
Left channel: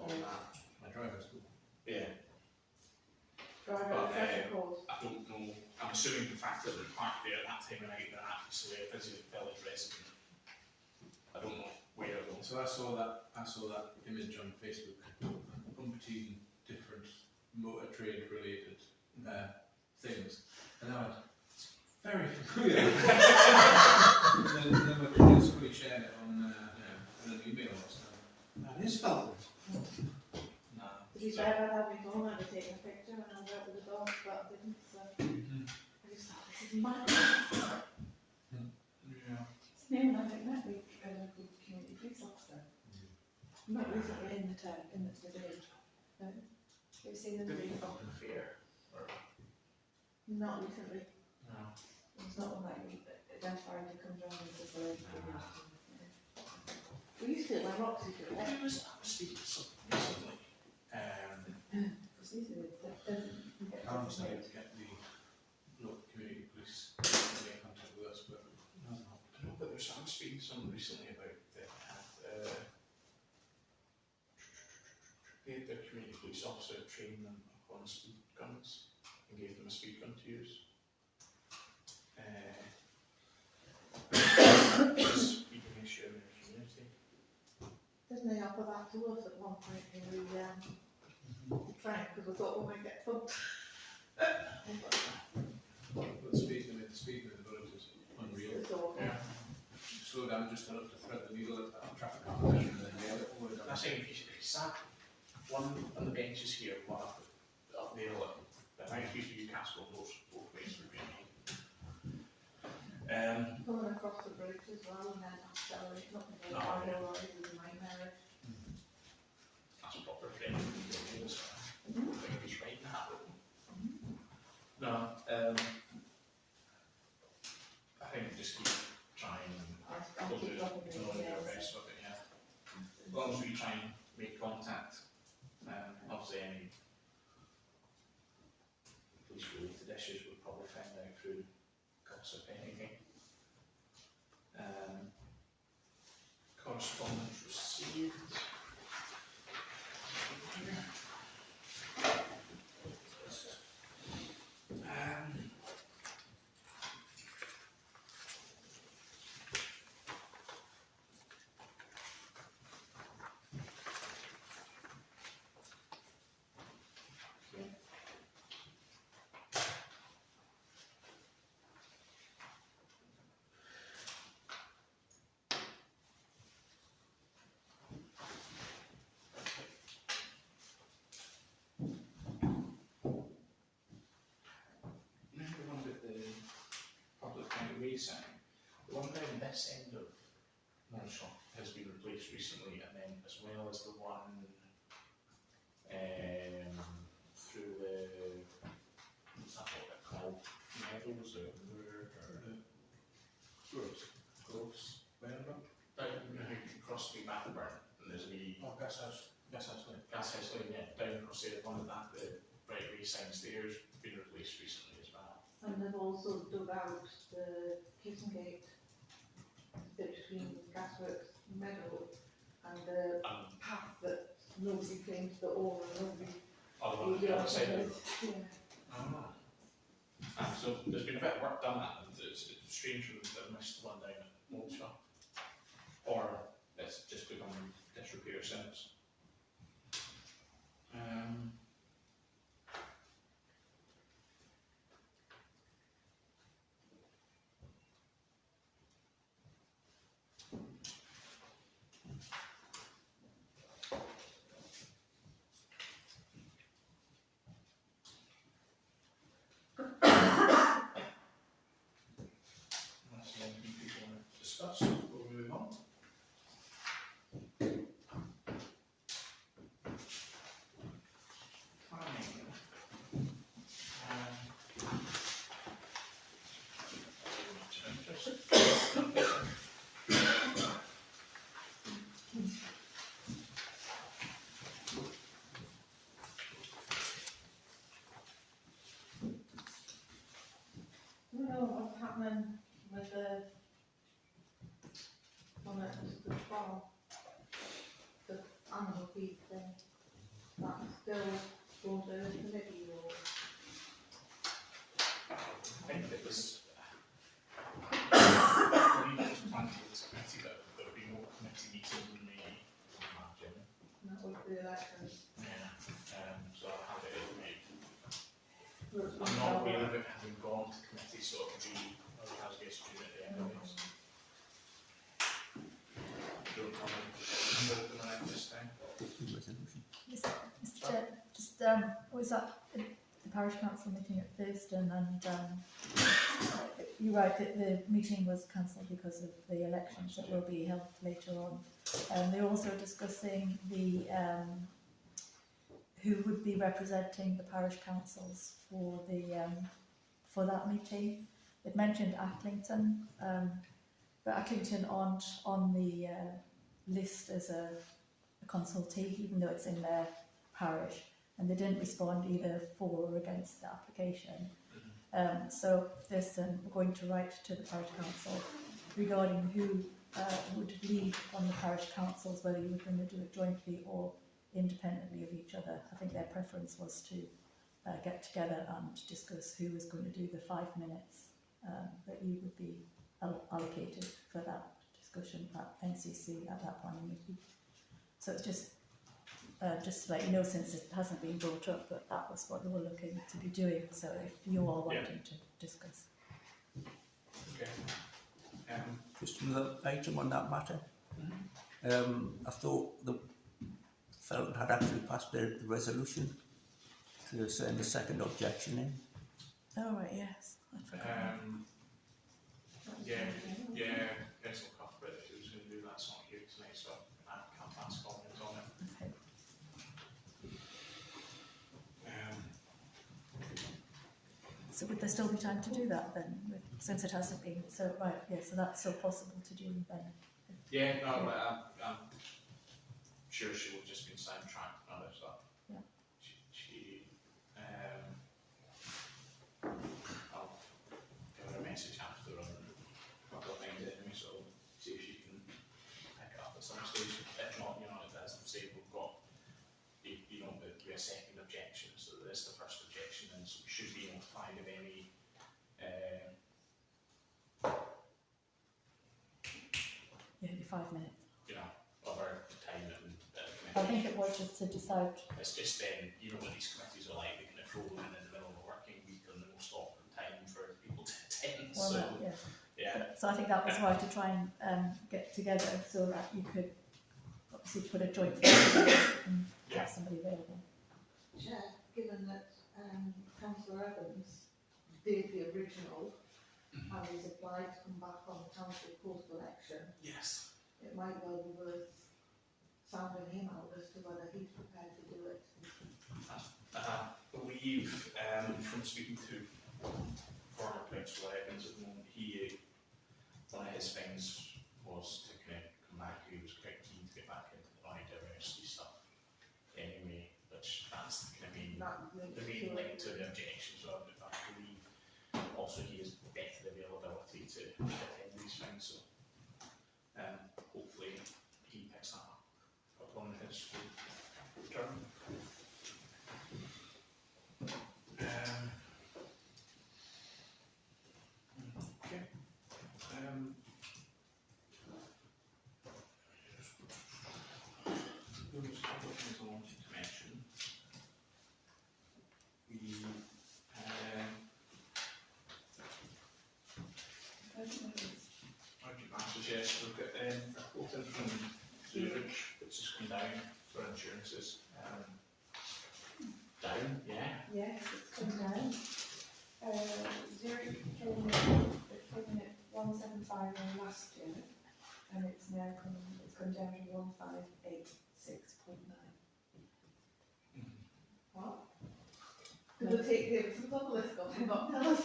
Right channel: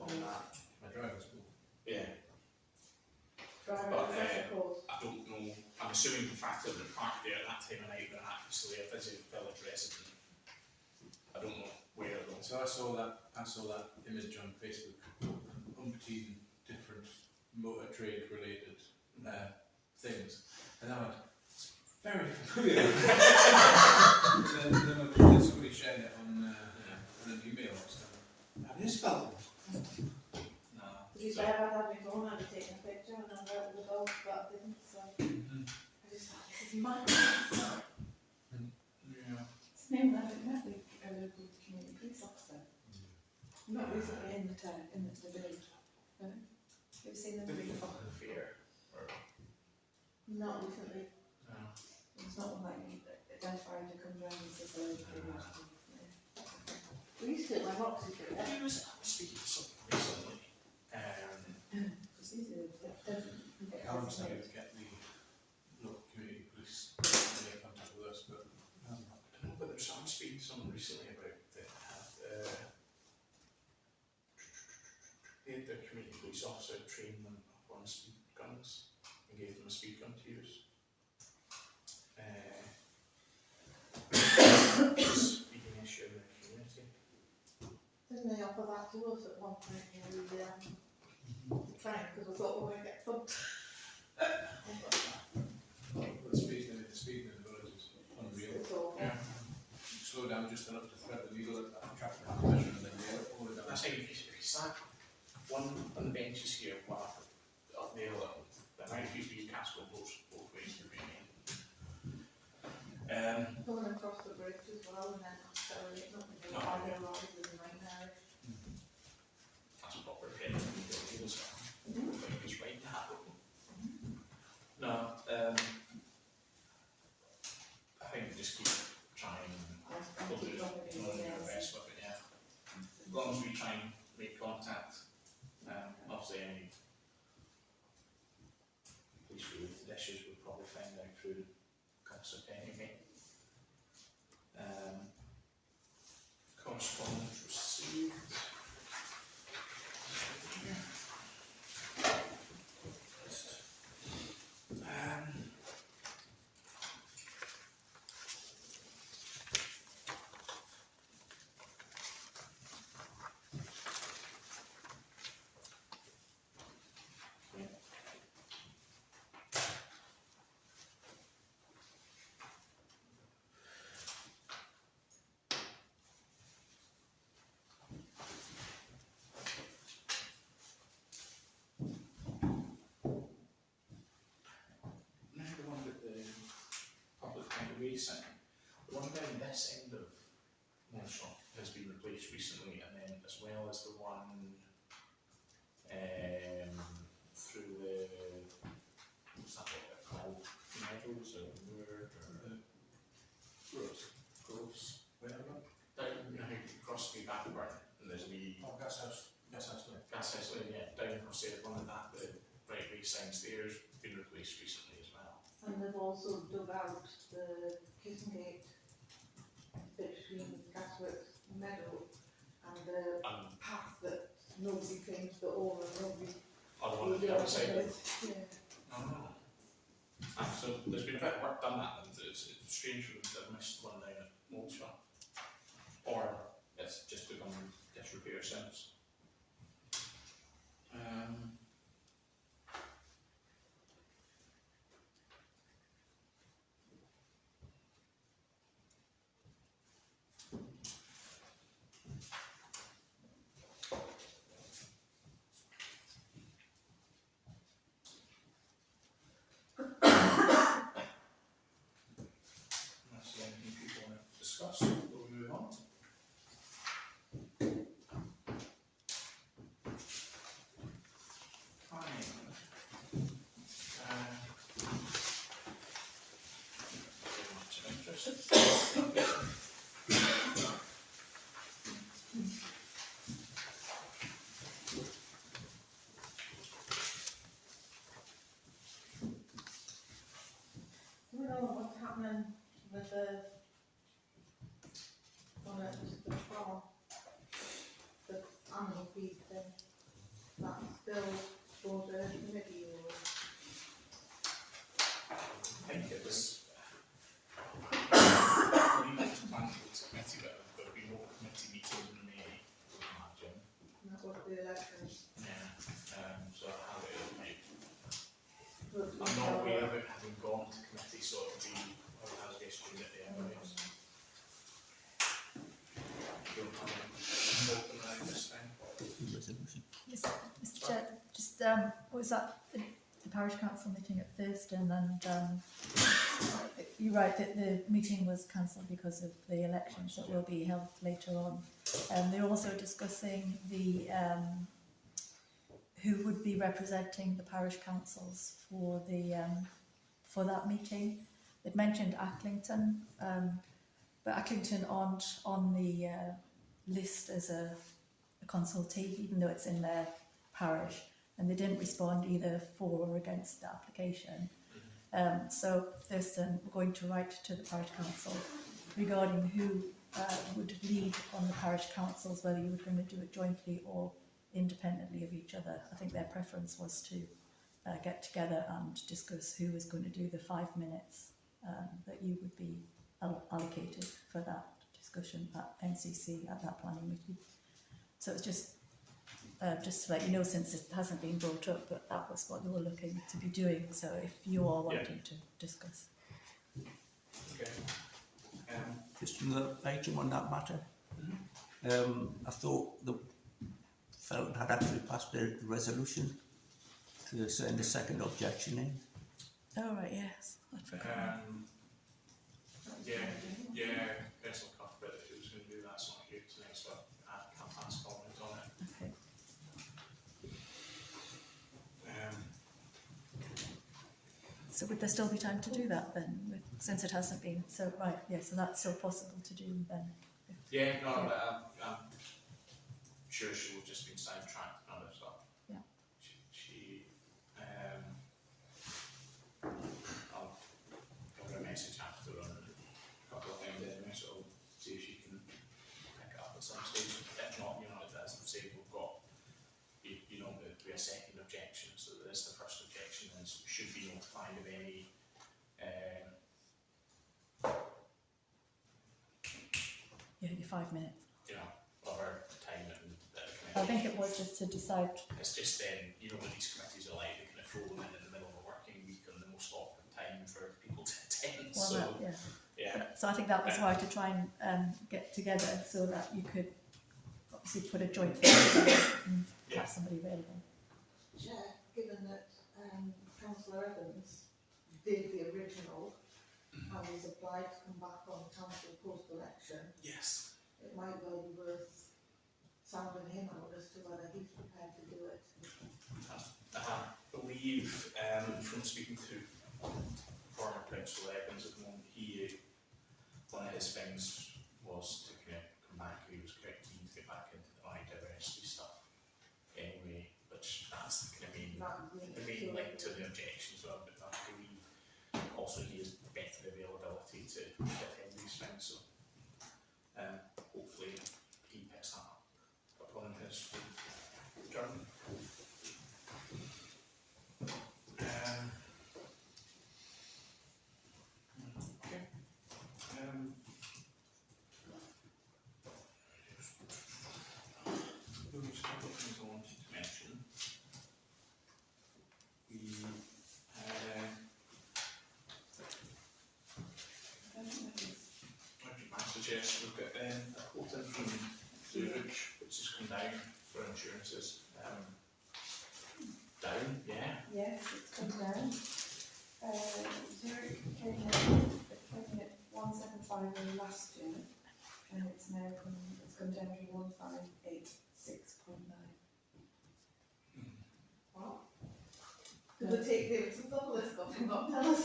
on that. My driving school. Yeah. Driving But, refresher course. I don't know. I'm assuming the fact that they're parked there at that time of night, they're actually a visiting village resident. I don't know where it was. So I saw that image on Facebook. Umpteen different motor trade related things, and I went, it's very familiar. and then my brother somebody shared it on an email or something. That is Felton. No. To be fair, I'd had my phone, I'd have taken a picture and I was out with the dog, but I didn't, so I just thought, this is mad. Yeah. It's named after that week, a local community police officer. Not recently in the village. No? Have you seen them? Did he come to the fair? Or Not recently. no? It's not one that you identify who comes around and says, "Oh, We used to when Roxy did it. I was speaking to someone recently. it's easy, it doesn't get Callum designated. said get the local community police to get in contact with us, but it hasn't happened. I don't know whether community police officer trained them up on speed guns and gave them a speed gun to use. Speeding issue in the community. Didn't they offer that to us at one point when we tried, because I thought we might get thumped. The speed in the village is unreal. It's awful. Yeah. You slow down just enough to thread the needle at traffic competition and then nail it all the way down. That's how if you sat one on the benches here, one up there, the amount of people you cast on both ways would be amazing. Coming across the bridge as well and then accelerating up and down Oh, Harlow yeah. Rise is a nightmare. That's a proper friend of the building as well. I think he's right in that way. No, I think we just keep trying and I'll we'll do keep dropping in our the best with it, yeah. As long as we try and make contact, obviously any police related issues we'll probably find out through gossip anyway. Correspondence received. Sign. The one down this end of Millshop has been replaced recently, and then as well as the one through the what's that called? Meadows or Groves, wherever. Down, you know how you cross the Backburn and there's a wee Gas house lane. gas house lane, yeah, down across there. One of that, the right way signs there's been replaced recently as well. And they've also dug out the Kissing Gate between Gasworks Meadow and the path that nobody claims the owner, nobody. Other one on the other side of Yeah. So there's been a bit of work done that, and it's strange for them to have missed the one down at Moleshaw. Or it's just become disrepair since. Unless there's anything people want to discuss, we'll move on. Fine. Much of interest. Do you know what's happening with the one at the farm? The animal feed thing? That's still for the committee or? I think it was. I believe it was planned for the committee, but there'll be no committee meeting in May, I imagine. And that was the elections. Yeah. So I'll have it in May. But I'm not aware of it having gone to committee, so it'll be, well, it has been student at the end of it. Don't have a vote on that this time. Resolution. Yes, Mr Chair, just was that the parish council meeting at Thurston, and you're right that the meeting was cancelled because of the elections that will be held later on. They're also discussing the who would be representing the parish councils for the for that meeting. They'd mentioned Acklington, but Acklington aren't on the list as a consultee, even though it's in their parish, and they didn't respond either for or against the application. So Thurston, we're going to write to the parish council regarding who would lead on the parish councils, whether you were going to do it jointly or independently of each other. I think their preference was to get together and discuss who was going to do the 5 minutes that you would be allocated for that discussion at NCC at that planning meeting. So it's just to let you know, since it hasn't been brought up, but that was what they were looking to be doing. So if you are wanting to discuss. Okay. Just another item on that matter. I thought the Felton had actually passed the resolution to send a second objection in. Oh right, yes. I forgot. Yeah, personal cough, but if it was going to do that, it's not here tonight, so I can't pass comment on it. Okay. So would there still be time to do that then, since it hasn't been? So right, yeah. So that's still possible to do then. Yeah, no, Yeah. but I'm sure she would have just been sidetracked and other stuff. Yeah. I'll give her a message after on a couple of things anyway, so I'll see if she can pick it up at some stage. If not, as I say, we've got, a second objection, so there is the first objection, and so we should be notified of any Yeah, your 5 minutes. other time and I think it was just to decide. It's just then, what these committees are like, they kind of throw them in the middle of a working week on the most awkward time for people to attend. Well, So, yeah. So I think that was why, to try and get together so that you could obviously put a joint together and have somebody available. Chair, given that Councillor Evans did the original and is applied to come back on the council post-election, yes. it might well be worth sounding him out as to whether he's prepared to do it. I believe, from speaking to former Councillor Evans at the moment, one of his things was to kind of come back. He was quite keen to get back into the money diversity stuff anyway, which that's the kind of the main link to the objections of, but I believe also he has better availability to attend these things, so hopefully he picks that up upon his return. Okay. Those couple of things I wanted to mention. I suggest look at a quote in from Zurich, which has come down for insurances. Down, yeah. Yes, it's come down. Zurich came in at 175 last year, and it's come down to 1586.9. What? Did it take Davidson's on the list, but forgot to tell us?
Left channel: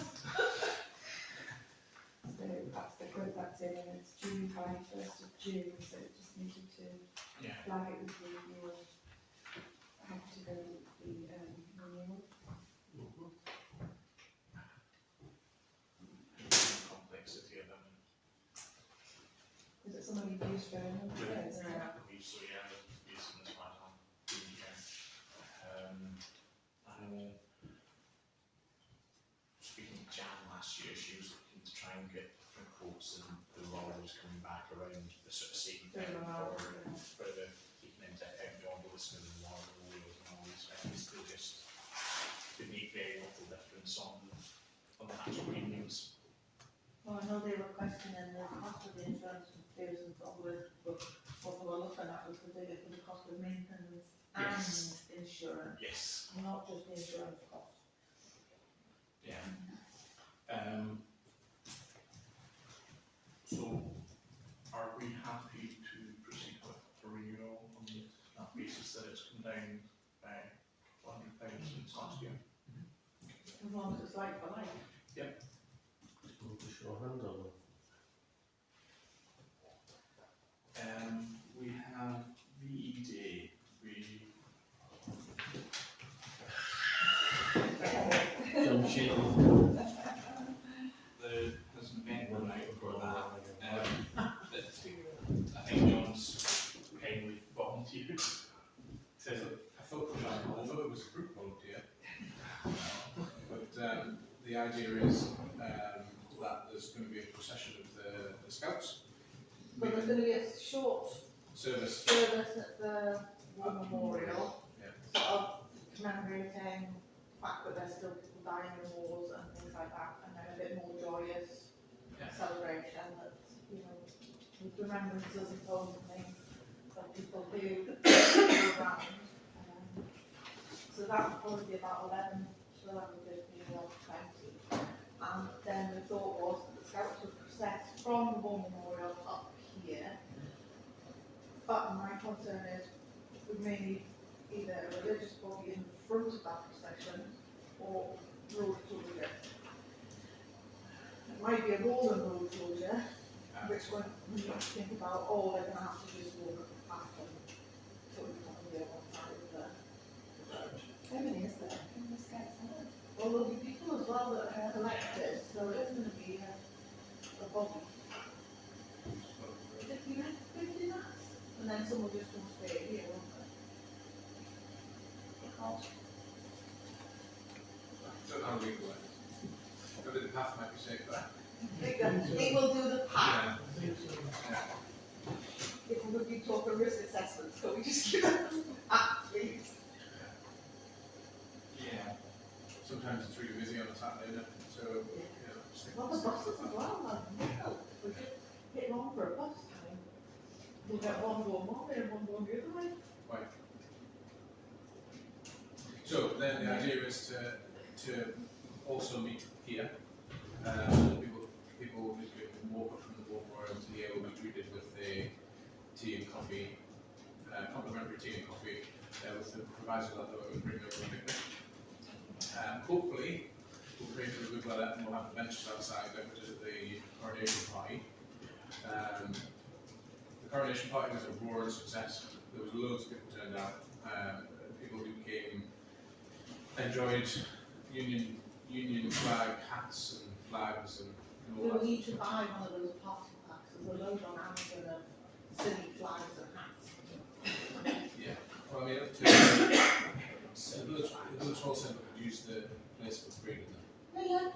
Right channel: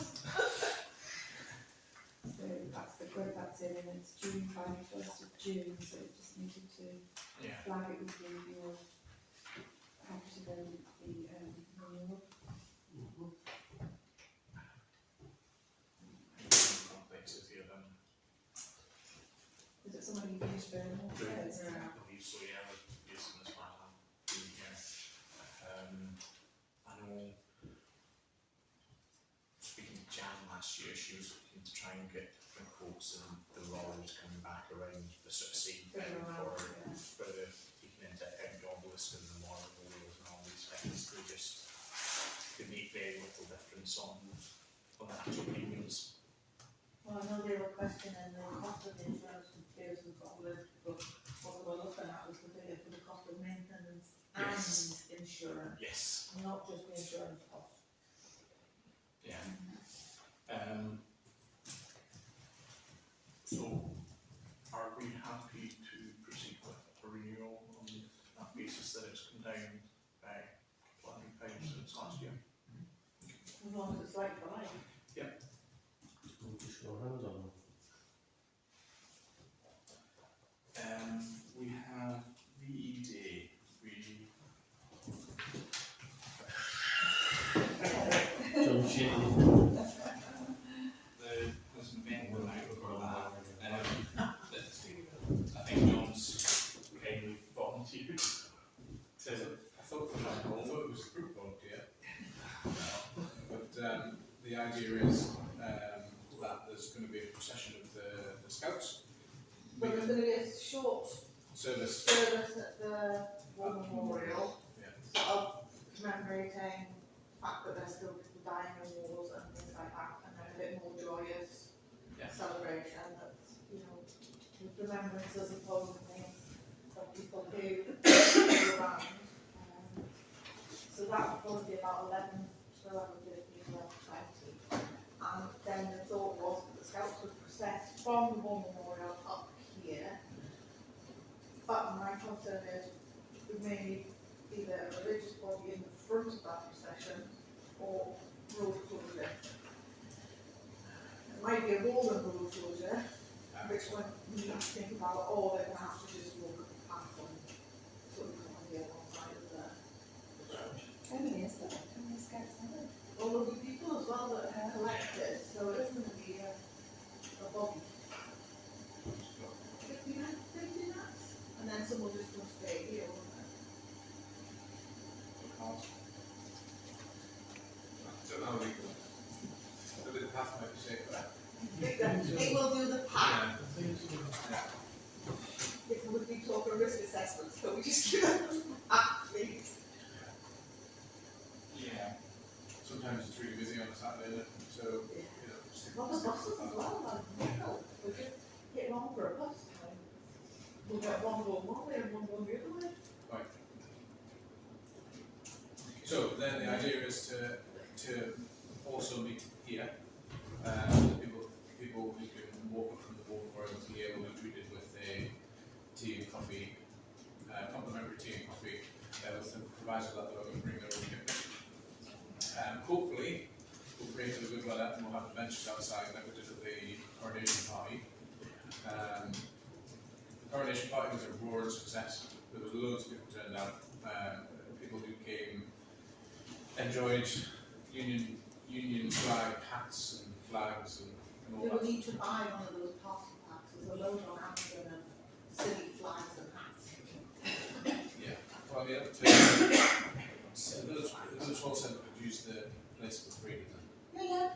So that's the quote that's in, and it's due by 1st of June, so it just needed to flag it with you. You were happy to go with the renewal. Complexity of them. Is it someone you've used for a number of years? I believe so, yeah. They've used them as far as I'm doing here. I know, speaking to Jan last year, she was looking to try and get different quotes, and the law was coming back around the sort of same thing for the taking into account job listing and law and Wales and all these things. They make very little difference on the actual premiums. Well, I know they were questioning the cost of the insurance from Davidson's on the list, but what they were looking at was the figure for the cost of maintenance and insurance, Yes. not just the insurance cost. Yeah. So, are we happy to proceed with a renewal on that basis that it's come down by a couple £100 since last year? As long as it's like for like. We'll just show hands on them. We have VED. John Shane. There's an amendment out for that. I think John's kindly volunteered to always a group volunteer. But the idea is that there's going to be a procession of the Scouts. But there's going to be a short Service. at the War Memorial, Yeah. sort of commemorating the fact that there's still people dying in wars and things like that, and then a bit more joyous celebration that, you know, with remembrances of home and things of people who were around. So that would probably be about 11 to 11:15, 11:20. And then the thought was that the Scouts would process from the War Memorial up here. But my concern is we may need either a religious body in the front of that procession or road closure. It might be a rolling road closure, which one we need to think about, or they're going to have to just walk up the path and sort of on the other side of the road. How many is there? How many Scouts are there? Well, there'll be people as well that are collected, so it isn't going to be a body. 50 minutes, and then someone just going to stay here, won't they? Don't know how we go. Maybe the path might be safer. It will do the path. Yeah. If we would be talking risk assessments, so we just give them the path, please. Yeah. Sometimes it's really busy on a Saturday, isn't it? So, you know, Well, the buses as well, like, we just hit on for a bus time. We'll get one going one way and one going the other way. Right. So then the idea is to also meet here. People who can walk up from the War Memorial to here, like we did with the tea and coffee, complimentary tea and coffee, with the proviso that they were going to bring their own picnic. Hopefully, we'll pray for the good weather and we'll have the benches outside like we did at the coronation party. The coronation party was a roaring success. There was loads of people turned out. People who came enjoyed Union flag hats and flags and all We will that. need to buy one of those party packs. There's a load on Amazon of silly flags and hats. Yeah. Well, I mean, up to the village hall said we could use the place for free, didn't they? Yeah.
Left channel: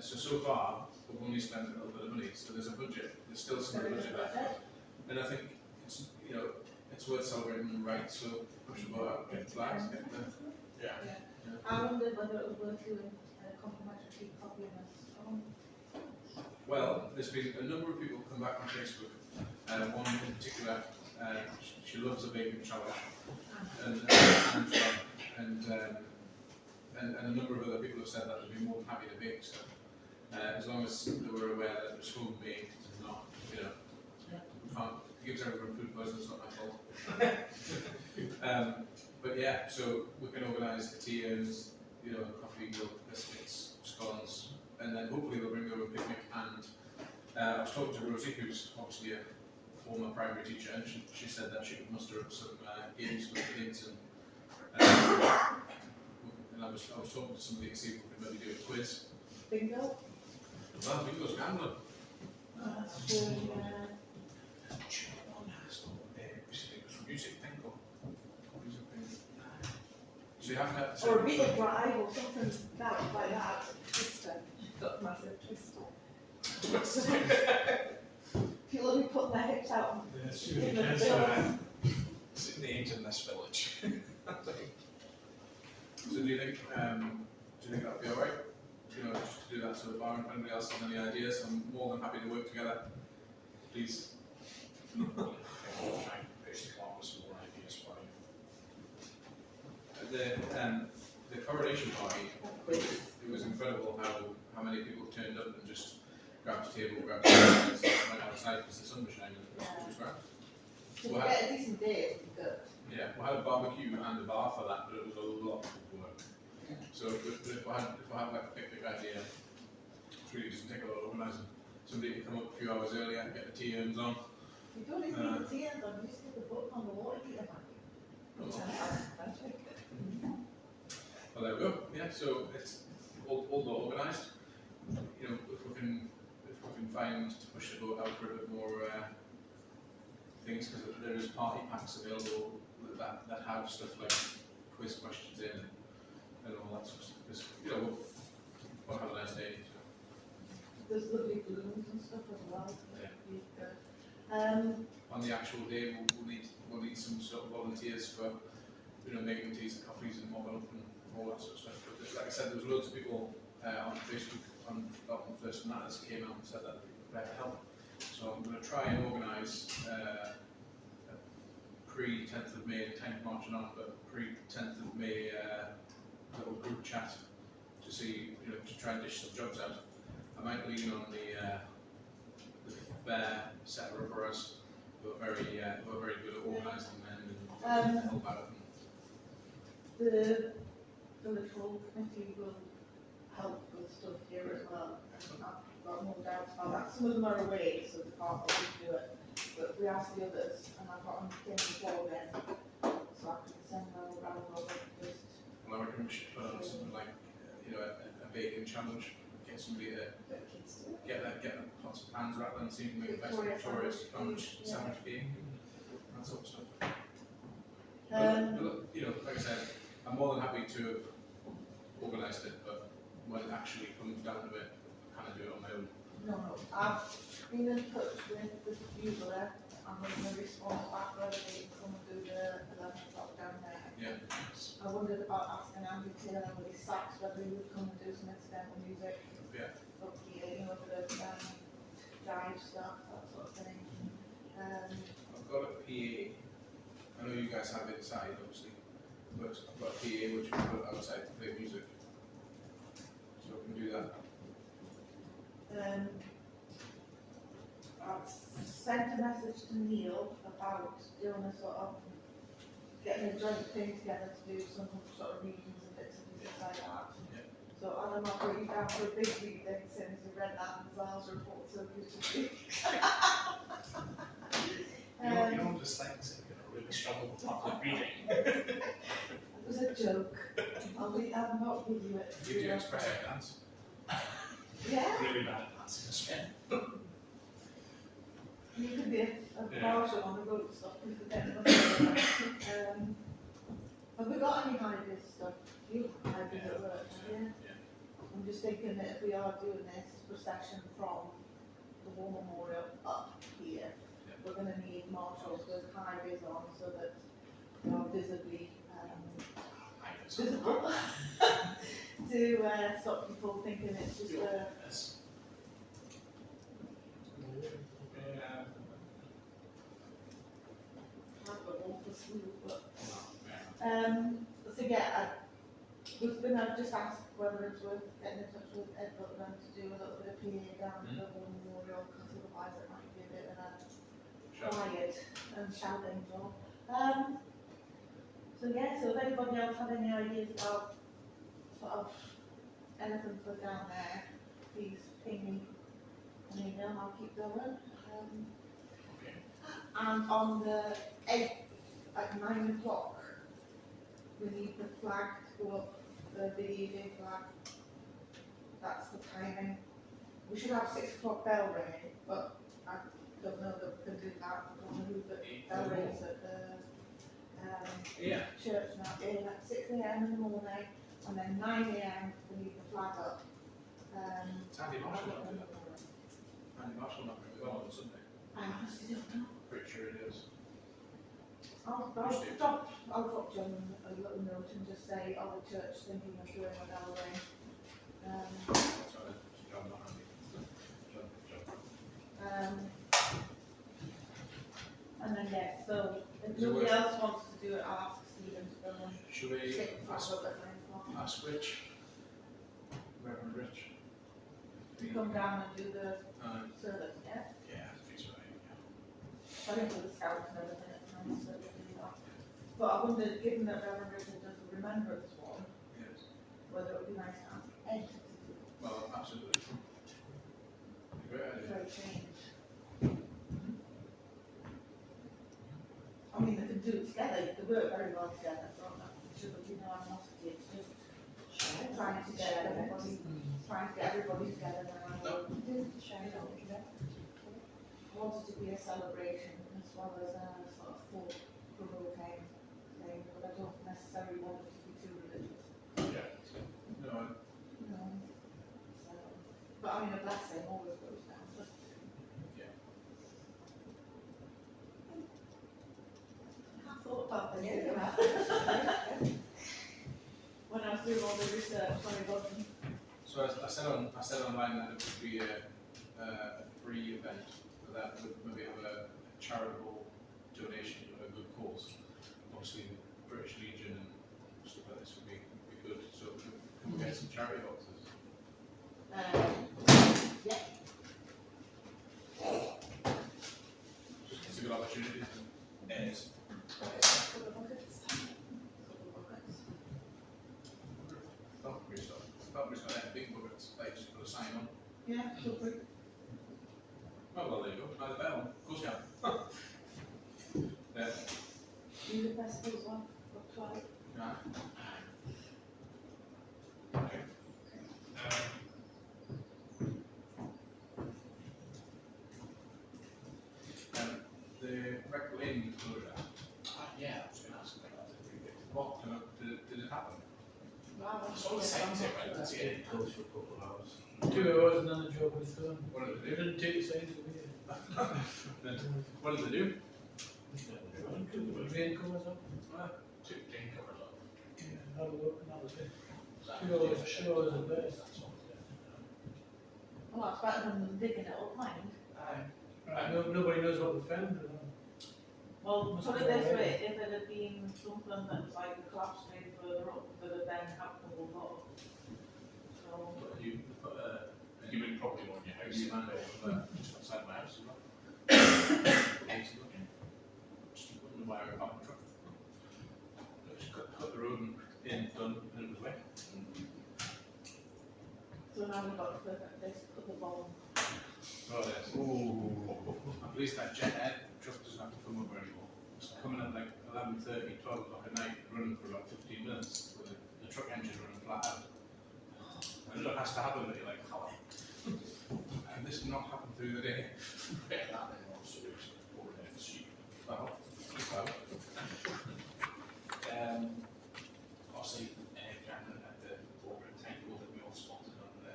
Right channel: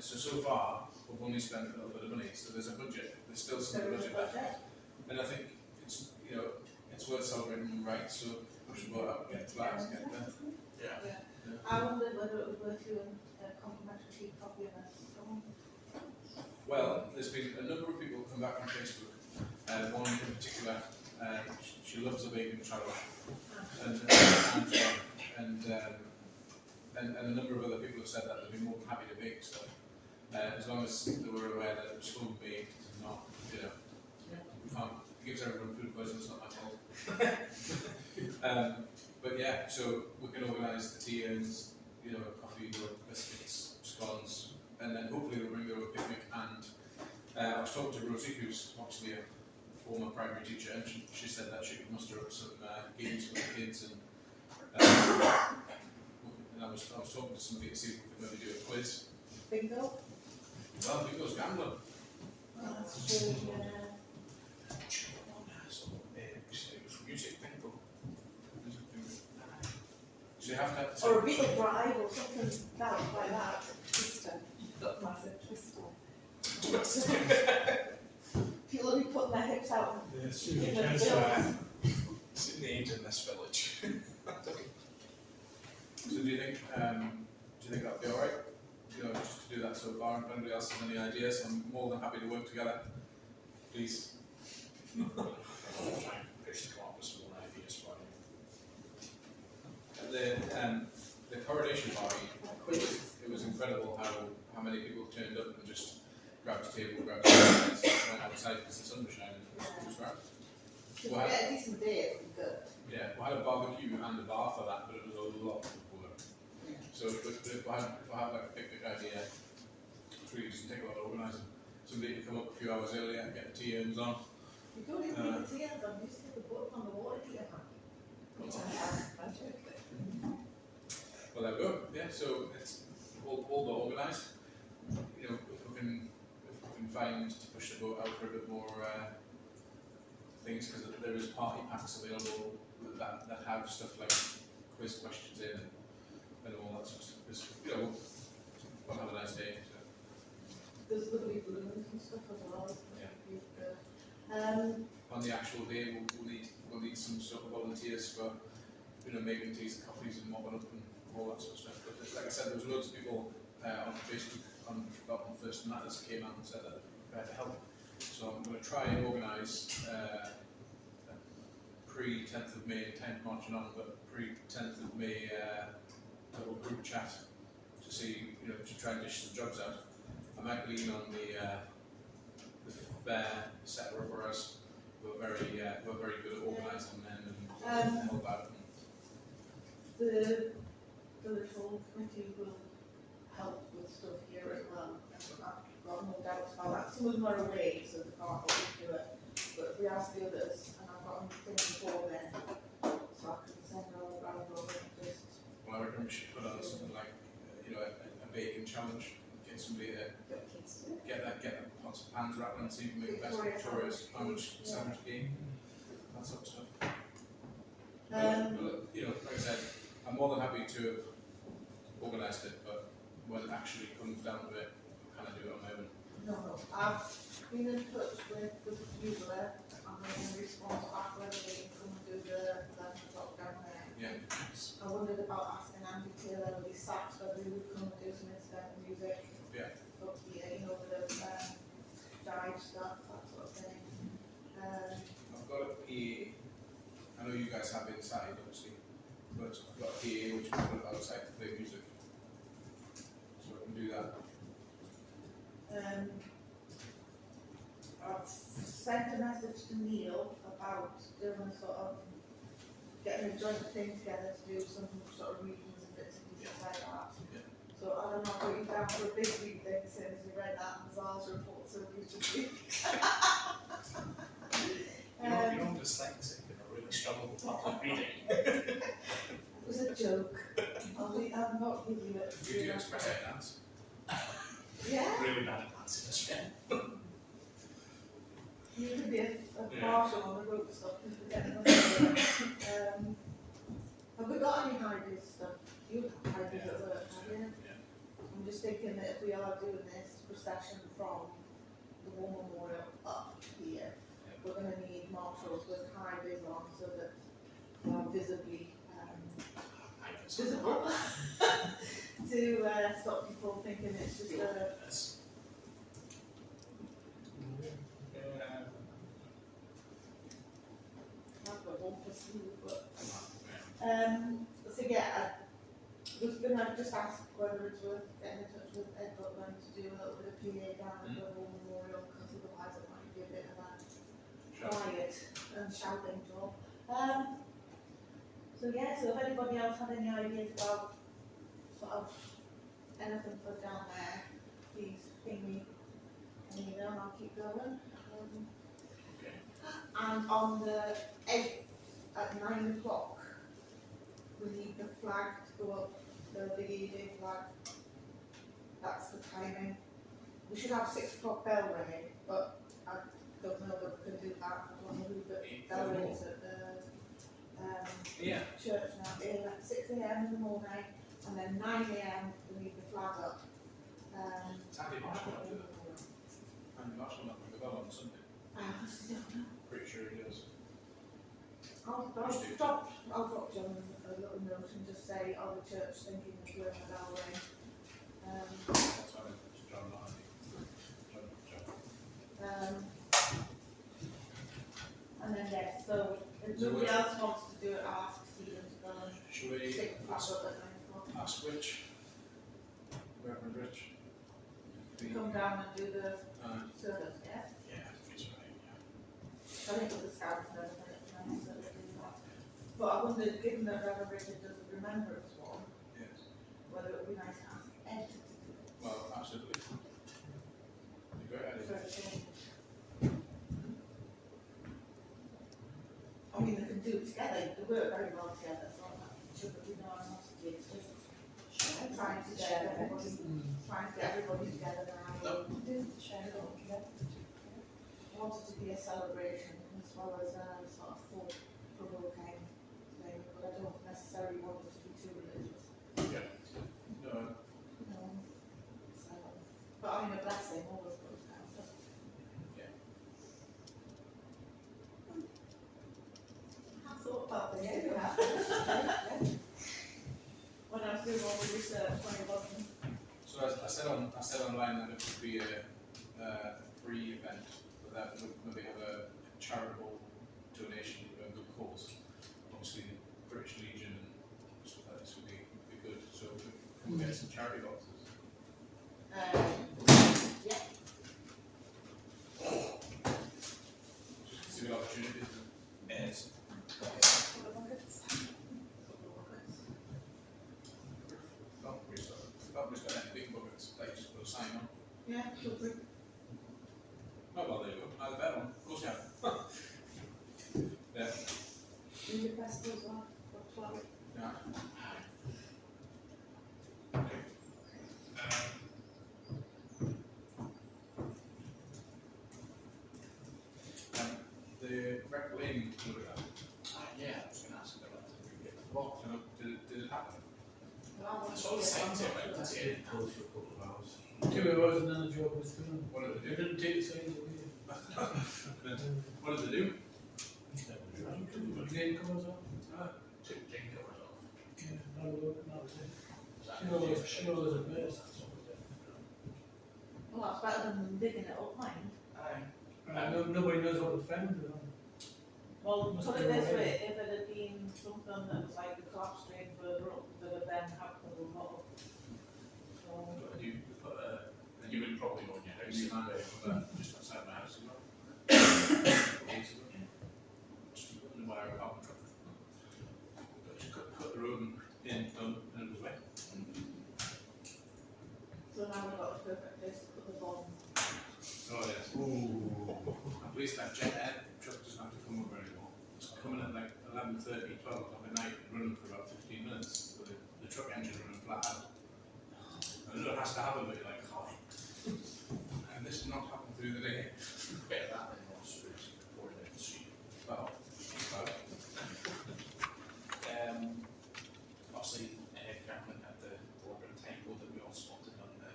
So far we've only spent a little bit of money. So there's a budget. There's still some budget left. And I think it's it's worth celebrating them right. So push the boat up, get the flags, get the I wondered whether it was worth doing a complimentary tea, coffee and a scone. Well, there's been a number of people come back on Facebook. One in particular, she loves a vegan challenge, and a number of other people have said that they'd be more than happy to bake stuff, as long as they were aware that it was home baked and not, you know, we can't, it gives everyone food poisoning, it's not my fault. But yeah, so we can organise the tea and, you know, coffee, milk, biscuits, scones, and then hopefully they'll bring their own picnic. And I was talking to Rosie, who's obviously a former primary teacher, and she said that she could muster up some games for the kids, and I was talking to somebody to see if we could maybe do a quiz. Bingo. Well, bingo's gambling. That's true, yeah. Music bingo. So you have to. Or a beetle drive or something like that. Twister. Got massive twister. People will be putting their hips out Yes, in the yes, bill. It's in the end in this village. So do you think that'd be alright? You know, just to do that so far, and if anybody else has any ideas, I'm more than happy to work together. Please. I'll try and push to come up with some more ideas for you. The coronation party, it was incredible how many people turned up and just grabbed a table, grabbed a table, and went outside because the sun was shining. It was great. If we get a decent day, it would be good. Yeah, we had a barbecue and a bar for that, but it was a lot of work. So if I had like a picnic idea, it really doesn't take a lot of organising. Somebody to come up a few hours earlier and get the tea urns on. You don't even need the tea ends on, you just take the book on the water heater. Well, there we go. Yeah, so it's all but organised. You know, if we can find to push the boat out for a bit more things, because there is party packs available that have stuff like quiz questions in and all that sort of stuff. Because, you know, we'll have a nice day. So. There's lovely balloons and stuff as well. Yeah. Um, On the actual day, we'll need some sort of volunteers for, you know, making teas and coffees and mopping up and all that sort of stuff. But like I said, there was loads of people on Facebook on First Matters came out and said that they'd be prepared to help. So I'm going to try and organise pre-10th of May, 10th March and on, but pre-10th of May little group chat to see, you know, to try and dish some jobs out. I might lean on the fair setter up for us. We're very good at organising them and help out. the village hall committee will help with stuff here as well. And I've got no doubts about that. Some of them are away, so they can't always do it. But if we ask the others, and I've got them before then, so I can send them around over just. Well, I reckon we should put on something like, you know, a baking challenge. Get somebody to get the pots of pans rattling and see if we make the best Victoria's sandwich game. That sort of stuff. But, you know, like I said, I'm more than happy to have organised it, but when it actually comes down to it, I kind of do it on my own. No, I've been in touch with the user. I'm going to respond back whether they can come and do the 11 o'clock down there. Yeah. I wondered about asking Andy Taylor with his sax whether he would come and do some incidental music. Yeah. Up here, you know, for the jive stuff, that sort of thing. I've got a PA. I know you guys have it inside, obviously, but I've got a PA which we put outside to play music, so I can do that. I've sent a message to Neil about doing a sort of getting a joint thing together to do some sort of readings and bits and pieces like that. Yeah. So I don't know if you're down for a big reading since you read that and Zal's report so good to see. You're dyslexic and I really struggle with public reading. It was a joke. I'll not give you it. We do express it dance. Yeah? Really bad at dancing as well. You could be a marshal on the road stuff and forget nothing. Have we got any high-vis stuff? You have high-vis at work, have you? Yeah. I'm just thinking that if we are doing this procession from the War Memorial up here, we're going to need marshals with high-vis on so that they are visibly visible to stop people thinking it's just a... I've got one for sleep, but so yeah, I've just asked whether it's worth getting in touch with Ed Butler to do a little bit of PA down at the War Memorial, because otherwise it might be a bit of a quiet and shouting job. So yeah, so if anybody else had any ideas about sort of anything for down there, please ping me an email and I'll keep going. And on the 8th at 9 o'clock, we need the flag to go up, the Big E Day flag. That's the timing. We should have 6 o'clock bell ringing, but I don't know that we can do that. I don't know who the bell rings at the church now. At 6 a.m. in the morning, and then 9 a.m. we need the flag up. Andy Marshall might do that. Andy Marshall might bring the bell on Sunday. I honestly don't know. Pretty sure he does. I'll drop John a little note and just say, are the church thinking of doing a bell ring? Sorry, John, not Andy. John. And then yeah, so if nobody else wants to do it, I'll ask Stephen to go and Should we stick the flag up at 9 o'clock. ask Rich? Reverend Rich? To come down and do the service, yeah? Yeah, he's right, yeah. I think with the scouts and everything, it's nice that we're doing that. But I wondered, given that Reverend Richard does a remembrance one, Yes. whether it would be nice to ask Ed to do it. Well, absolutely. Be a great idea. For a change. I mean, they can do it together, they work very well together, so I'm not sure that we know animosity, it's just trying to get everybody together now. I wanted to be a celebration as well as a sort of thought-provoking thing, but I don't necessarily want it to be too religious. No, No. So, but I mean, a blessing always goes down, doesn't it? Yeah. I have thought about this, Yeah. you know, when I was doing all the research when I wasn't. so I said online that it would be a free event, but that would maybe have a charitable donation for a good cause. Obviously, the British Legion and stuff like this would be good. So can we get some charity boxes? Yeah. It's a good opportunity. Yes. Couple of buckets. Falconbury's got any big buckets, like just put a sign on. Yeah, super. Oh well, there you go. Either better one. Of course you have. Yeah. Music festival as well, for 12. Right. Okay. The rec lane photograph. Yeah, I was going to ask about that. What did it happen? Wow, I saw the signs there, but that's it. It goes for a couple of hours. 2 hours and then the job was done. What did They they do? didn't take the signs away. What did they do? The rain covers up. Took the drain covers off. Yeah, have a look, and that was it. Was that 2 hours, 2 hours at best. Well, that's better than them digging it up, mind. Nobody knows what the found. Well, Must put be it this alright. way, if it had been something that was like the collapse drain further up, that had then happened a lot. So, But you put a And you would probably want your house. you man over just outside my house as well. Just putting the wire out the truck. Just cut the road in, done, and it was wet. so now we've got a perfect place to put the bomb. Oh yes. Ooh. I'm pleased that jet ed truck doesn't have to come over anymore. It's coming at like 11:30, 12 o'clock at night, running for about 15 minutes with the truck engine running flat out. I know it has to happen, but you're like, how? And this did not happen through the day. Better that than more sewage pouring out the street. Well, Obviously, Cameron had the corporate title that we all spotted on the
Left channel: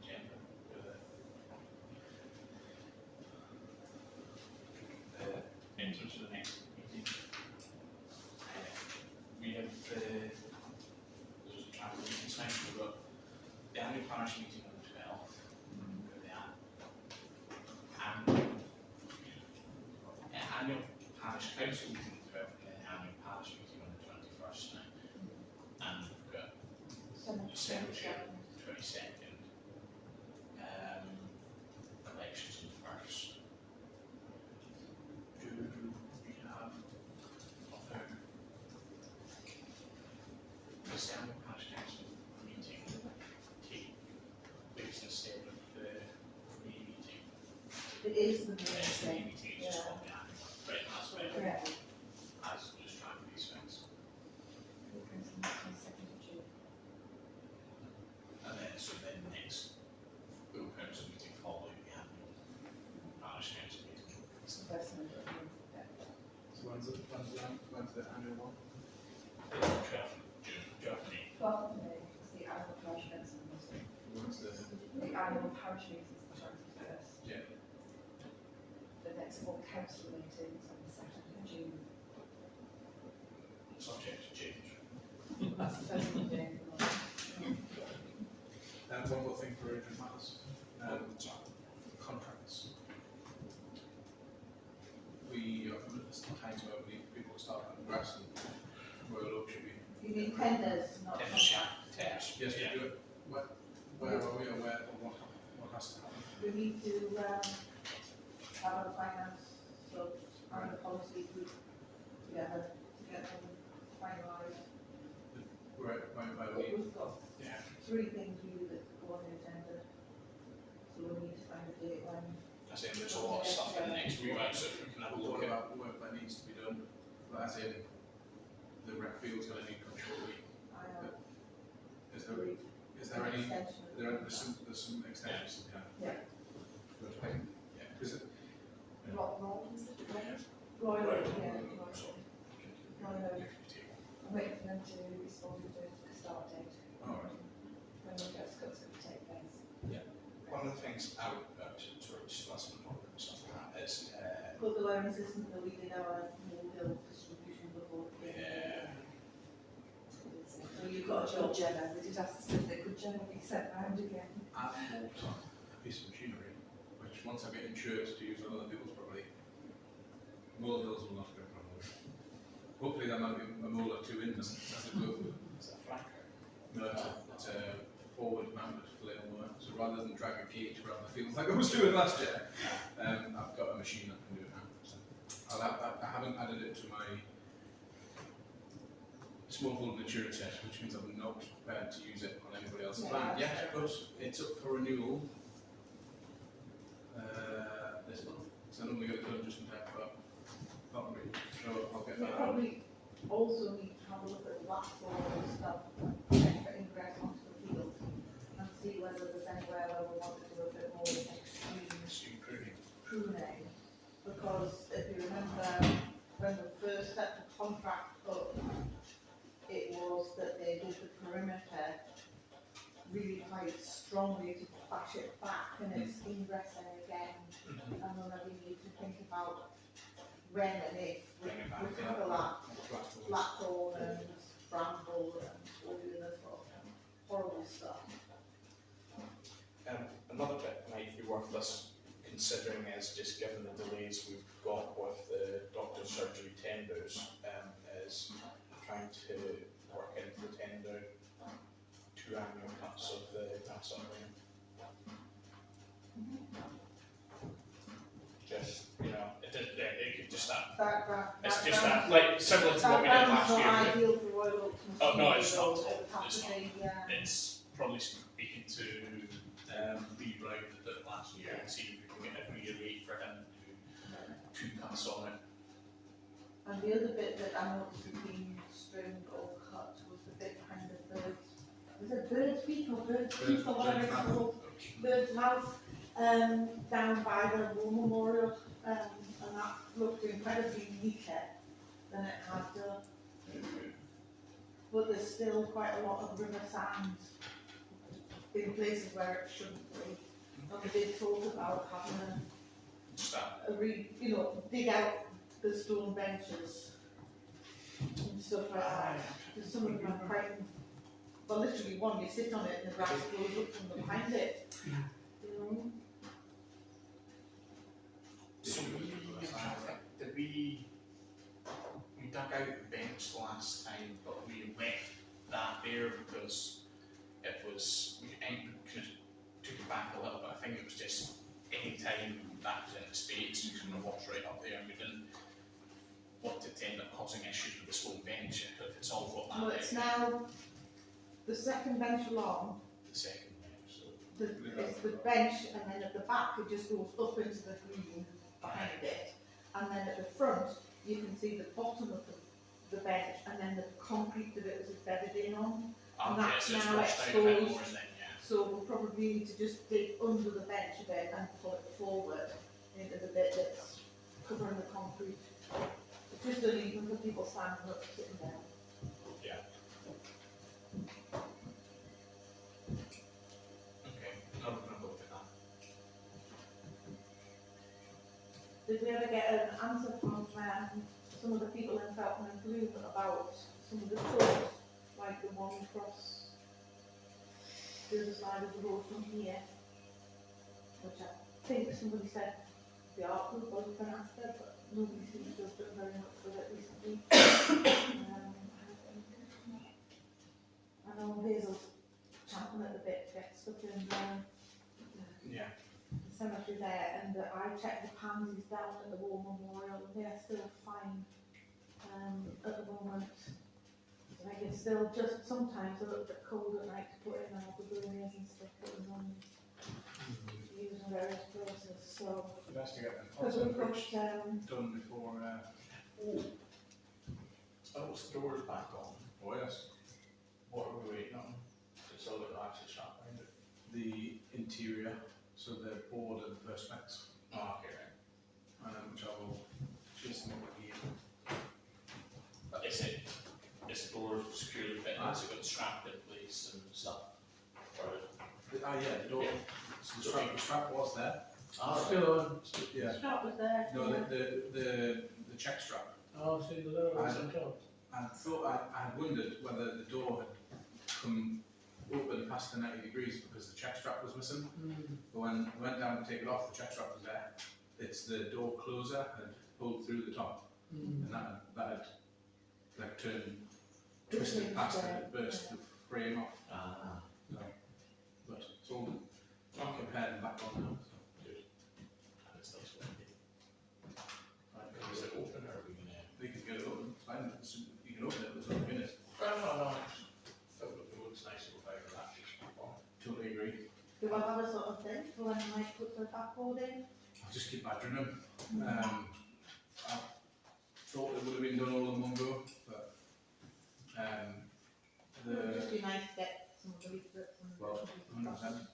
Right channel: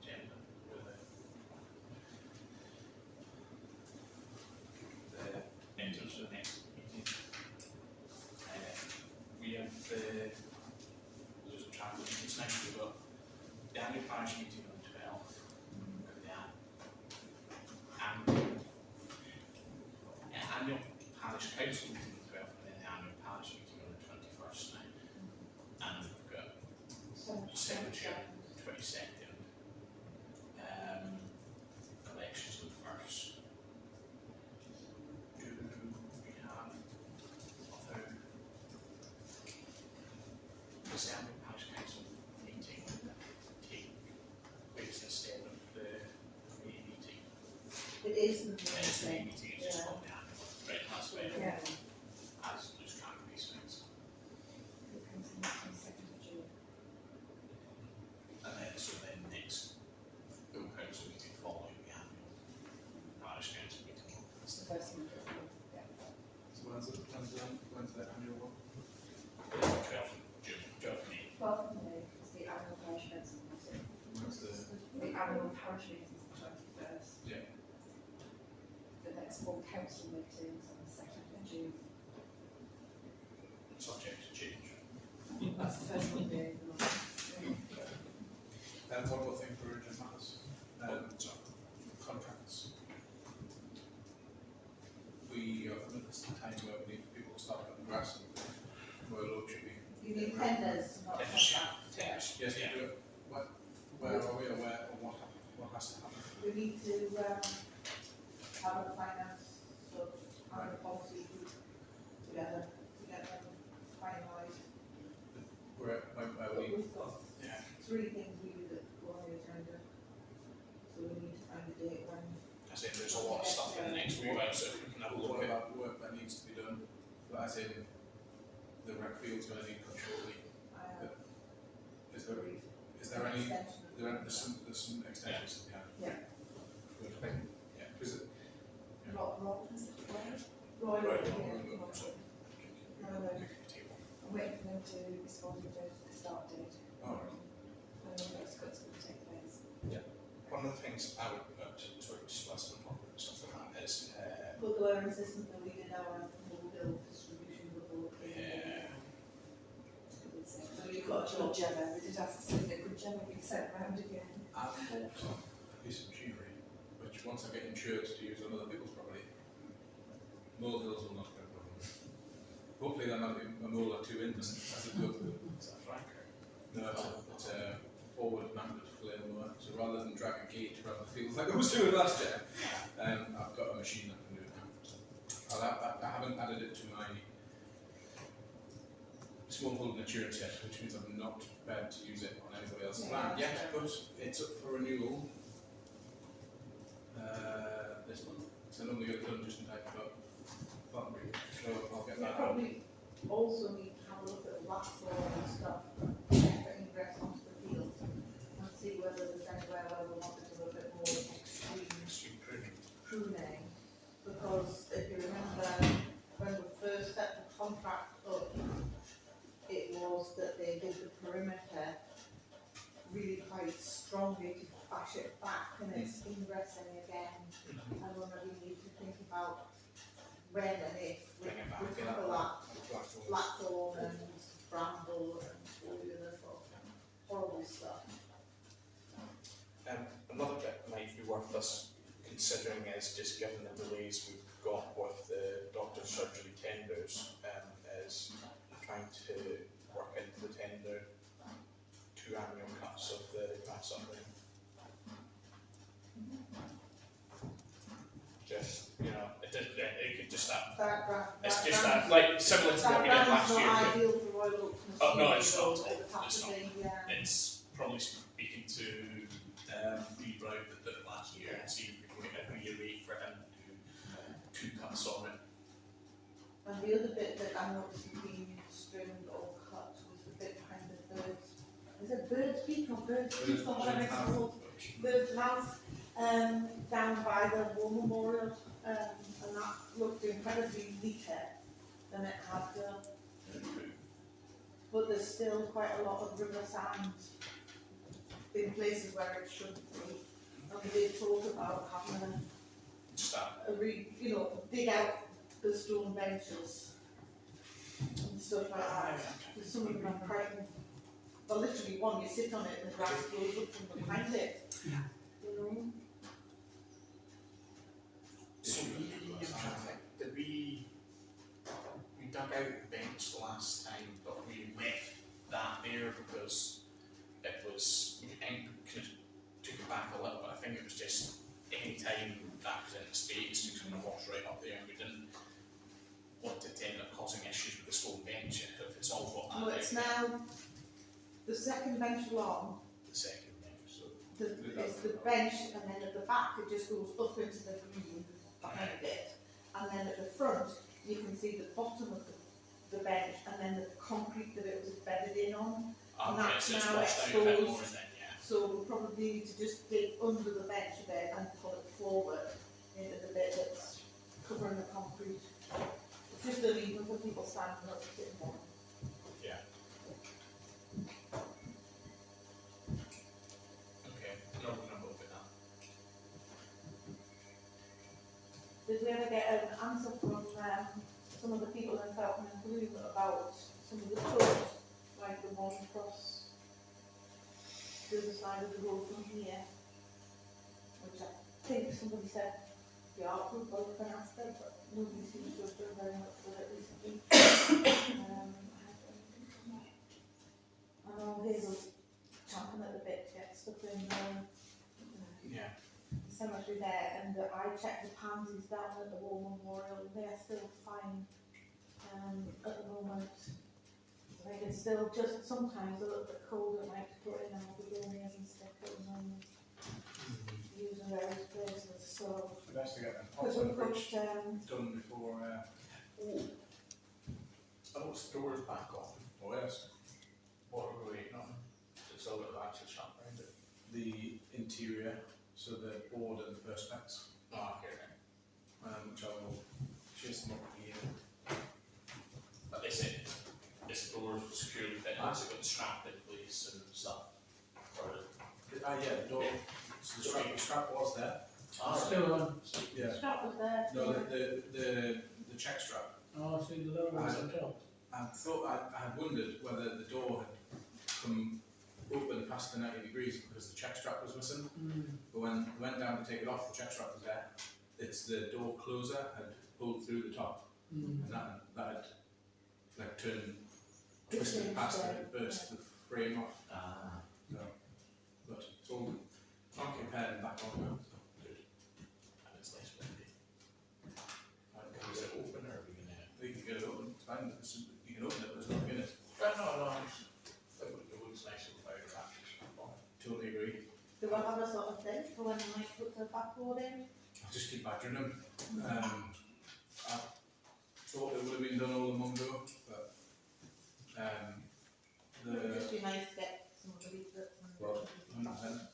agenda for the entrance for the next meeting. We have the, there's a travel meeting tonight, we've got the annual parish meeting on the 12th, we've got the annual parish council meeting on the 12th, and then the annual parish meeting on the 21st night. And we've got December 22nd, elections on the 1st. Do we have other December parish council meeting take place instead of the May meeting? It is the Yeah, it's the May meeting, it's just Yeah. called the annual. Right, that's better. Yeah. I lose track of these things. And then, so then next full council meeting following the annual parish council meeting. It's the first one. Yeah. so when's the annual one? 12th of June, 12th of May. 12th of May is the annual parish council meeting. When's the The annual parish meeting is the 21st. Yeah. The next full council meeting is on the 2nd of June. Subject to change. That's the first Monday. And one more thing for urgent matters. Contracts. We are at this time where we need people to start cutting grass and where low should be. You need tenders, not contracts. Tenders. Yes, we Yeah. do it. Where are we aware of what has to happen? We need to, have a finance, sort of, and a policy group together to get them finalised. Where we But need, we've got yeah. 3 things really that go on the agenda. So we need to find a date when. I said there's a lot of stuff in the next few weeks, so if we can have a look What at. about work that needs to be done? As in, the rec field's going to need controlling. Is there any? There's some extensions to be had. Yeah. Good, I think. Yeah. Because Roy, is it Roy? Roy, Right, yeah. so Roy, take waiting for them to respond with the start date. Alright. When the first cut's going to take place. One of the things I would, sorry, just last one more stuff on that is, But the learning system that we did our bill distribution before. yeah, So you've got a Could job. Gemma, we did ask to see if they could Gemma be sent round again. I've bought a piece of machinery, which once I get insured to use on other people's property, molehills will not be a problem. Hopefully there might be a mole or two in them as it goes through. is that Franco? No, it's a forward mounted flail mower, so rather than drag a gate around the fields like I was doing last year, I've got a machine that can do it now. So I haven't added it to my small holding insurance yet, which means I'm not prepared to use it on anybody else's land yet, but it's up for renewal this month. So I normally get it done just in time for Partnery. So I'll get We that out. probably also need to have a look at Blackthorn and stuff, check for ingress onto the field, and see whether there's anywhere where we want to do a bit more extreme Extreme pruning. pruning. Because if you remember, when we first set the contract up, it was that they did the perimeter really quite strongly to bash it back, and it's ingressing again. And then we need to think about when and if we Bring it back, tackle that Blackthorn. blackthorn and bramble and all the other sort of horrible stuff. Another bit might be worth us considering is, just given the delays we've got with the doctor's surgery tenders, is trying to work into the tender 2 annual cuts of the grass upland. Just, you know, it could just that. It's just that, like, similar to what we did last year. Not but ideal for Royal Oak. Oh, no, it's not. It would have It's to not. be, yeah. It's probably speaking to Reroute that did it last year and see if we can agree a rate for him to do 2 cuts on it. And the other bit that I noticed being trimmed or cut was the bit behind the birds. Is it bird's beak or bird's beak or whatever it's called? Bird's mouth, down by the War Memorial, and that looked incredibly neater than it had done. But there's still quite a lot of river sand in places where it shouldn't be. And we did talk about having Just that. dig out the stone benches and stuff like that. Because some of them are quite, well, literally one, you sit on it and the grass grows up from behind it. You know? So did we dug out the bench last time, but we left that there because it was, we kind of took it back a little bit. I think it was just any time that was in the space, we kind of walked right up there and we didn't want it to end up causing issues with the stone bench if it's all got that. Well, it's now the second bench along, The second bench, so. it's the bench, and then at the back it just goes up into the green behind it. And then at the front, you can see the bottom of the bench and then the concrete that it was embedded in on. And that's so it's now washed out a bit exposed. more then, yeah. So we'll probably need to just dig under the bench a bit and pull it forward into the bit that's covering the concrete. It's just uneven for people standing up, sitting down. Yeah. Okay, no, we're gonna look at that. Did we ever get an answer from some of the people in Felton and Bloom about some of the tours, like the one across the other side of the road from here? Which I think somebody said the art group was been after, but nobody seems to have done very much with it recently. I know Hazel's champing at the bit to get stuff in Yeah. the cemetery there, and I checked the pansies down at the War Memorial, and they are still fine at the moment. I think it's still just sometimes a little bit cold at night to put in our begonias and stuff, putting them used in various places. So, We'd have to get them because pots we've got done before, Oh, it's the doors back on. oh yes, What are we waiting on? It's all that actually shut around it. the interior, so the board and the perspex, Oh, okay, right. which I will chase them up again. Is the door the strap in place and stuff. Or, Yeah, the door. Yeah. So the strap was there. Still on. Yeah. Strap was there. No, yeah. the check strap. I'll see the lower ones on top. I thought I had wondered whether the door had come open past the 90 degrees because the check strap was missing. But when I went down to take it off, the check strap was there. It's the door closer had pulled through the top, and that had like twisted past it and burst the frame off. So, but it's all compared and back on now. So. good. And it's nice windy. Is it open or are we gonna? You can get it open. It's fine. You can open it. There's nothing in it. No. It looks nice without a ratchet strap on it. Totally agree. Do I have a sort of thing for when I might put the backboard in? I'll just keep badgering him. I thought it would have been done all in one go, but It would just be nice to get some of the leaflets and. well, 100%.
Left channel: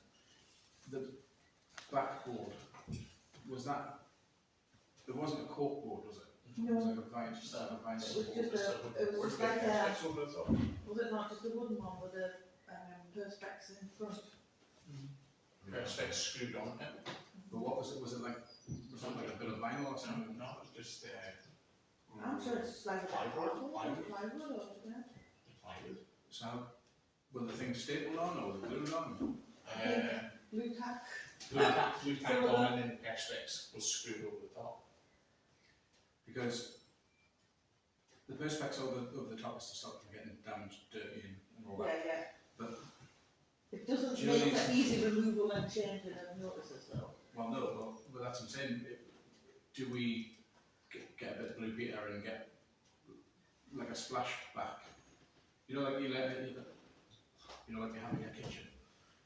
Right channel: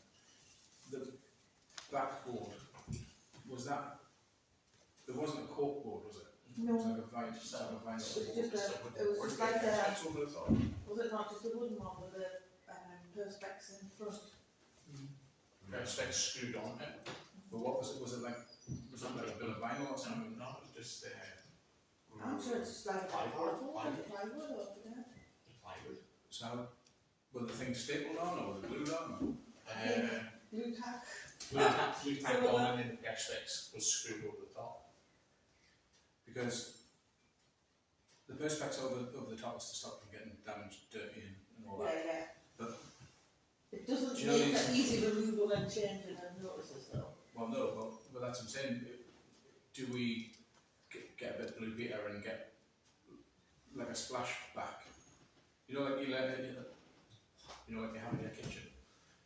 The backboard, was that? There wasn't a cork board, was it? No. Was it a vinyl? Just like a vinyl It was board? just it was just like It's over the top. was it not just a wooden one with the perspex in front? Perspex screwed on it. But what was it? Was it like a bit of vinyl or something? No, it was just I'm sure it's just like a Plywood. plywood or yeah. plywood. So, were the things stapled on or were they glued on? Blue tack. Blue tack on and then the perspex was screwed over the top. Because the perspex over the top is to stop them getting damaged, dirty and all that. Yeah. But It doesn't do you make know it easy removal and changing of notices though. well, no, but that's what I'm saying. Do we get a bit of blue Peter and get like a splash back? You know, like like you have in your kitchen.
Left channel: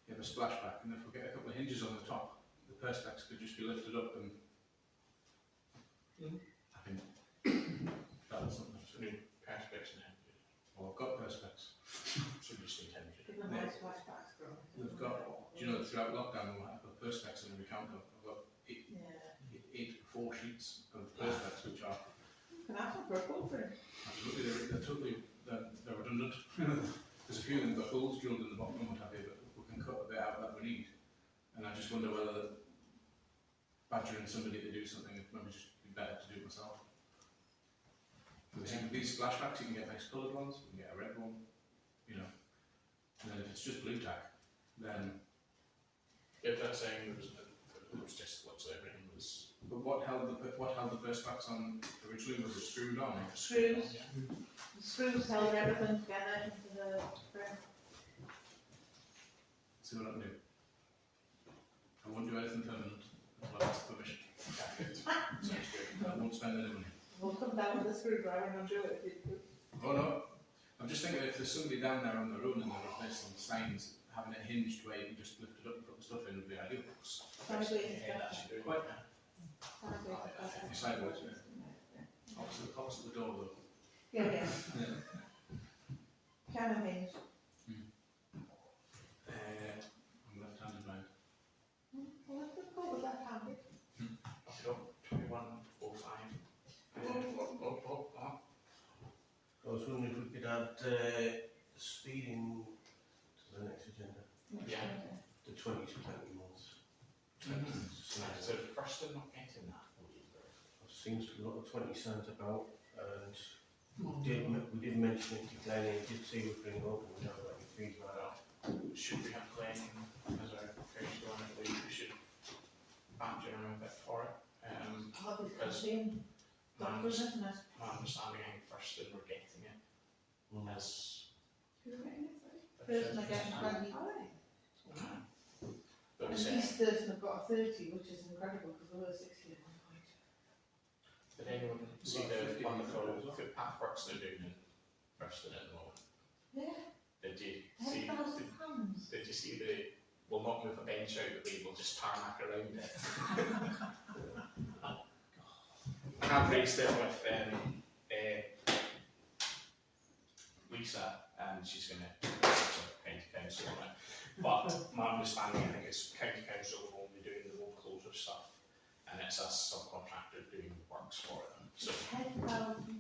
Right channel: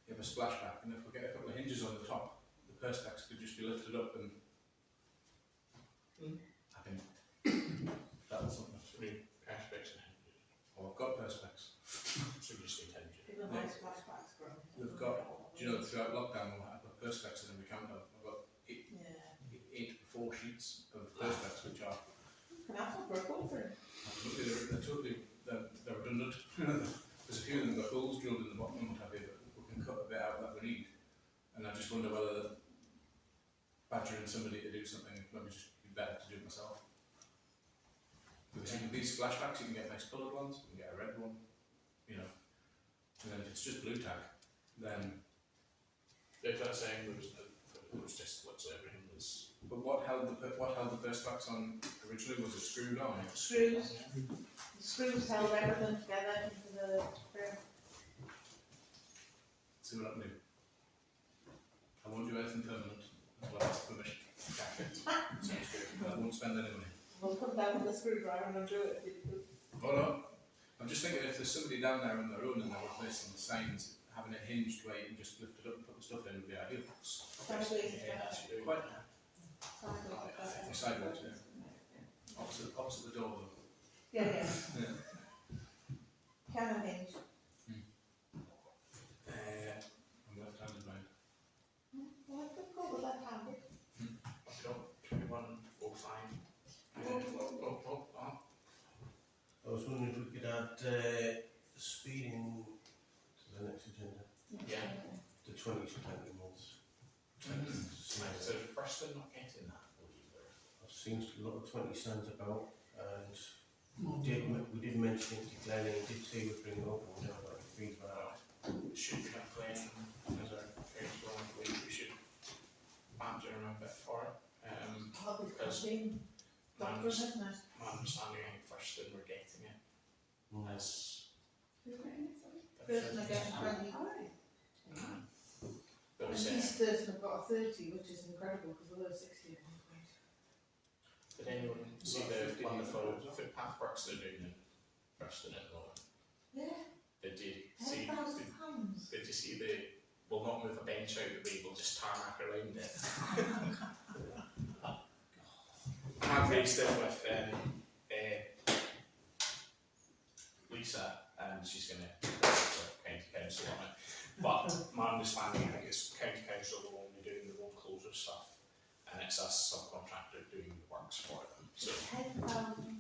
You have a splashback, and if we get a couple of hinges on the top, the perspex could just be lifted up and. I think that was something. So we perspex and hinges. Well, I've got perspex. So we just need hinges. Give them nice flashbacks from. They've got. Do you know throughout lockdown I put perspex in every counter. I've got Yeah. 4 sheets of perspex, which are Can I have some for a quote for him? absolutely they're redundant. There's a few of them got holes drilled in the bottom and what have you, but we can cut a bit out that we need. And I just wonder whether badgering somebody to do something maybe just be better to do it myself. Because you can these splashbacks, you can get nice coloured ones, you can get a red one, you know. And then if it's just blue tack, then. If that's saying it was just literally everything was. But what held the perspex on originally? Was it screwed on? Screws. Yeah. The screws held everything together into the frame. See what I can do. I won't do anything permanent until I ask permission. Sounds good. And I won't spend any money. We'll come down with the screwdriver and undo it. Oh no. I'm just thinking if there's somebody down there on their own and they're replacing signs, having it hinged where you can just lift it up and put the stuff in would be ideal. Sideways. Yeah, that's doing Quite. it. Sideways, yeah. Opposite the door though. Yeah. Yeah. Piano hinge. I'm left-handed mind. Well, I could go with that handed. Okay, 2105. I was wondering if we could add speeding to the next agenda. Yeah. The 20 to 20 months. So the first thing not getting that, either. I've seen a lot of 20 signs about, and we did mention it to Glenn, and he did say we'd bring it up, and we don't have any feedback. Should we have Glenn as our councillor? I believe we should badger him a bit for it. Because doctors, isn't it? My understanding, I think first thing we're getting it is. Person again, 20. But And we said, each person have got a 30, which is incredible because there were 60 at one point. did anyone see the wonderful footpath works they're doing in Preston at the moment? Yeah, Did you see? £10,000. Did you see the? We'll not move a bench out of the way. We'll just tarmac around it. I've raised it with Lisa, and she's going to county council on it. But my understanding, I think it's county council will only doing the road closure stuff, and it's a subcontractor doing the works for them. So £10,000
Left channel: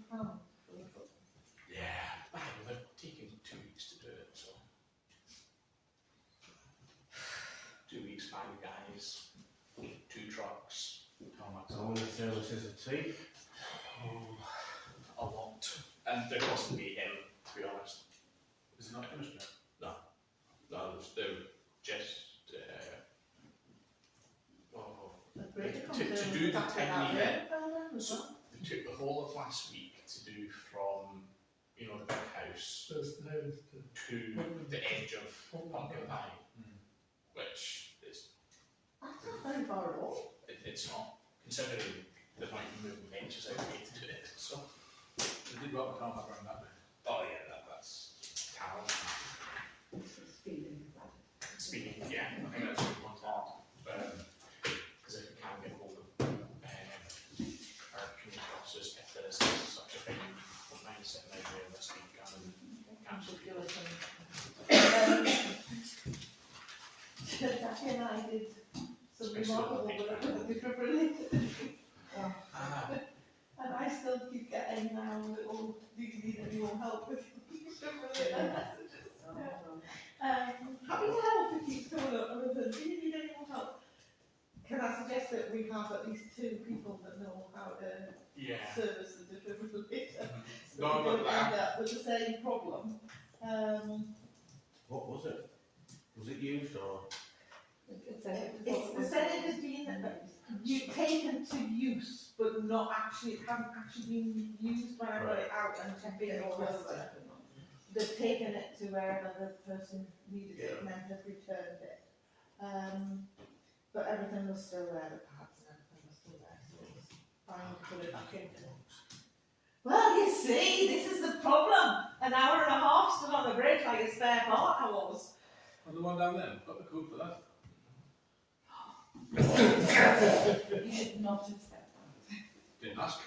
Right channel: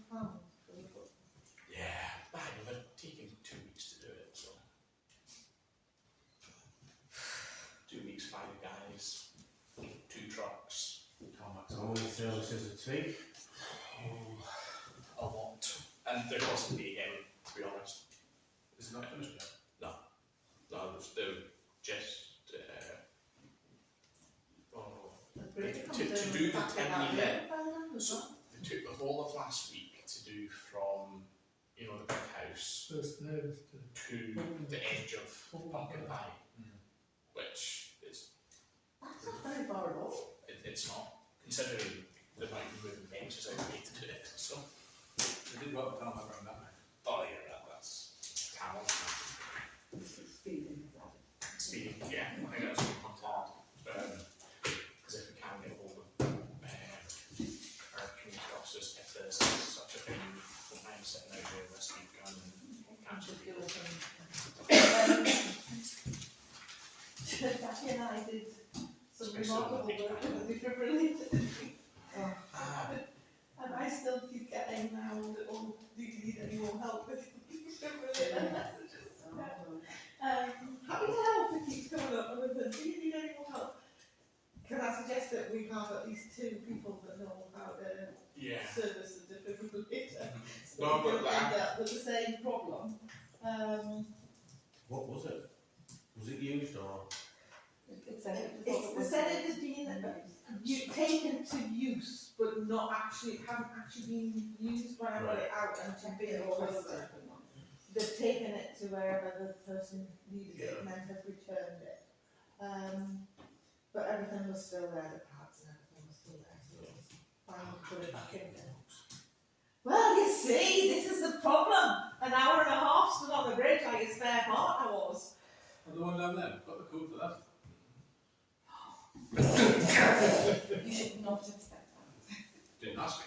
for the foot. yeah, they're taking 2 weeks to do it. So How many services a tea? A lot. And there wasn't be him, to be honest. Is it not finished yet? No, they're just, to do the tiny bit. So they took the whole of last week to do from, you know, the big house First there is to the edge of Pumpkin Pie, which is, That's not very far at all. it's not, considering the amount of moving benches out there to do it, so. They did rub the tarmac around that bit. Oh yeah, that's talent. Speeding, yeah, I think that's a good one to add. Because if we can get hold of our community officers, if there is such a thing, I don't mind sitting out there this week and catching people. Jackie and I did some remarkable work with the defibrillator. And I still keep getting now, oh, do you need any more help with defibrillator messages? Happy to help, it keeps coming up, and then, do you need any more help? Can I suggest that we have at least 2 people that know how to service the defibrillator? So No, we don't but end up with the same problem. What was it? Was it used or? They said it has been taken to use, but not actually, it hasn't actually been used when I got it out and checked it all over. They've taken it to wherever the person needed it and then have returned it. But everything was still there, the pads and everything was still there, so it was fine to put it back in there. Well, you see, this is the problem. An hour and a half stood on the bridge like a spare part I was. And the one down there, got the code for that. You should not have said that. Didn't ask.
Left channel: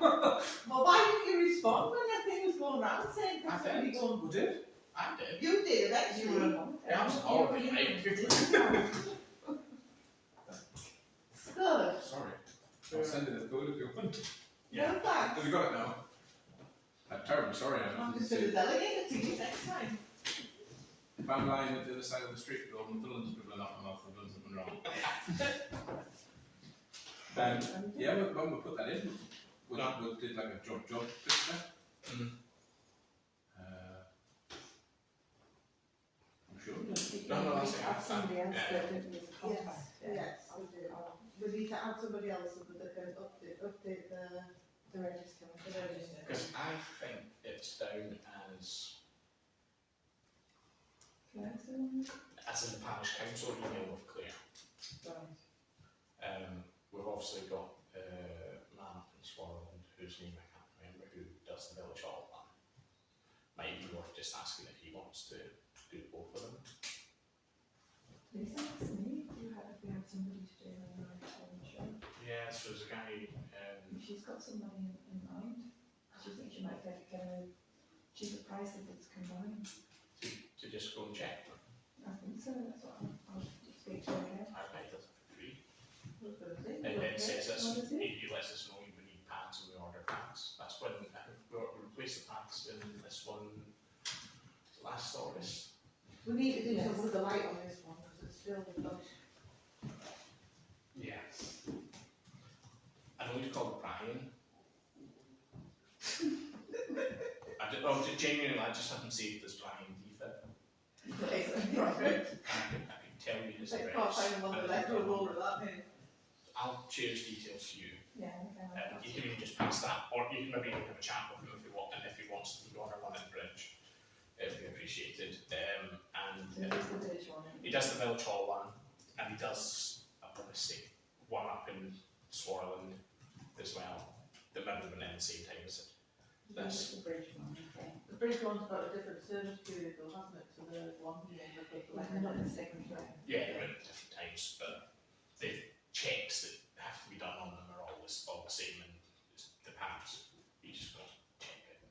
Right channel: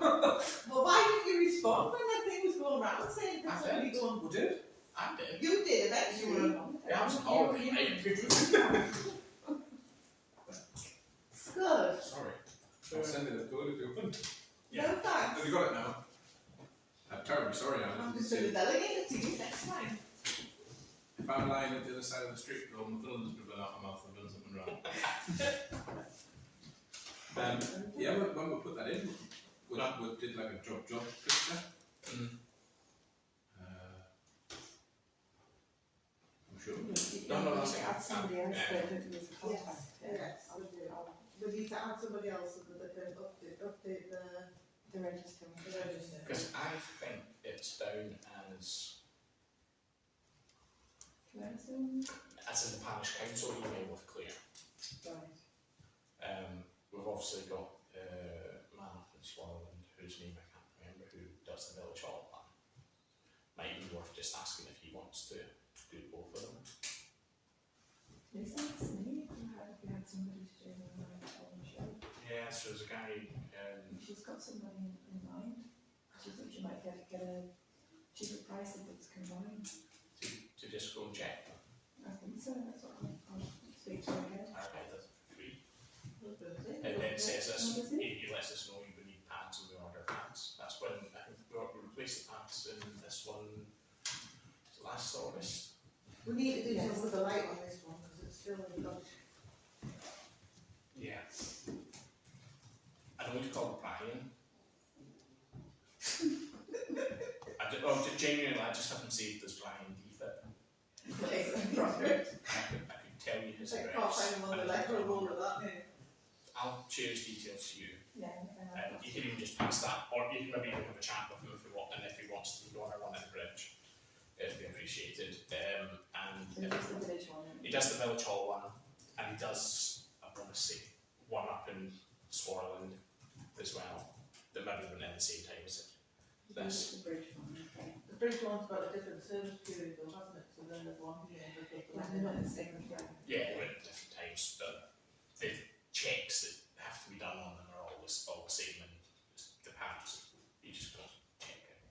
Well, why didn't you respond when that thing was going around saying I somebody did. going? Who did? I did. You did eventually. Yeah, I was on holiday. It's good. Sorry. I'll send you the code if you want. No thanks. Have you got it now? I'm terribly sorry, I I'm didn't just see going to it. delegate it to you next time. If I'm lying at the other side of the street with all my fillings dribbling out my mouth, I've done something wrong. Yeah, when we put that in, we did like a job picture. I'm sure. No, that's it. Add somebody else Yeah. that doesn't use a contact. Yes, we do. We need to add somebody else so that they can update The register. the register. Because I think it's down as in the Parish Council email with Claire. We've obviously got man up in Swansea whose name I can't remember, who does the village hall plan. Might be worth just asking if he wants to do both of them. Is that me? We had somebody to do the show. Yeah, so there's a guy. She's got somebody in mind. She thinks she might get a cheaper price if it's combined. To just go and check them. I think so. That's what I'll speak to her again. Our guy does it for free. Okay. It says us, What is it? he lets us know we need pads and we order pads. That's when I think we replaced the pads in this one last August. We need to do something with the light on this one because it's still not. Yeah. I know he's called Brian. Genuinely, I just haven't saved this Brian defect. I could tell you his I can't address. find him on the letter roll of that name. I'll share his details to you. Yeah. You can even just pass that, or you can maybe even have a chat with him if you want, and if he wants to go on one at the bridge, it'd be appreciated. So this is the village one. He does the village hall one, and he does, I want to say, one up in Swarland as well. That maybe have been in the same time as it. This is the bridge one. Okay. The bridge one's got a different service period though, hasn't it, to the one here? Well, they're not in the same way. Yeah, they went at different times, but the checks that have to be done on them are all the same, and the pads, you just go check it,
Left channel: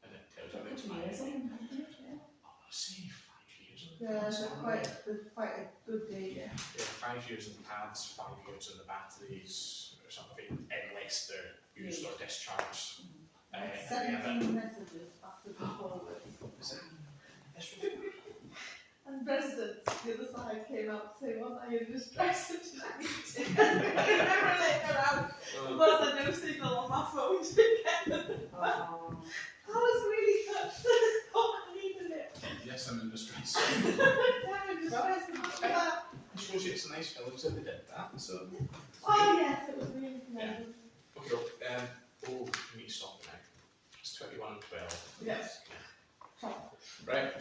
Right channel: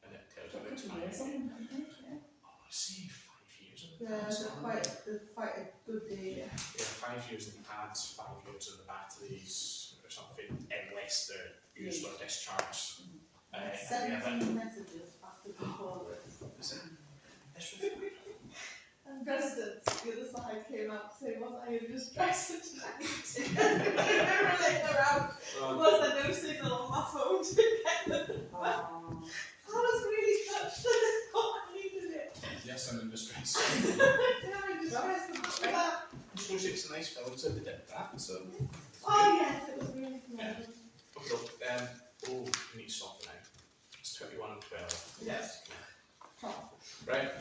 and it tells you which one. I want to say 5 years on the Yeah, pads. they're quite a good day. Yeah, 5 years on the pads, 5 years on the batteries, or something, unless they're used or discharged. And we have 17 messages after the forward. And residents, the other side came out to say, wasn't I in distress tonight? Remember they were out. was there no signal on my phone to get them. Oh. I was really touched. I needed it. Yes, I'm in distress. It shows you it's a nice village that they did that, so. Oh yes, it was really pleasant. Okay, oh, we need to stop now. It's 21:12. Yes. Right.